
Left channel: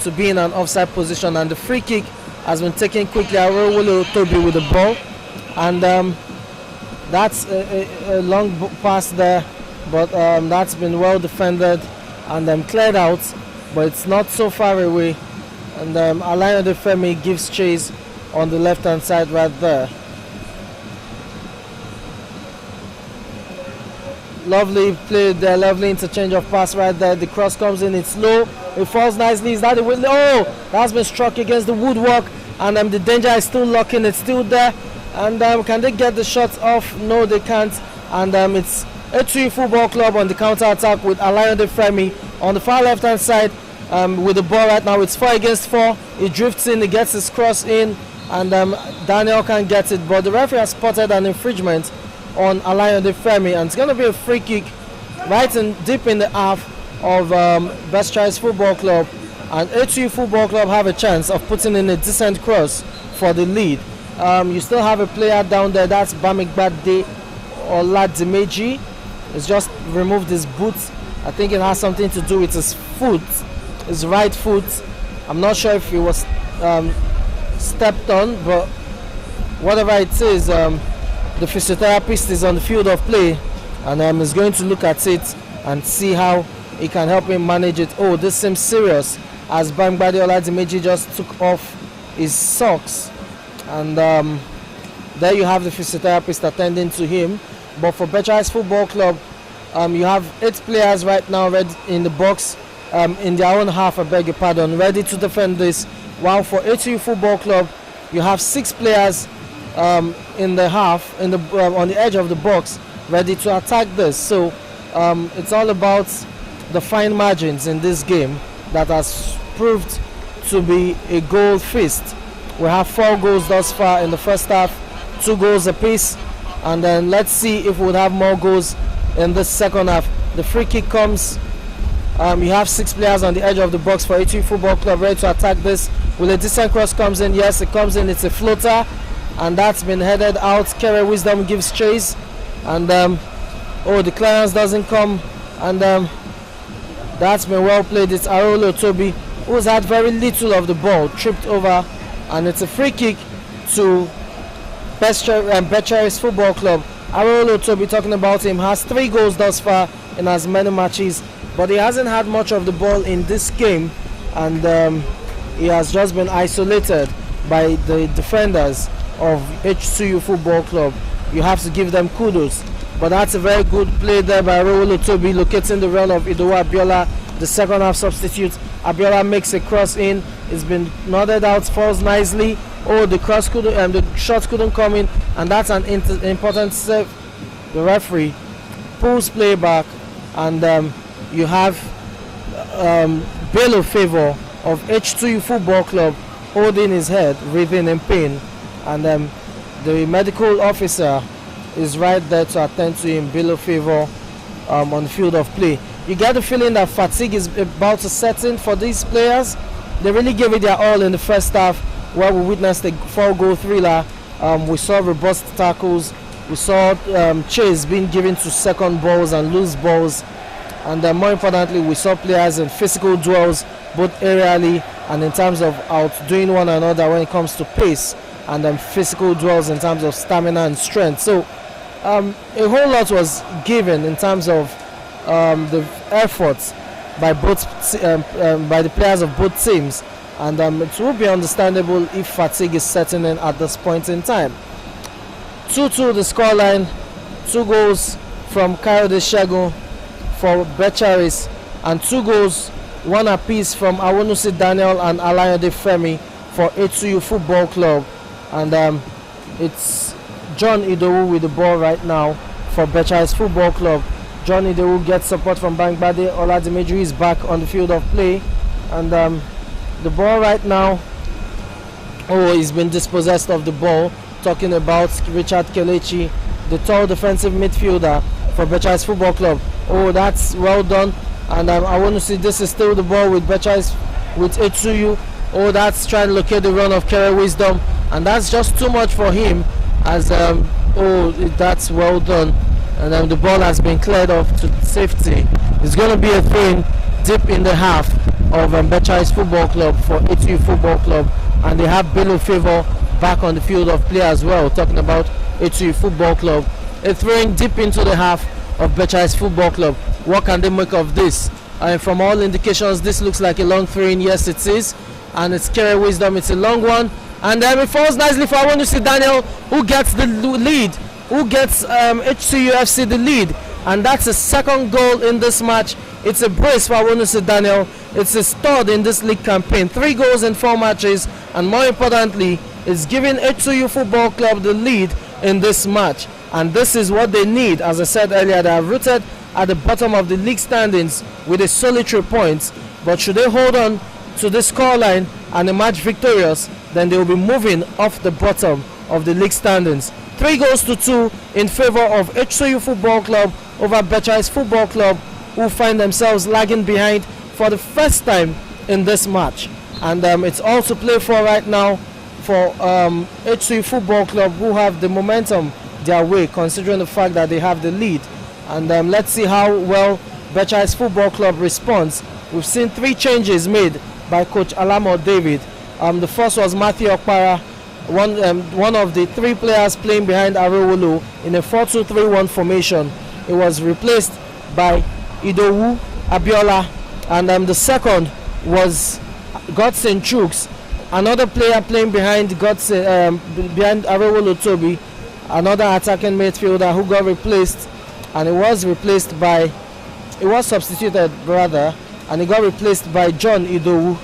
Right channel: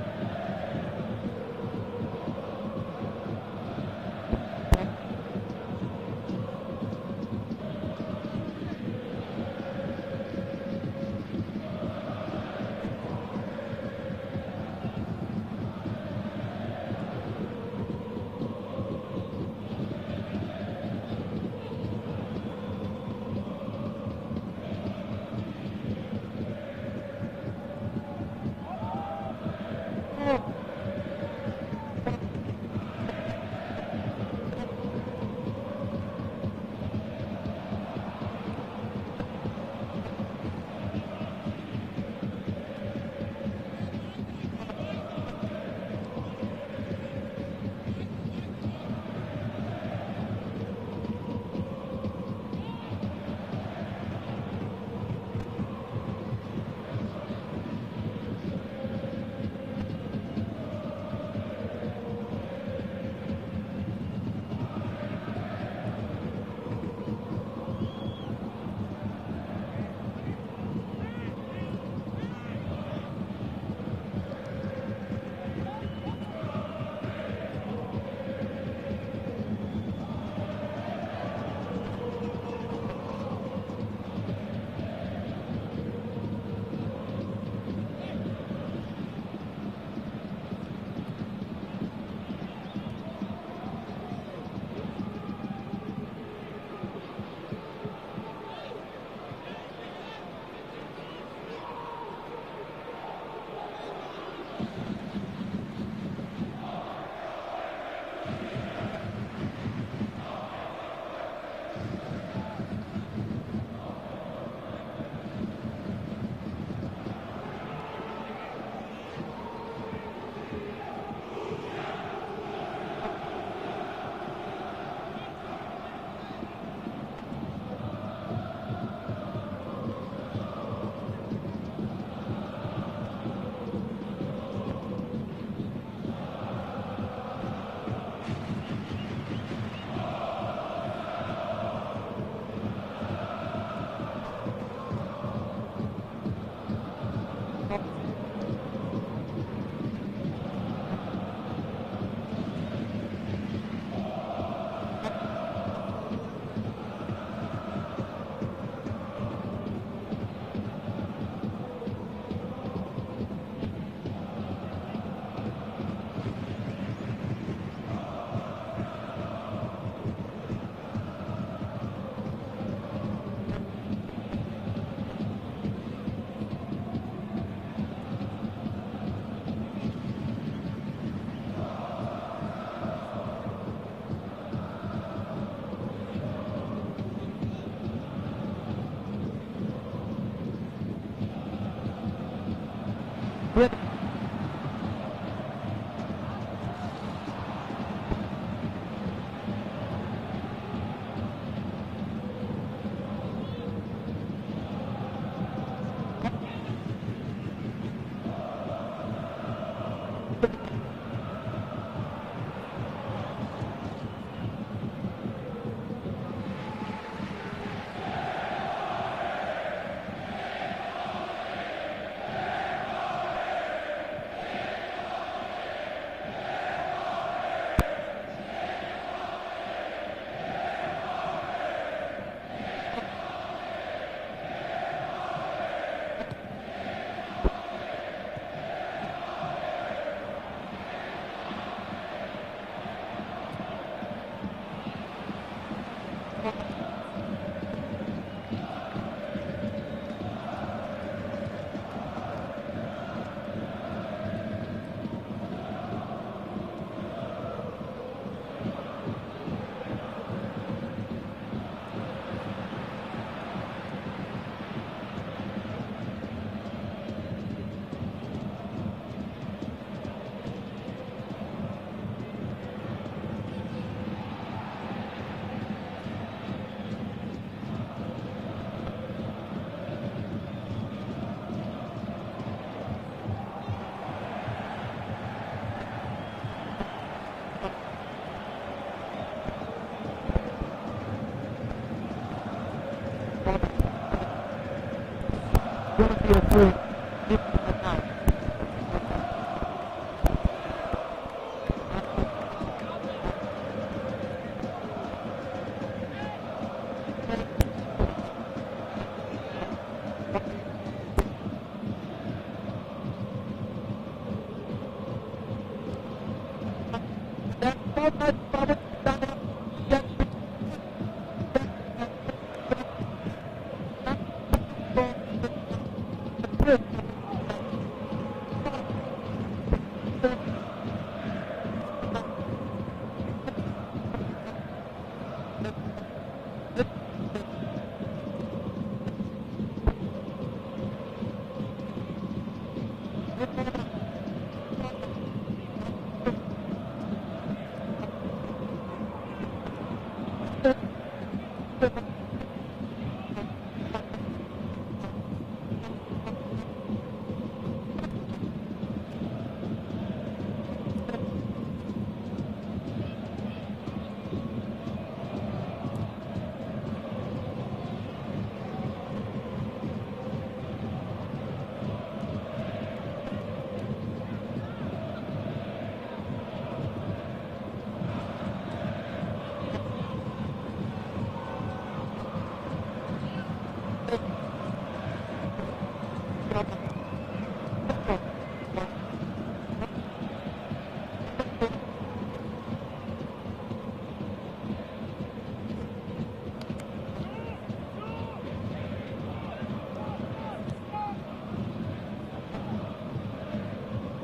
to be in an offside position, and the free kick has been taken quickly. Arowolo Toby with the ball, and that's a long pass there, but that's been well defended and cleared out, but it's not so far away, and Alain Odefemi gives chase on the left hand side right there. Lovely play there, lovely interchange of pass right there. The cross comes in, it's low, it falls nicely. Is that the window? Oh, that's been struck against the woodwork, and the danger is still locking, it's still there. And can they get the shots off? No, they can't. And it's H2U Football Club on the counter attack with Alain Odefemi on the far left hand side with the ball right now. It's 4 against 4. He drifts in, he gets his cross in, and Daniel can't get it. But the referee has spotted an infringement on Alain Odefemi, and it's going to be a free kick right in deep in the half of Becharis Football Club, and H2U Football Club have a chance of putting in a decent cross for the lead. You still have a player down there, that's Bamigbade Oladimeji. He's just removed his boots. I think it has something to do with his foot, his right foot. I'm not sure if he was stepped on, but whatever it is, the physiotherapist is on the field of play, and is going to look at it and see how he can help him manage it. Oh, this seems serious, as Bamigbade Oladimeji just took off his socks, and there you have the physiotherapist attending to him. But for Becharis Football Club, You have 8 players right now ready in the box, in their own half, I beg your pardon, ready to defend this. While for H2U Football Club, you have 6 players in the half, on the edge of the box, ready to attack this. So it's all about the fine margins in this game that has proved to be a goal feast. We have 4 goals thus far in the first half, 2 goals apiece, and then let's see if we'll have more goals in the second half. The free kick comes. You have 6 players on the edge of the box for H2U Football Club ready to attack this. Will a decent cross comes in? Yes, it comes in. It's a floater, and that's been headed out. Kere Wisdom gives chase, and the clearance doesn't come, and that's been well played. It's Arolo Toby, who's had very little of the ball, tripped over, and it's a free kick to Becharis Football Club. Arolo Toby, talking about him, has 3 goals thus far in as many matches, but he hasn't had much of the ball in this game, and he has just been isolated by the defenders of H2U Football Club. You have to give them kudos. But that's a very good play there by Arolo Toby, locating the run of Idowu Abiola, the second half substitute. Abiola makes a cross in. It's been nodded out, falls nicely. The shot couldn't come in, and that's an important save. The referee pulls play back, and you have Bello Favor of H2U Football Club holding his head, writhing in pain, and the medical officer is right there to attend to him, Bello Favor, on the field of play. You get the feeling that fatigue is about to set in for these players. They really gave it their all in the first half, where we witnessed a 4-goal thriller. We saw robust tackles. We saw chase being given to second balls and loose balls. And more importantly, we saw players in physical duels, both aerially and in terms of outdoing one another when it comes to pace, and physical duels in terms of stamina and strength. So a whole lot was given in terms of the efforts by by the players of both teams, and it will be understandable if fatigue is setting in at this point in time. 2-2 the scoreline, 2 goals from Kayode Segun for Becharis, and 2 goals, 1 apiece from Awonusi Daniel and Alayode Femi for H2U Football Club. And it's John Idowu with the ball right now for Becharis Football Club. John Idowu gets support from Bangbade. Oladimeji is back on the field of play, and the ball right now, he's been dispossessed of the ball. Talking about Richard Kelechi, the tall defensive midfielder for Becharis Football Club. That's well done, and I want to see this is still the ball with Becharis, with H2U. That's trying to locate the run of Kere Wisdom, and that's just too much for him, as that's well done, and the ball has been cleared off to safety. It's going to be a thing deep in the half of Becharis Football Club for H2U Football Club, and they have Bello Favor back on the field of play as well, talking about H2U Football Club. A throwing deep into the half of Becharis Football Club. What can they make of this? From all indications, this looks like a long throw-in. Yes, it is, and it's Kere Wisdom. It's a long one, and it falls nicely for Awonusi Daniel, who gets the lead, who gets H2U Fc the lead, and that's a 2nd goal in this match. It's a brace for Awonusi Daniel. It's a stud in this league campaign. 3 goals in 4 matches, and more importantly, it's giving H2U Football Club the lead in this match. And this is what they need. As I said earlier, they are rooted at the bottom of the league standings with a solitary point. But should they hold on to this scoreline and emerge victorious, then they will be moving off the bottom of the league standings. 3-2 in favor of H2U Football Club over Becharis Football Club, who find themselves lagging behind for the first time in this match. And it's all to play for right now for H2U Football Club, who have the momentum their way, considering the fact that they have the lead. And let's see how well Becharis Football Club responds. We've seen 3 changes made by Coach Alamo David. The first was Matthew Okpara, one of the 3 players playing behind Arowolo in a 4-2-3-1 formation. It was replaced by Idowu Abiola, and the second was Godson Chooks, another player playing behind behind Arowolo Toby, another attacking midfielder who got replaced and he was substituted rather, and he got replaced by John Idowu.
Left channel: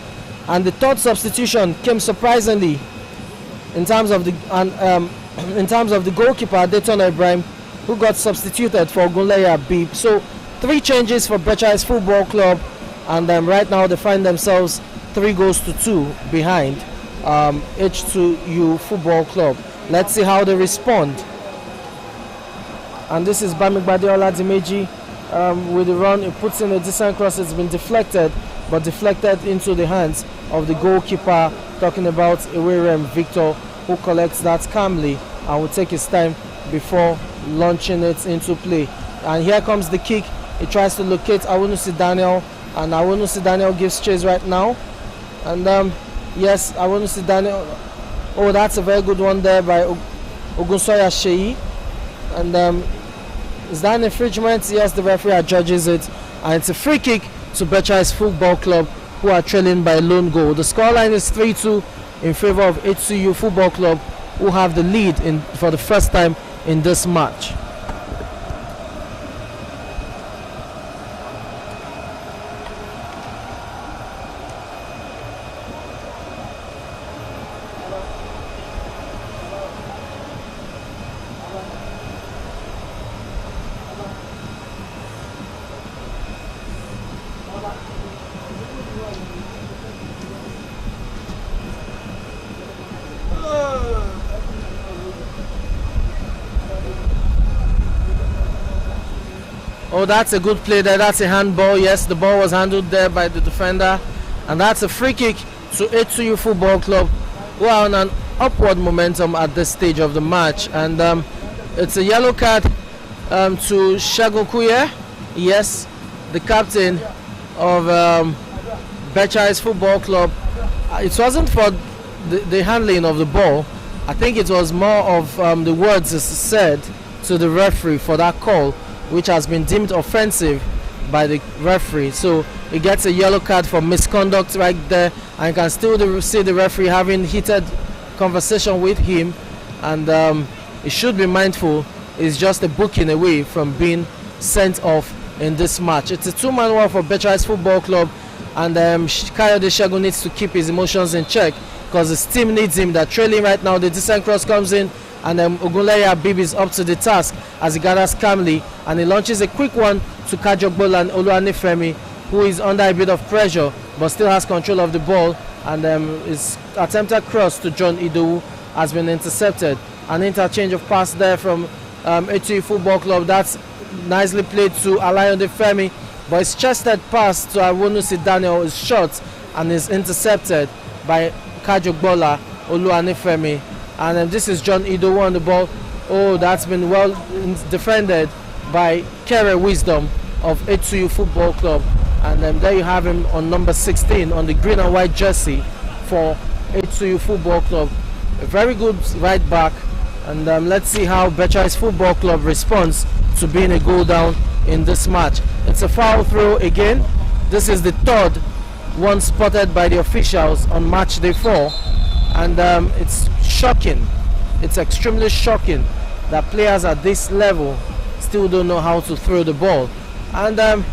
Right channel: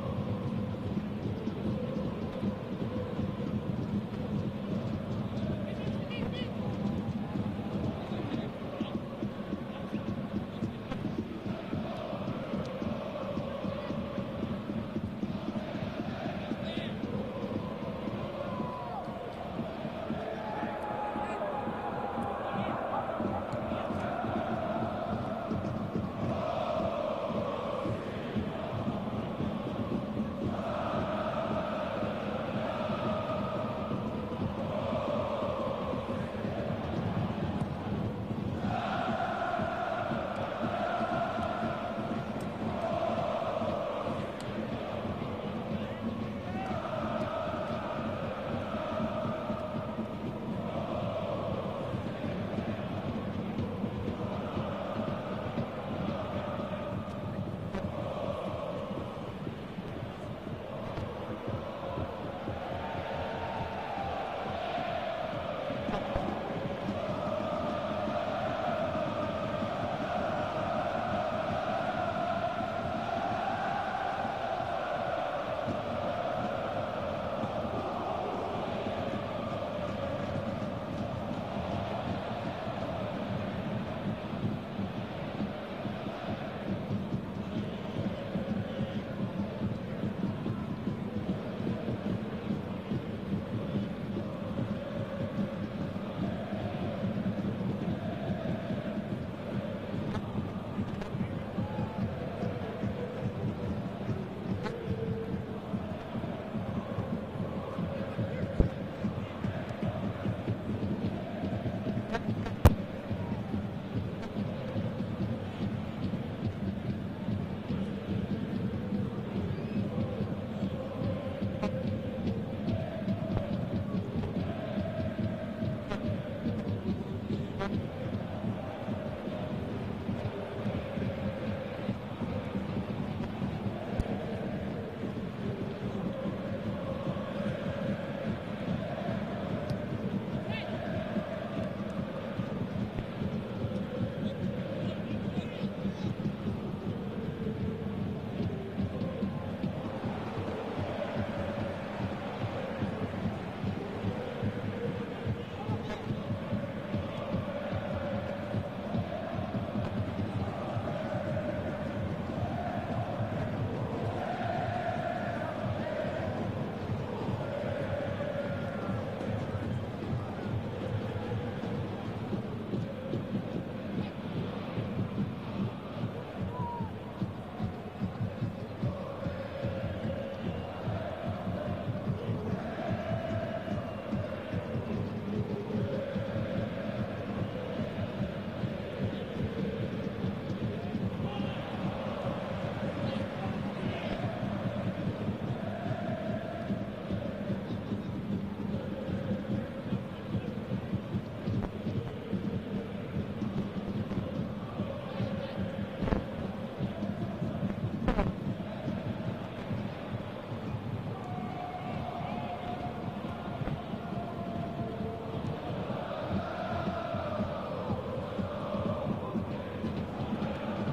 And the third substitution came surprisingly in terms of the goalkeeper Dayton Ibrahim, who got substituted for Ogunleye Abib. So 3 changes for Becharis Football Club, and right now they find themselves 3-2 behind H2U Football Club. Let's see how they respond. And this is Bamigbade Oladimeji with the run. He puts in a decent cross. It's been deflected, but deflected into the hands of the goalkeeper, talking about Iwerem Victor, who collects that calmly and will take his time before launching it into play. And here comes the kick. He tries to locate Awunusi Daniel, and Awunusi Daniel gives chase right now. And yes, Awunusi Daniel. Oh, that's a very good one there by Ogunsoya Sheyi. And is that an infringement? Yes, the referee adjudges it, and it's a free kick to Becharis Football Club, who are trailing by a lone goal. The scoreline is 3-2 in favor of H2U Football Club, who have the lead for the first time in this match. Oh, that's a good play there. That's a handball. Yes, the ball was handled there by the defender. And that's a free kick to H2U Football Club, who are on an upward momentum at this stage of the match. And it's a yellow card to Shagun Kuye. Yes, the captain of Becharis Football Club. It wasn't for the handling of the ball. I think it was more of the words said to the referee for that call, which has been deemed offensive by the referee. So he gets a yellow card for misconduct right there, and you can still see the referee having heated conversation with him, and he should be mindful. It's just a booking away from being sent off in this match. It's a 2-man war for Becharis Football Club, and Kayode Segun needs to keep his emotions in check, because his team needs him. They're trailing right now. The decent cross comes in, and Ogunleye Abib is up to the task as he gathers calmly, and he launches a quick one to Kajogbola and Oluwanifemi, who is under a bit of pressure but still has control of the ball, and his attempted cross to John Idowu has been intercepted. An interchange of pass there from H2U Football Club. That's nicely played to Alayonde Femi, but his chested pass to Awunusi Daniel is short and is intercepted by Kajogbola Oluwanifemi. And this is John Idowu on the ball. Oh, that's been well defended by Kere Wisdom of H2U Football Club. And there you have him on number 16 on the green and white jersey for H2U Football Club. A very good right back. And let's see how Becharis Football Club responds to being a goal down in this match. It's a foul throw again. This is the third one spotted by the officials on match day 4. And it's shocking. It's extremely shocking that players at this level still don't know how to throw the ball. And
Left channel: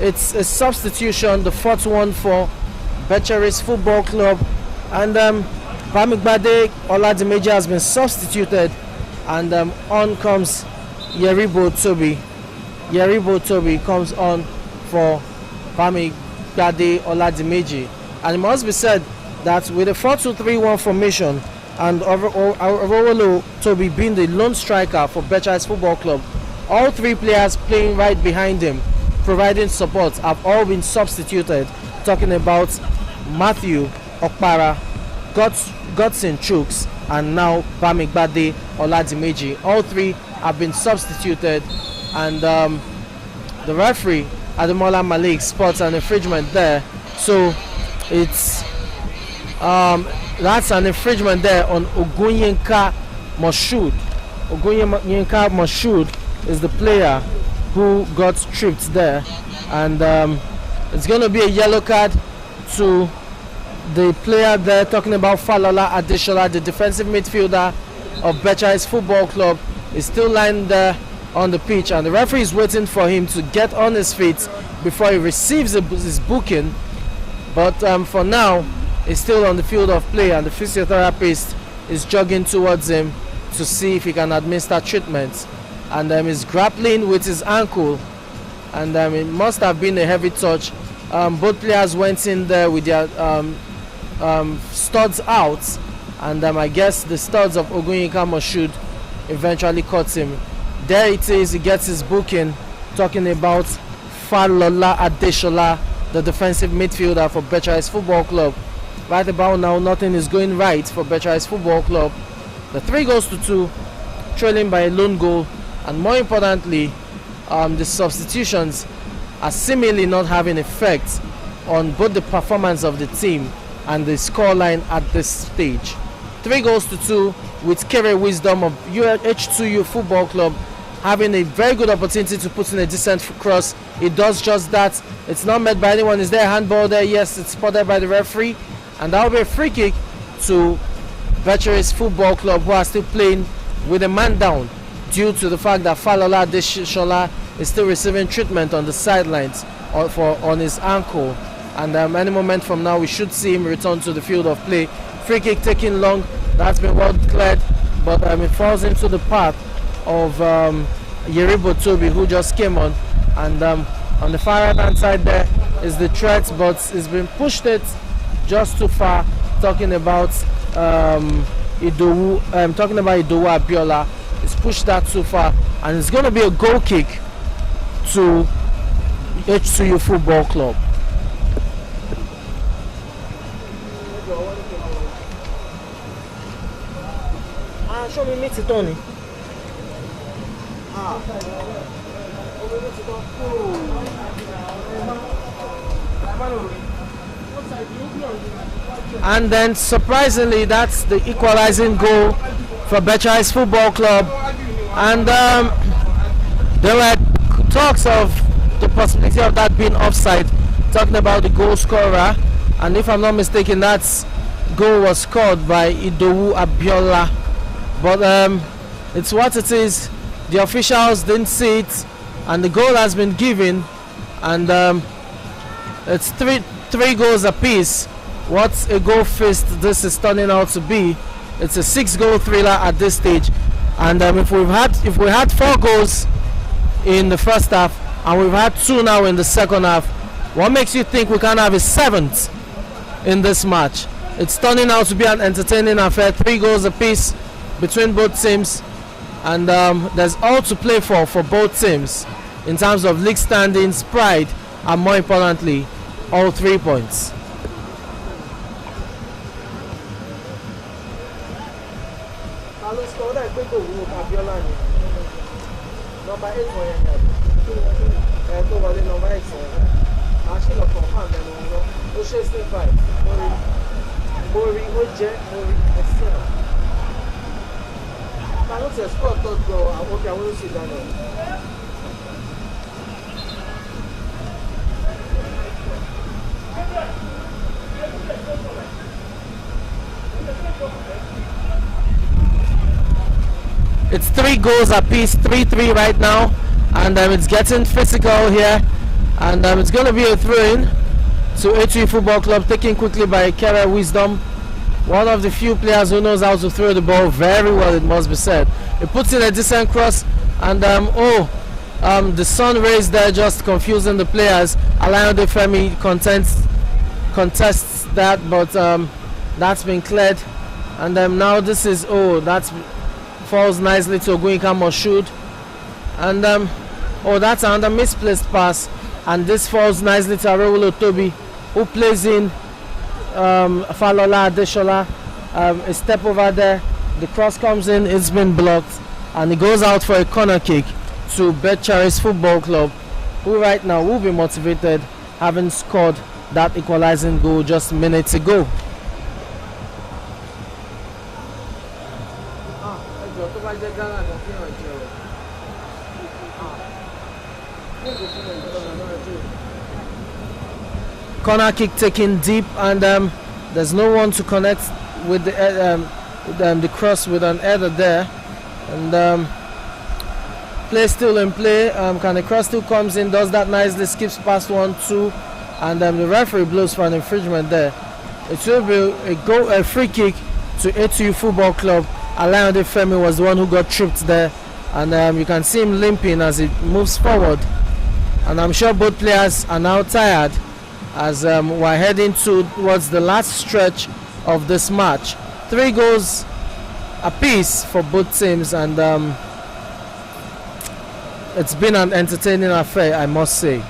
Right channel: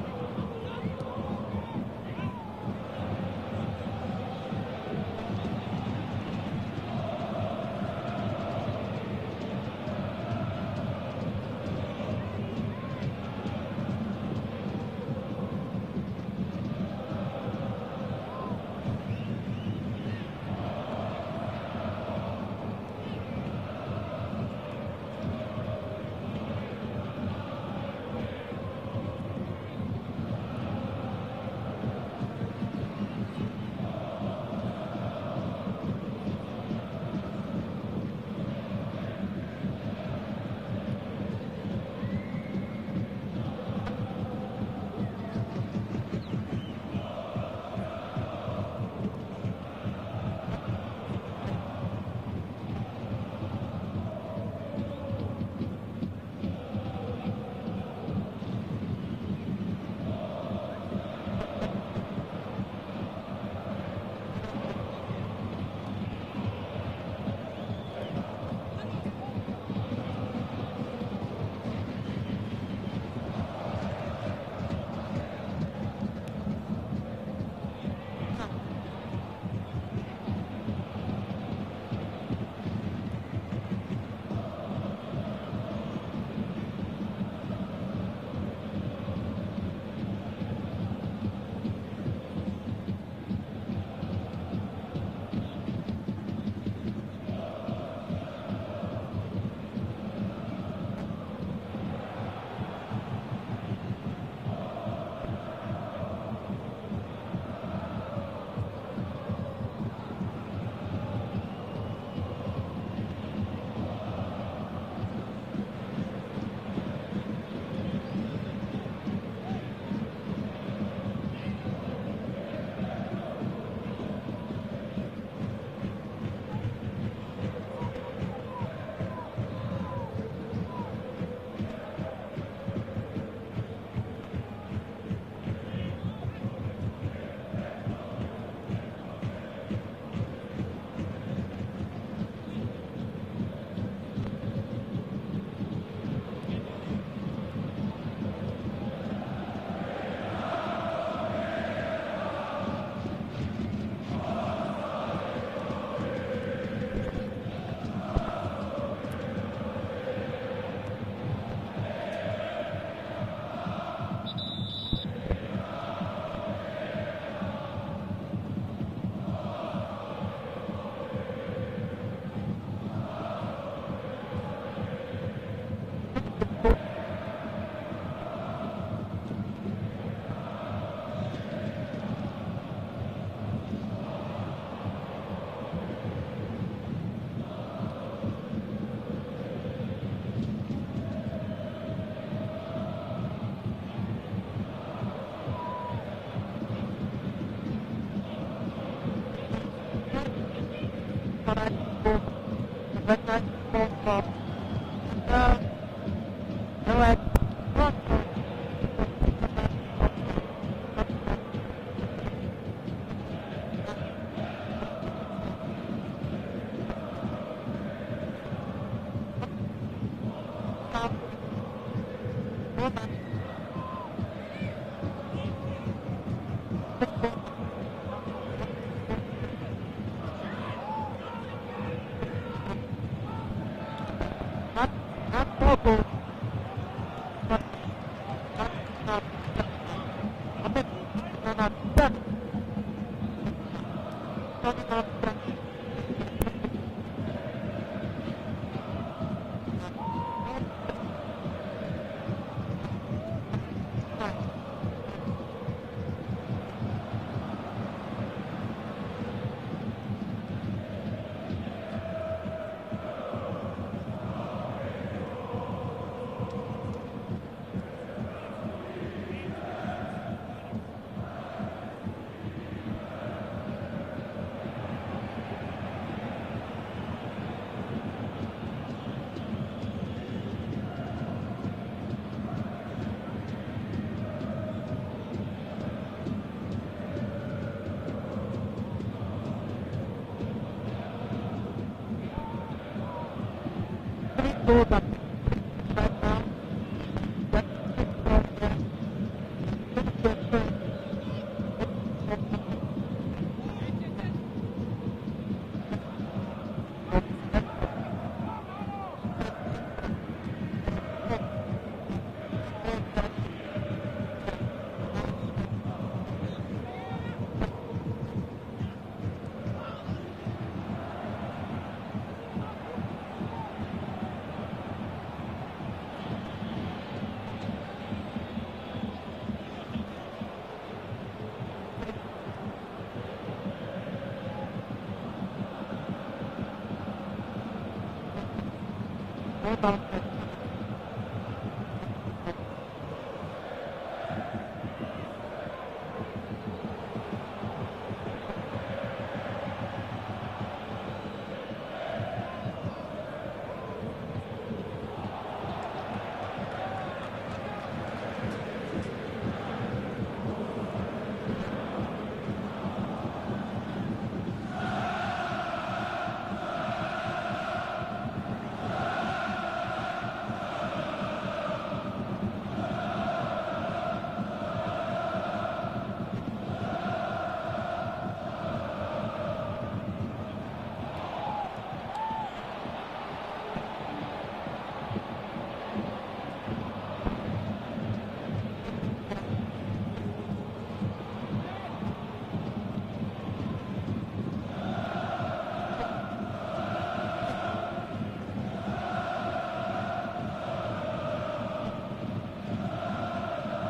it's a substitution, the 4th one for Becharis Football Club. And Bamigbade Oladimeji has been substituted, and on comes Yeribo Toby. Yeribo Toby comes on for Bamigbade Oladimeji. And it must be said that with a 4-2-3-1 formation, and Orowolo Toby being the lone striker for Becharis Football Club, all 3 players playing right behind him, providing support, have all been substituted. Talking about Matthew Okpara, Godson Chooks, and now Bamigbade Oladimeji. All 3 have been substituted, and the referee Ademola Malik spots an infringement there. So it's that's an infringement there on Ogunyinka Moshood. Ogunyinka Moshood is the player who got tripped there, and it's going to be a yellow card to the player there. Talking about Falola Adeshola, the defensive midfielder of Becharis Football Club, is still lying there on the pitch, and the referee is waiting for him to get on his feet before he receives his booking. But for now, he's still on the field of play, and the physiotherapist is jogging towards him to see if he can administer treatment. And he's grappling with his ankle, and it must have been a heavy touch. Both players went in there with their studs out, and I guess the studs of Ogunyinka Moshood eventually caught him. There it is, he gets his booking, talking about Falola Adeshola, the defensive midfielder for Becharis Football Club. Right about now, nothing is going right for Becharis Football Club. The 3-2, trailing by a lone goal, and more importantly, the substitutions are seemingly not having effect on both the performance of the team and the scoreline at this stage. 3-2, with Kere Wisdom of H2U Football Club having a very good opportunity to put in a decent cross. It does just that. It's not met by anyone. Is there a handball there? Yes, it's spotted by the referee, and that will be a free kick to Becharis Football Club, who are still playing with a man down due to the fact that Falola Adeshola is still receiving treatment on the sidelines on his ankle. And any moment from now, we should see him return to the field of play. Free kick taking long. That's been well declared, but it falls into the path of Yeribo Toby, who just came on. And on the far right hand side there is the threat, but it's been pushed it just too far. Talking about Idowu Abiola. It's pushed that too far, and it's going to be a goal kick to H2U Football Club. Show me meet Tony. And then surprisingly, that's the equalizing goal for Becharis Football Club. And there were talks of the possibility of that being offside, talking about the goal scorer. And if I'm not mistaken, that goal was scored by Idowu Abiola. But it's what it is. The officials didn't see it, and the goal has been given, and it's three goals apiece. What a goal fist this is turning out to be. It's a 6-goal thriller at this stage, and if we had 4 goals in the first half and we've had 2 now in the second half, what makes you think we can have a 7th in this match? It's turning out to be an entertaining affair. 3 goals apiece between both teams, and there's all to play for both teams in terms of league standings, pride, and more importantly, all 3 points. It's 3 goals apiece, 3-3 right now, and it's getting physical here, and it's going to be a throw-in to H2U Football Club, taken quickly by Kere Wisdom, one of the few players who knows how to throw the ball very well, it must be said. He puts in a decent cross, and the sun rays there just confusing the players. Alain De Femi contests that, but that's been cleared, and now this is that's falls nicely to Ogunyinka Moshood, and that's another misplaced pass, and this falls nicely to Arewolo Toby, who plays in Falola Adeshola. A step over there, the cross comes in, it's been blocked, and it goes out for a corner kick to Becharis Football Club, who right now will be motivated, having scored that equalizing goal just minutes ago. Corner kick taken deep, and there's no one to connect with the cross with an header there, and Play still in play. Can the cross still comes in, does that nicely, skips past 1-2, and the referee blows for an infringement there. It will be a free kick to H2U Football Club. Alayande Femi was the one who got tripped there, and you can see him limping as he moves forward. And I'm sure both players are now tired as we're heading towards the last stretch of this match. 3 goals apiece for both teams, and it's been an entertaining affair, I must say.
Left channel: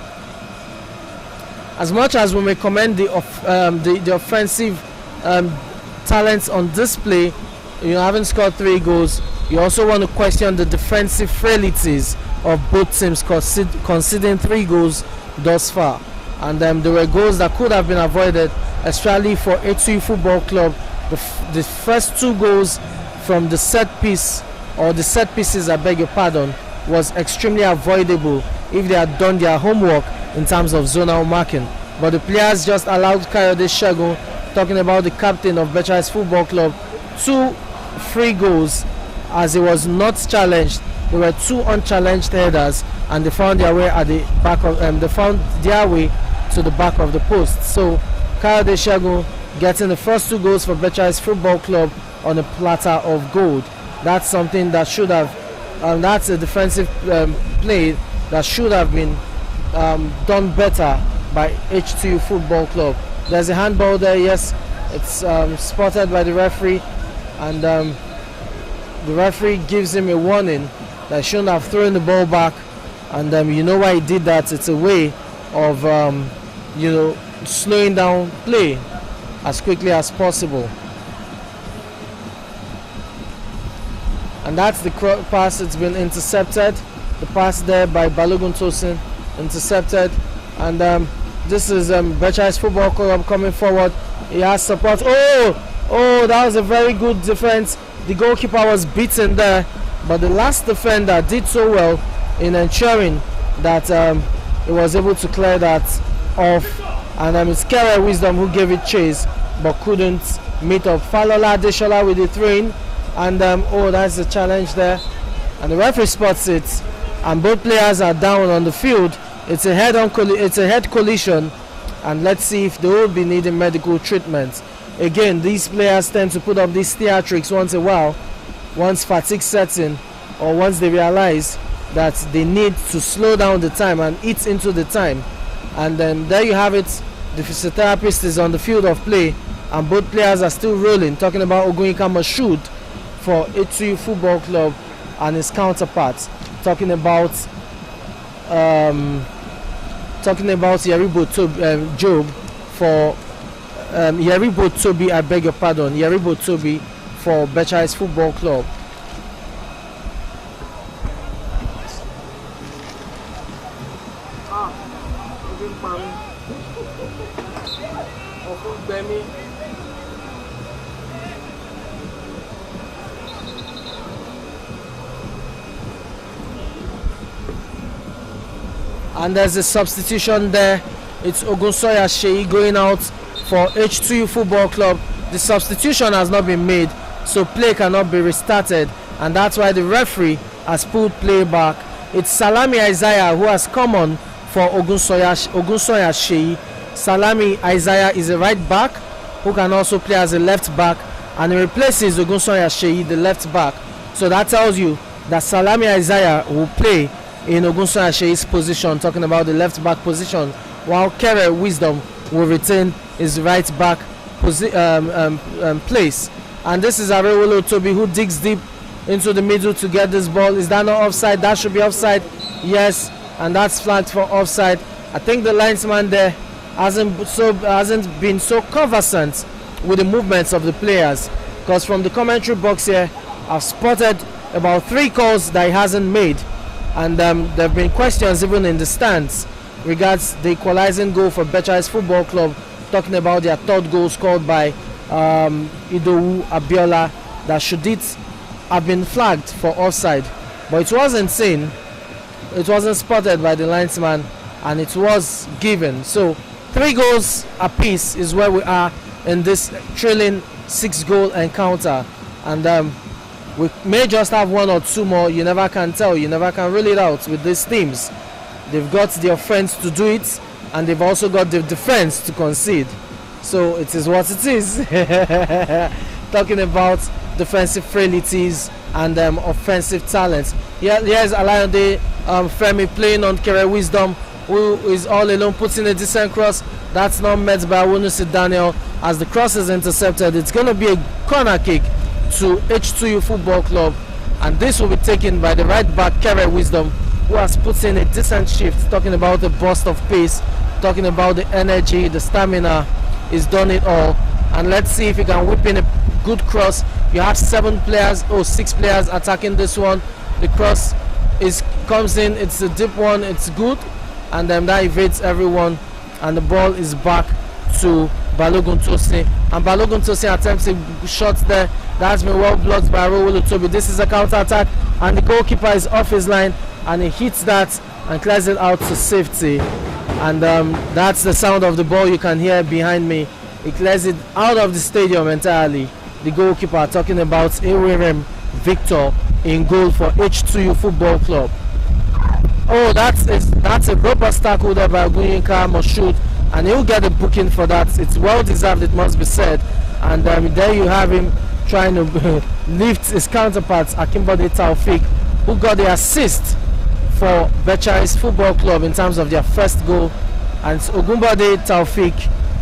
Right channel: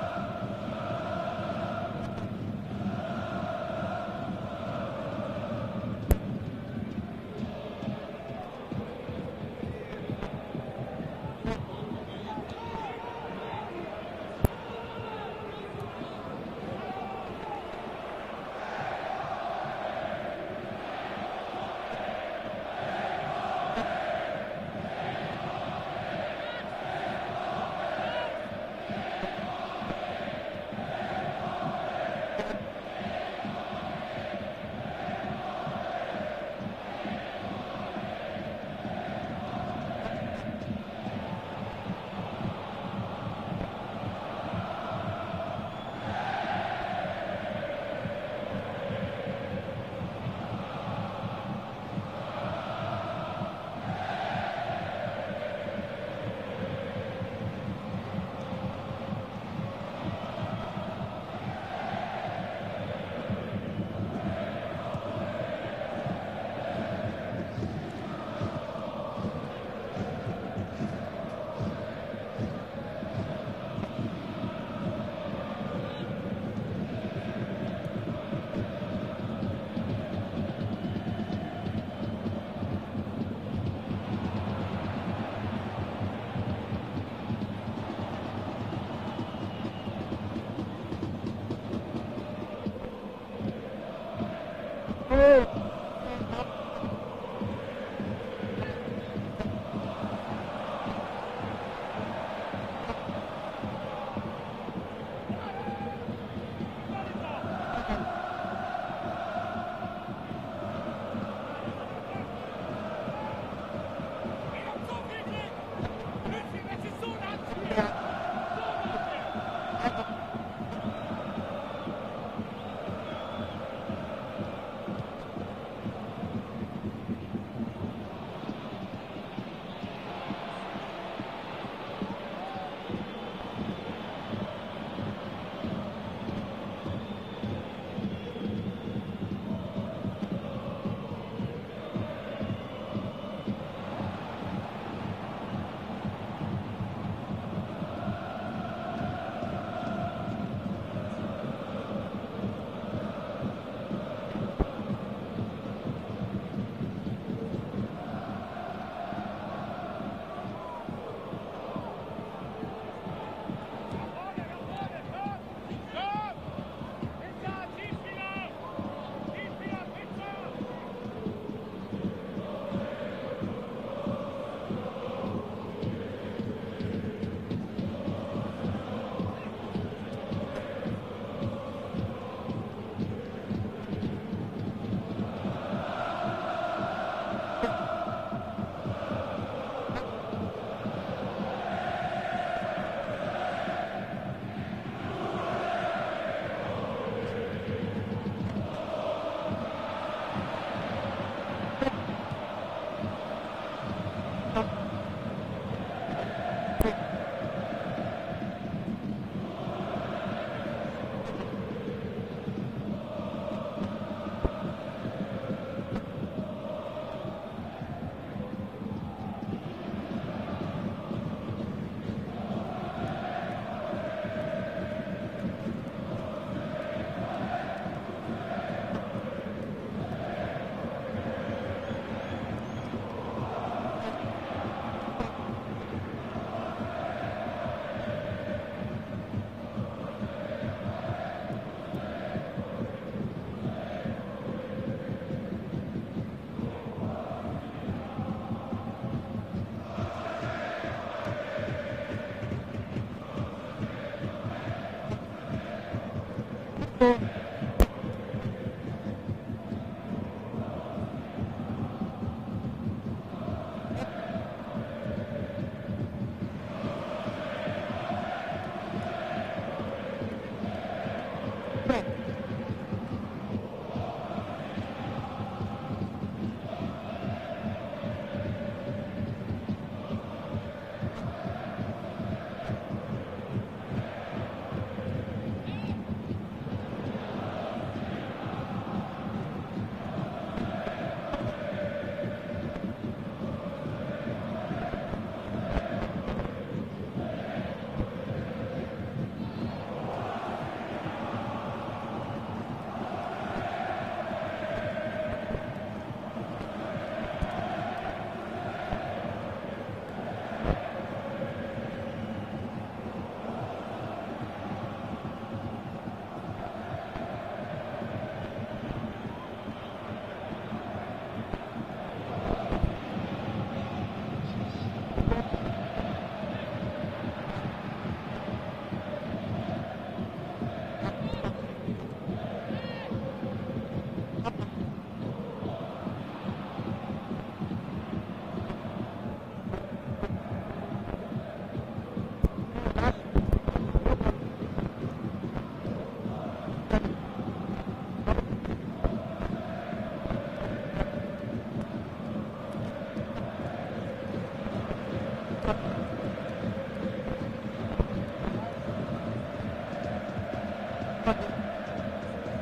As much as we may commend the offensive talents on display, having scored 3 goals, you also want to question the defensive frailties of both teams conceding 3 goals thus far. And there were goals that could have been avoided, especially for H2U Football Club. The first 2 goals from the set piece, or the set pieces, I beg your pardon, was extremely avoidable if they had done their homework in terms of zonal marking. But the players just allowed Kayode Segun, talking about the captain of Becharis Football Club, 2 free goals as he was not challenged. There were 2 unchallenged headers, and they found their way at the back of to the back of the post. So Kayode Segun getting the first 2 goals for Becharis Football Club on a platter of gold. That's something that should have, that's a defensive play that should have been done better by H2U Football Club. There's a handball there, yes, it's spotted by the referee, and the referee gives him a warning that he shouldn't have thrown the ball back, and you know why he did that. It's a way of slowing down play as quickly as possible. And that's the pass. It's been intercepted. The pass there by Balogun Tosin, intercepted. And this is Becharis Football Club coming forward. He has support. Oh, that was a very good defense. The goalkeeper was beaten there, but the last defender did so well in ensuring that he was able to clear that off. And it's Kere Wisdom who gave it chase but couldn't meet up. Falola Deshola with the throw-in, and that's a challenge there, and the referee spots it, and both players are down on the field. It's a head collision, and let's see if they will be needing medical treatment. Again, these players tend to put up these theatrics once in a while, once fatigue sets in, or once they realize that they need to slow down the time and eat into the time. And then there you have it. The physiotherapist is on the field of play, and both players are still rolling, talking about Ogunyika Mashood for H2U Football Club and his counterparts, talking about Yeribo Job for Yeribo Toby, I beg your pardon, Yeribo Toby for Becharis Football Club. And there's a substitution there. It's Ogunsoya Sheyi going out for H2U Football Club. The substitution has not been made, so play cannot be restarted, and that's why the referee has pulled play back. It's Salami Isaiah who has come on for Ogunsoya Sheyi. Salami Isaiah is a right back who can also play as a left back, and he replaces Ogunsoya Sheyi, the left back. So that tells you that Salami Isaiah will play in Ogunsoya Sheyi's position, talking about the left back position, while Kere Wisdom will retain his right back place. And this is Arewolo Toby who digs deep into the middle to get this ball. Is that not offside? That should be offside. Yes, and that's flagged for offside. I think the linesman there hasn't been so conversant with the movements of the players, because from the commentary box here, I've spotted about 3 calls that he hasn't made. And there have been questions even in the stands regards the equalizing goal for Becharis Football Club, talking about their 3rd goal scored by Idowu Abiola, that should it have been flagged for offside, but it wasn't seen, it wasn't spotted by the linesman, and it was given. So 3 goals apiece is where we are in this trailing 6-goal encounter, and We may just have one or two more. You never can tell. You never can rule it out with these teams. They've got the offense to do it, and they've also got the defense to concede. So it is what it is. Talking about defensive frailties and offensive talents. Yeah, here's Alayande Femi playing on Kere Wisdom, who is all alone, putting a decent cross. That's not met by Wonusi Daniel. As the cross is intercepted, it's going to be a corner kick to H2U Football Club, and this will be taken by the right back Kere Wisdom, who has put in a decent shift. Talking about the burst of pace, talking about the energy, the stamina. He's done it all, and let's see if he can whip in a good cross. You have 6 players attacking this one. The cross comes in, it's a deep one, it's good, and that evades everyone, and the ball is back to Balogun Tosin, and Balogun Tosin attempts a shot there. That's been well blocked by Rowolo Toby. This is a counter attack, and the goalkeeper is off his line, and he hits that and clears it out to safety. And that's the sound of the ball you can hear behind me. He clears it out of the stadium entirely. The goalkeeper, talking about Ewirem Victor, in goal for H2U Football Club. Oh, that's a robust tackle there by Gunyinka Moshood, and he'll get a booking for that. It's well deserved, it must be said. And there you have him trying to lift his counterpart, Akimbode Taufik, who got the assist for Becharis Football Club in terms of their first goal. And it's Ogunbode Taufik,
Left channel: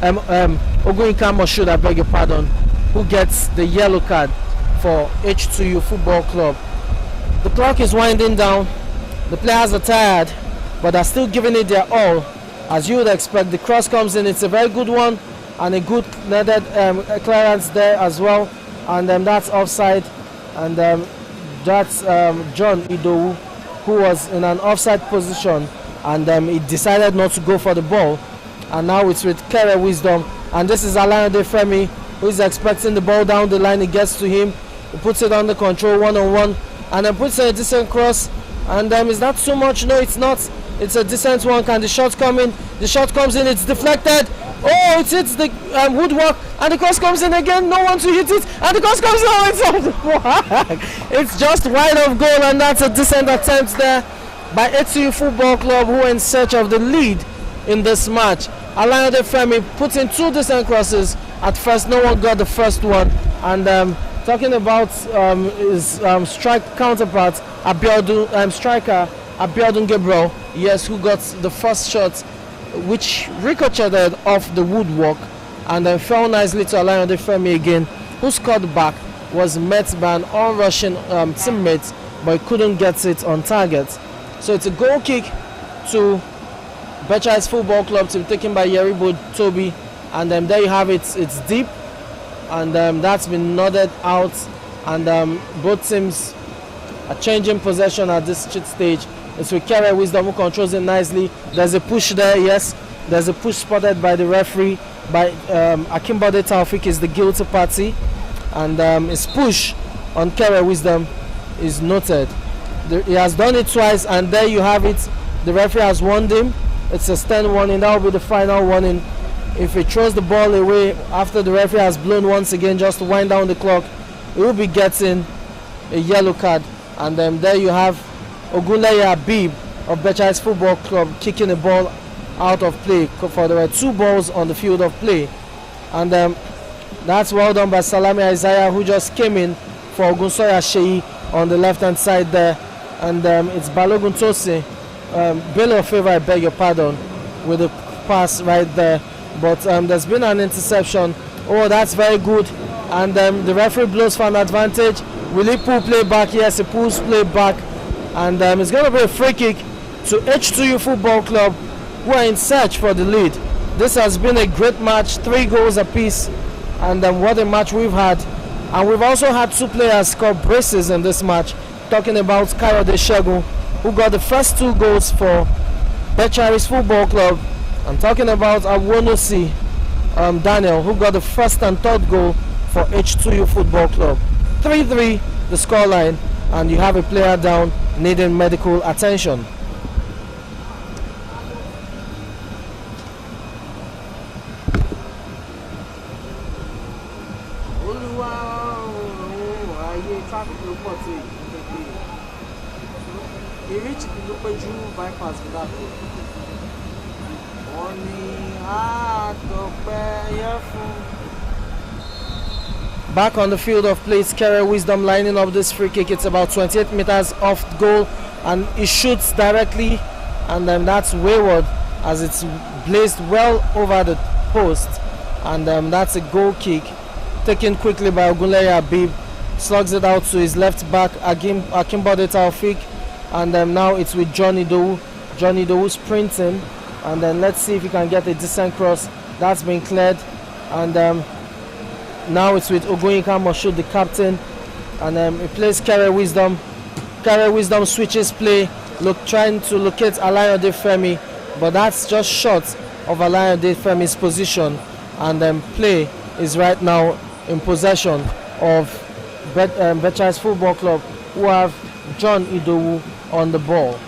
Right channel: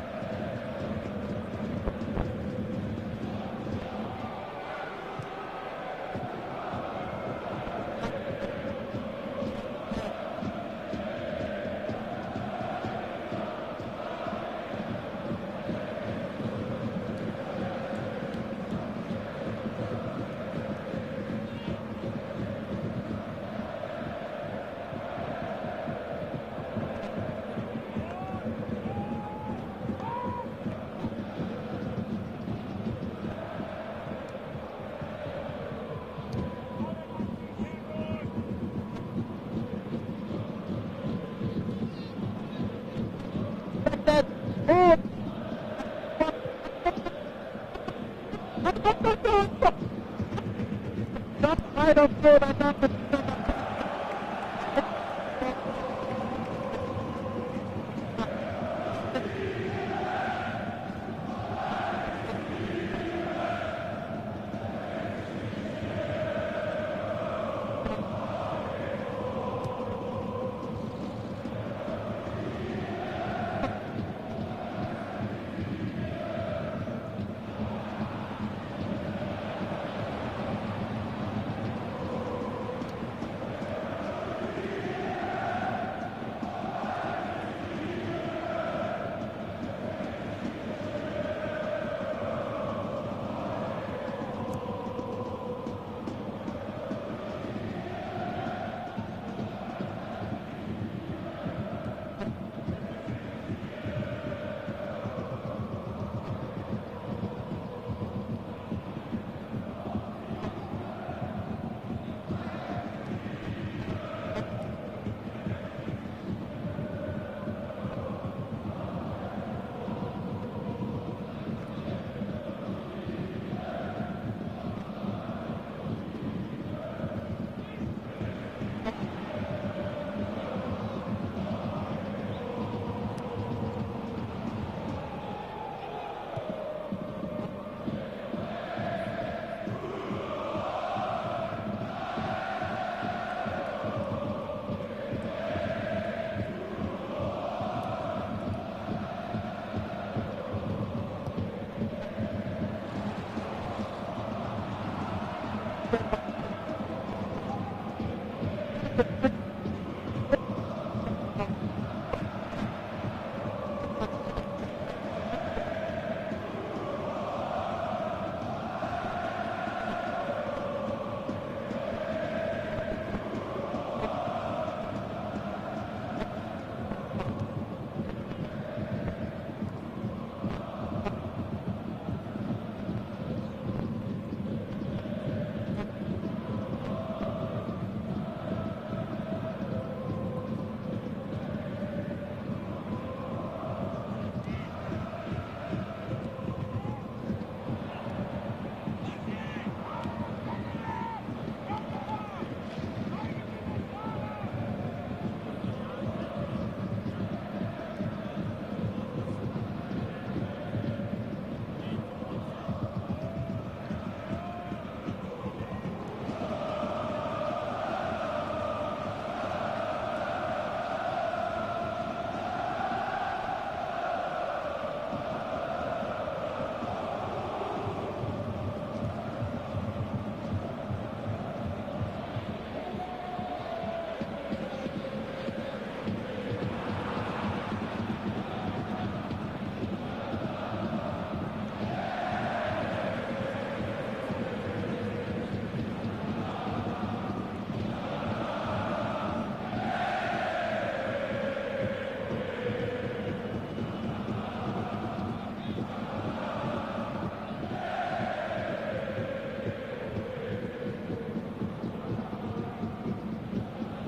Ogunyinka Moshood, I beg your pardon, who gets the yellow card for H2U Football Club. The clock is winding down. The players are tired, but they're still giving it their all. As you would expect, the cross comes in. It's a very good one, and a good netted clearance there as well. And that's offside. And that's John Idowu, who was in an offside position, and he decided not to go for the ball. And now it's with Kere Wisdom. And this is Alayande Femi, who is expecting the ball down the line. He gets to him, he puts it under control one-on-one, and then puts a decent cross. And is that too much? No, it's not. It's a decent one. Can the shot come in? The shot comes in, it's deflected. Oh, it hits the woodwork, and the cross comes in again. No one to hit it, and the cross comes in. Oh, it's off the mark. It's just wide of goal, and that's a decent attempt there by H2U Football Club, who are in search of the lead in this match. Alayande Femi put in 2 decent crosses. At first, no one got the first one, and talking about his strike counterpart, striker Abiodun Gabriel, yes, who got the first shot, which ricocheted off the woodwork and then fell nicely to Alayande Femi again, who scored back, was met by an on-rushing teammate, but he couldn't get it on target. So it's a goal kick to Becharis Football Club, to be taken by Yeribo Toby, and there you have it. It's deep, and that's been nodded out, and both teams are changing possession at this stage. It's with Kere Wisdom, who controls it nicely. There's a push there, yes. There's a push spotted by the referee. By Akimbode Taufik is the guilty party, and his push on Kere Wisdom is noted. He has done it twice, and there you have it. The referee has warned him. It's a stern warning. That will be the final warning. If he throws the ball away after the referee has blown once again just to wind down the clock, he will be getting a yellow card. And there you have Ogunleye Habib of Becharis Football Club kicking the ball out of play, for there were 2 balls on the field of play. And that's well done by Salami Isaiah, who just came in for Ogunsoya Sheyi on the left hand side there. And it's Balogun Tosin, Bello Favor, I beg your pardon, with the pass right there. But there's been an interception. Oh, that's very good. And the referee blows for an advantage. Will he pull play back? Yes, he pulls play back. And it's going to be a free kick to H2U Football Club, who are in search for the lead. This has been a great match, 3 goals apiece. And what a match we've had. And we've also had 2 players score braces in this match. Talking about Kayode Shegun, who got the first 2 goals for Becharis Football Club. I'm talking about Awonosi Daniel, who got the first and third goal for H2U Football Club. 3-3 the scoreline, and you have a player down needing medical attention. pitch tó péjú bypass mi láti. Wọ́n ní àtọ̀pẹ́ yẹ fún. Back on the field of play, Kere Wisdom lining up this free kick. It's about 28 meters off goal, and he shoots directly, and that's wayward as it's blazed well over the post, and that's a goal kick taken quickly by Ogunleye Abib. Slugs it out to his left back, Akimbode Taufik, and now it's with Johnny Dowu. Johnny Dowu sprinting, and then let's see if he can get a decent cross. That's been cleared, and now it's with Ogoyinka Moshood, the captain, and he plays Kere Wisdom. Kere Wisdom switches play, trying to locate Alayode Femi, but that's just short of Alayode Femi's position, and play is right now in possession of Becharis Football Club, who have John Idowu on the ball.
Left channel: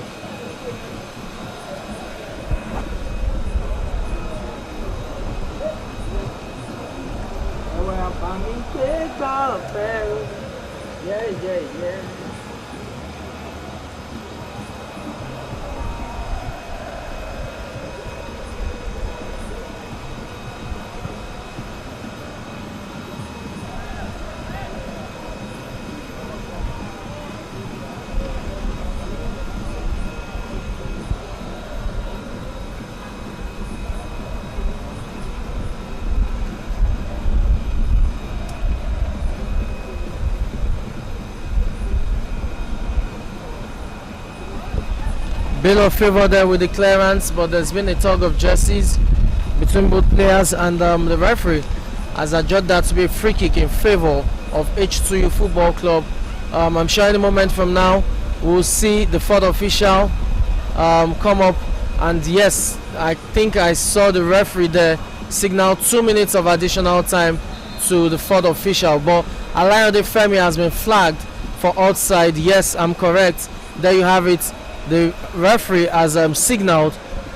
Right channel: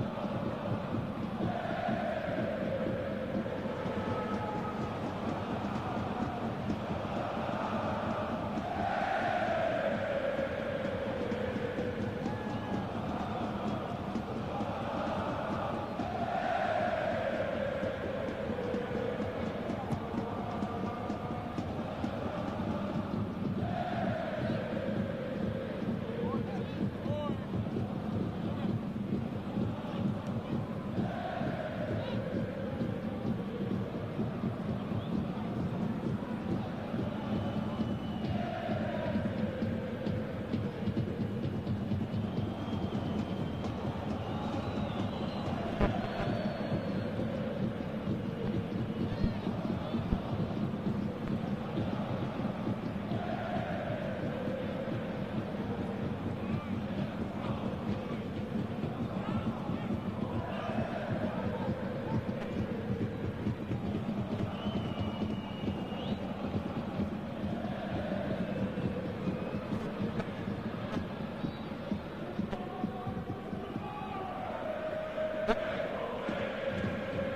Bit of favour there with the clearance, but there's been a tug of jerseys between both players, and the referee has adjudged that to be a free kick in favour of H2U Football Club. I'm sure any moment from now we'll see the fourth official come up, and yes, I think I saw the referee there signal 2 minutes of additional time to the fourth official, but Alayode Femi has been flagged for outside. Yes, I'm correct. There you have it. The referee has signaled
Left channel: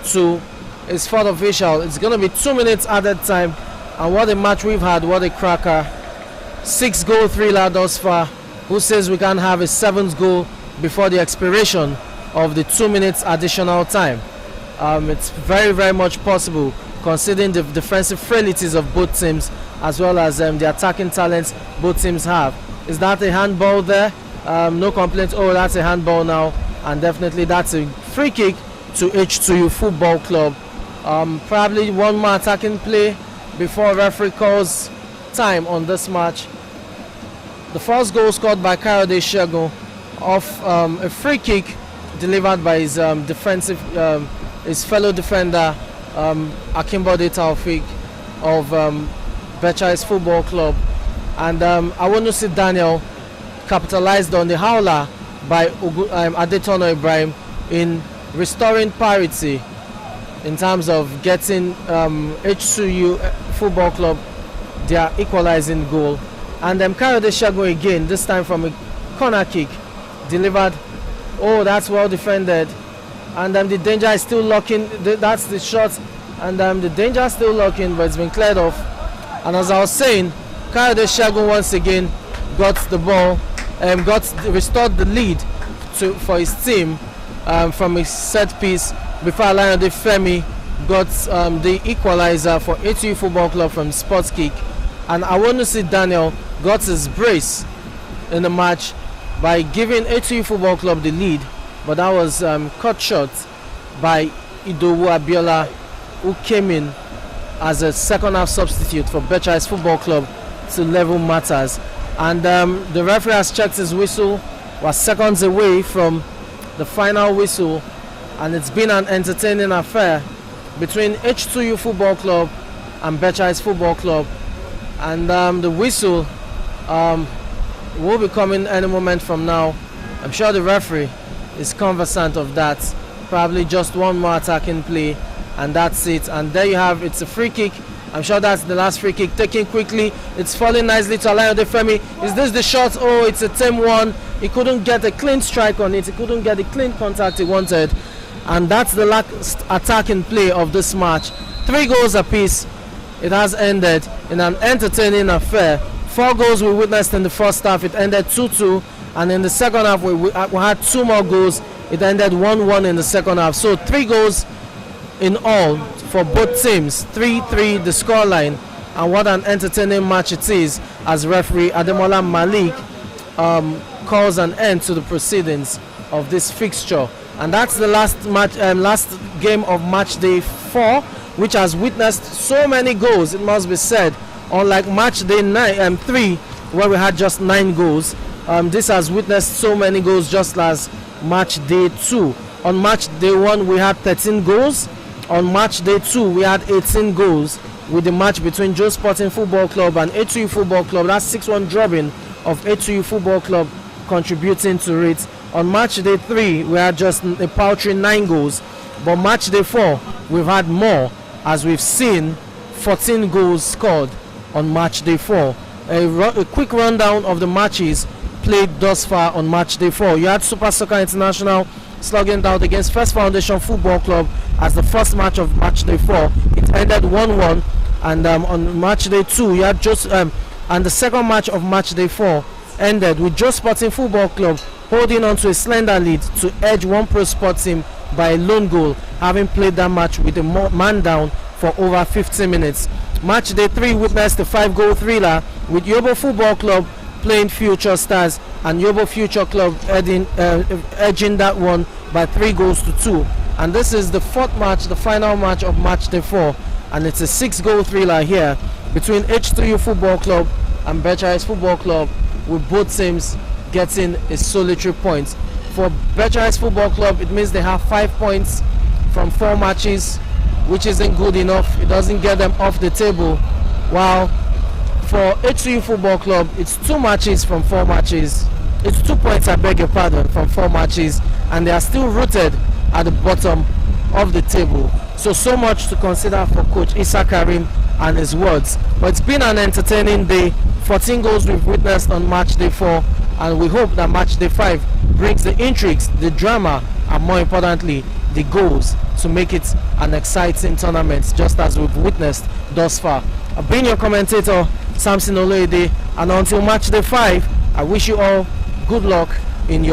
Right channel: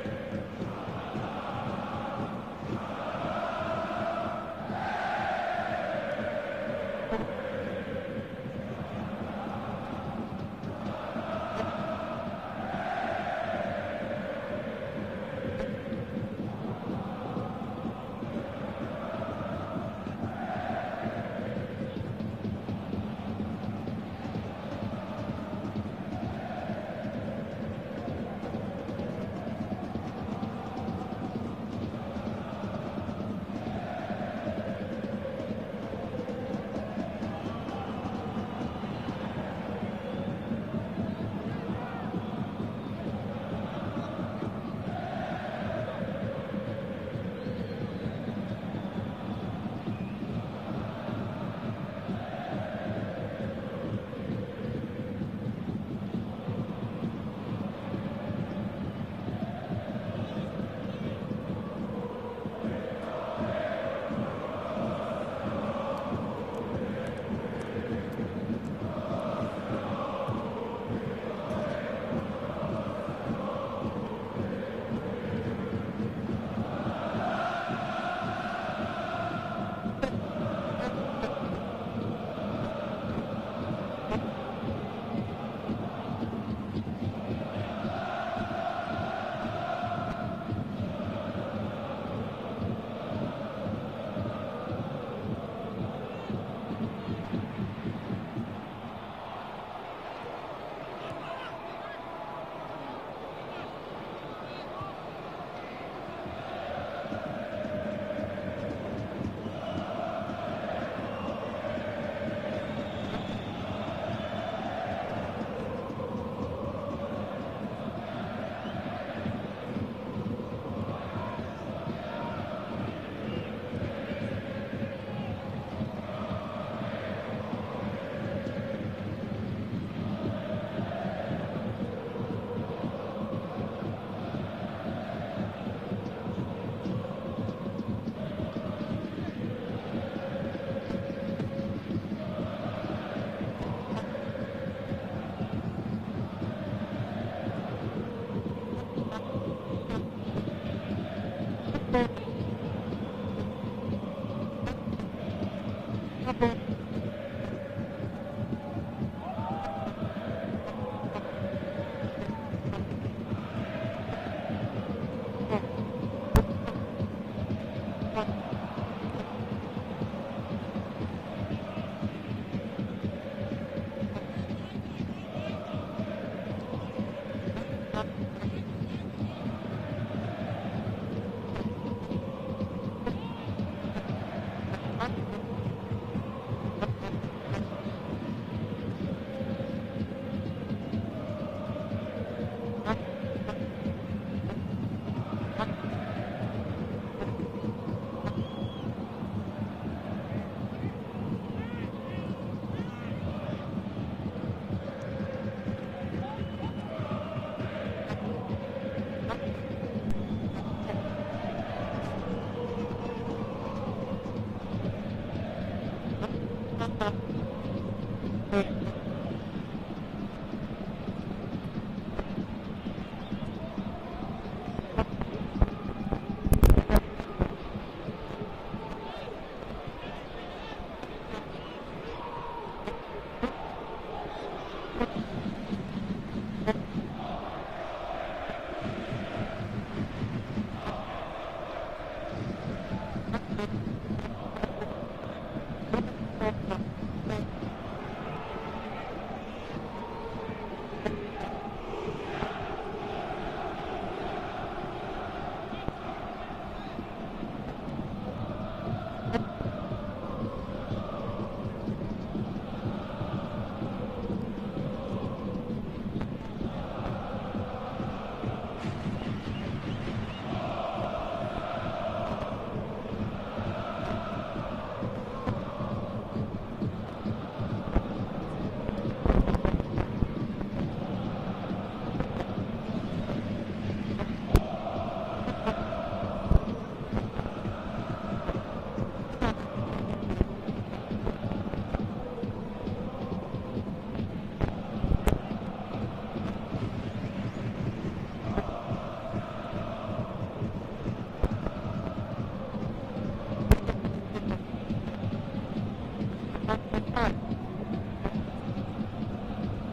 to his fourth official. It's going to be 2 minutes added time, and what a match we've had, what a cracker. 6-goal thriller thus far. Who says we can't have a 7th goal before the expiration of the 2 minutes additional time? It's very, very much possible, considering the defensive frailties of both teams, as well as the attacking talents both teams have. Is that a handball there? No complaint. Oh, that's a handball now. And definitely that's a free kick to H2U Football Club. Probably one more attacking play before referee calls time on this match. The first goal scored by Kayode Segun off a free kick delivered by his his fellow defender Akimbode Taufik of Becharis Football Club. And I want to see Daniel capitalized on the howler by Adetono Ibrahim in restoring parity in terms of getting H2U Football Club their equalizing goal. And Kayode Segun again, this time from a corner kick, delivered. Oh, that's well defended. And the danger is still lurking. That's the shot. And the danger is still lurking, but it's been cleared off. And as I was saying, Kayode Segun once again got the ball, restored the lead for his team from a set piece before Alayode Femi got the equalizer for H2U Football Club from sports kick. And I want to see Daniel got his brace in the match by giving H2U Football Club the lead, but that was cut short by Idowu Abiola, who came in as a second half substitute for Becharis Football Club to level matters. And the referee has checked his whistle, was seconds away from the final whistle, and it's been an entertaining affair between H2U Football Club and Becharis Football Club. And the whistle will be coming any moment from now. I'm sure the referee is conversant of that. Probably just one more attacking play, and that's it. And there you have, it's a free kick. I'm sure that's the last free kick taken quickly. It's falling nicely to Alayode Femi. Is this the shot? Oh, it's a tame one. He couldn't get a clean strike on it. He couldn't get the clean contact he wanted. And that's the last attacking play of this match. 3 goals apiece. It has ended in an entertaining affair. 4 goals we witnessed in the first half. It ended 2-2. And in the second half, we had 2 more goals. It ended 1-1 in the second half. So 3 goals in all for both teams. 3-3 the scoreline, and what an entertaining match it is as referee Ademola Malik calls an end to the proceedings of this fixture. And that's the last match, last game of match day 4, which has witnessed so many goals, it must be said. Unlike match day 3, where we had just 9 goals, this has witnessed so many goals just as match day 2. On match day 1 we had 13 goals. On match day 2 we had 18 goals, with the match between Joe Sporting Football Club and H2U Football Club, that's 6-1 drubbing of H2U Football Club, contributing to it. On match day 3 we had just a paltry 9 goals, but match day 4 we've had more, as we've seen 14 goals scored on match day 4. A quick rundown of the matches played thus far on match day 4. You had Super Soccer International slugging it out against First Foundation Football Club as the first match of match day 4. It ended 1-1, and on match day 2 you had just and the second match of match day 4 ended with Joe Sporting Football Club holding on to a slender lead to edge One Pro Sport team by a lone goal, having played that match with a man down for over 50 minutes. Match day 3 witnessed a 5-goal thriller with Yobo Football Club playing Future Stars, and Yobo Future Club edging that one by 3-2. And this is the 4th match, the final match of match day 4, and it's a 6-goal thriller here between H2U Football Club and Becharis Football Club, with both teams getting a solitary point. For Becharis Football Club, it means they have 5 points from 4 matches, which isn't good enough. It doesn't get them off the table. While for H2U Football Club, it's 2 matches from 4 matches. It's 2 points, I beg your pardon, from 4 matches, and they are still rooted at the bottom of the table. So much to consider for Coach Issa Karim and his words. But it's been an entertaining day. 14 goals we've witnessed on match day 4, and we hope that match day 5 brings the intrigues, the drama, and more importantly, the goals to make it an exciting tournament, just as we've witnessed thus far. I've been your commentator, Samson Oloide, and until match day 5, I wish you all good luck in your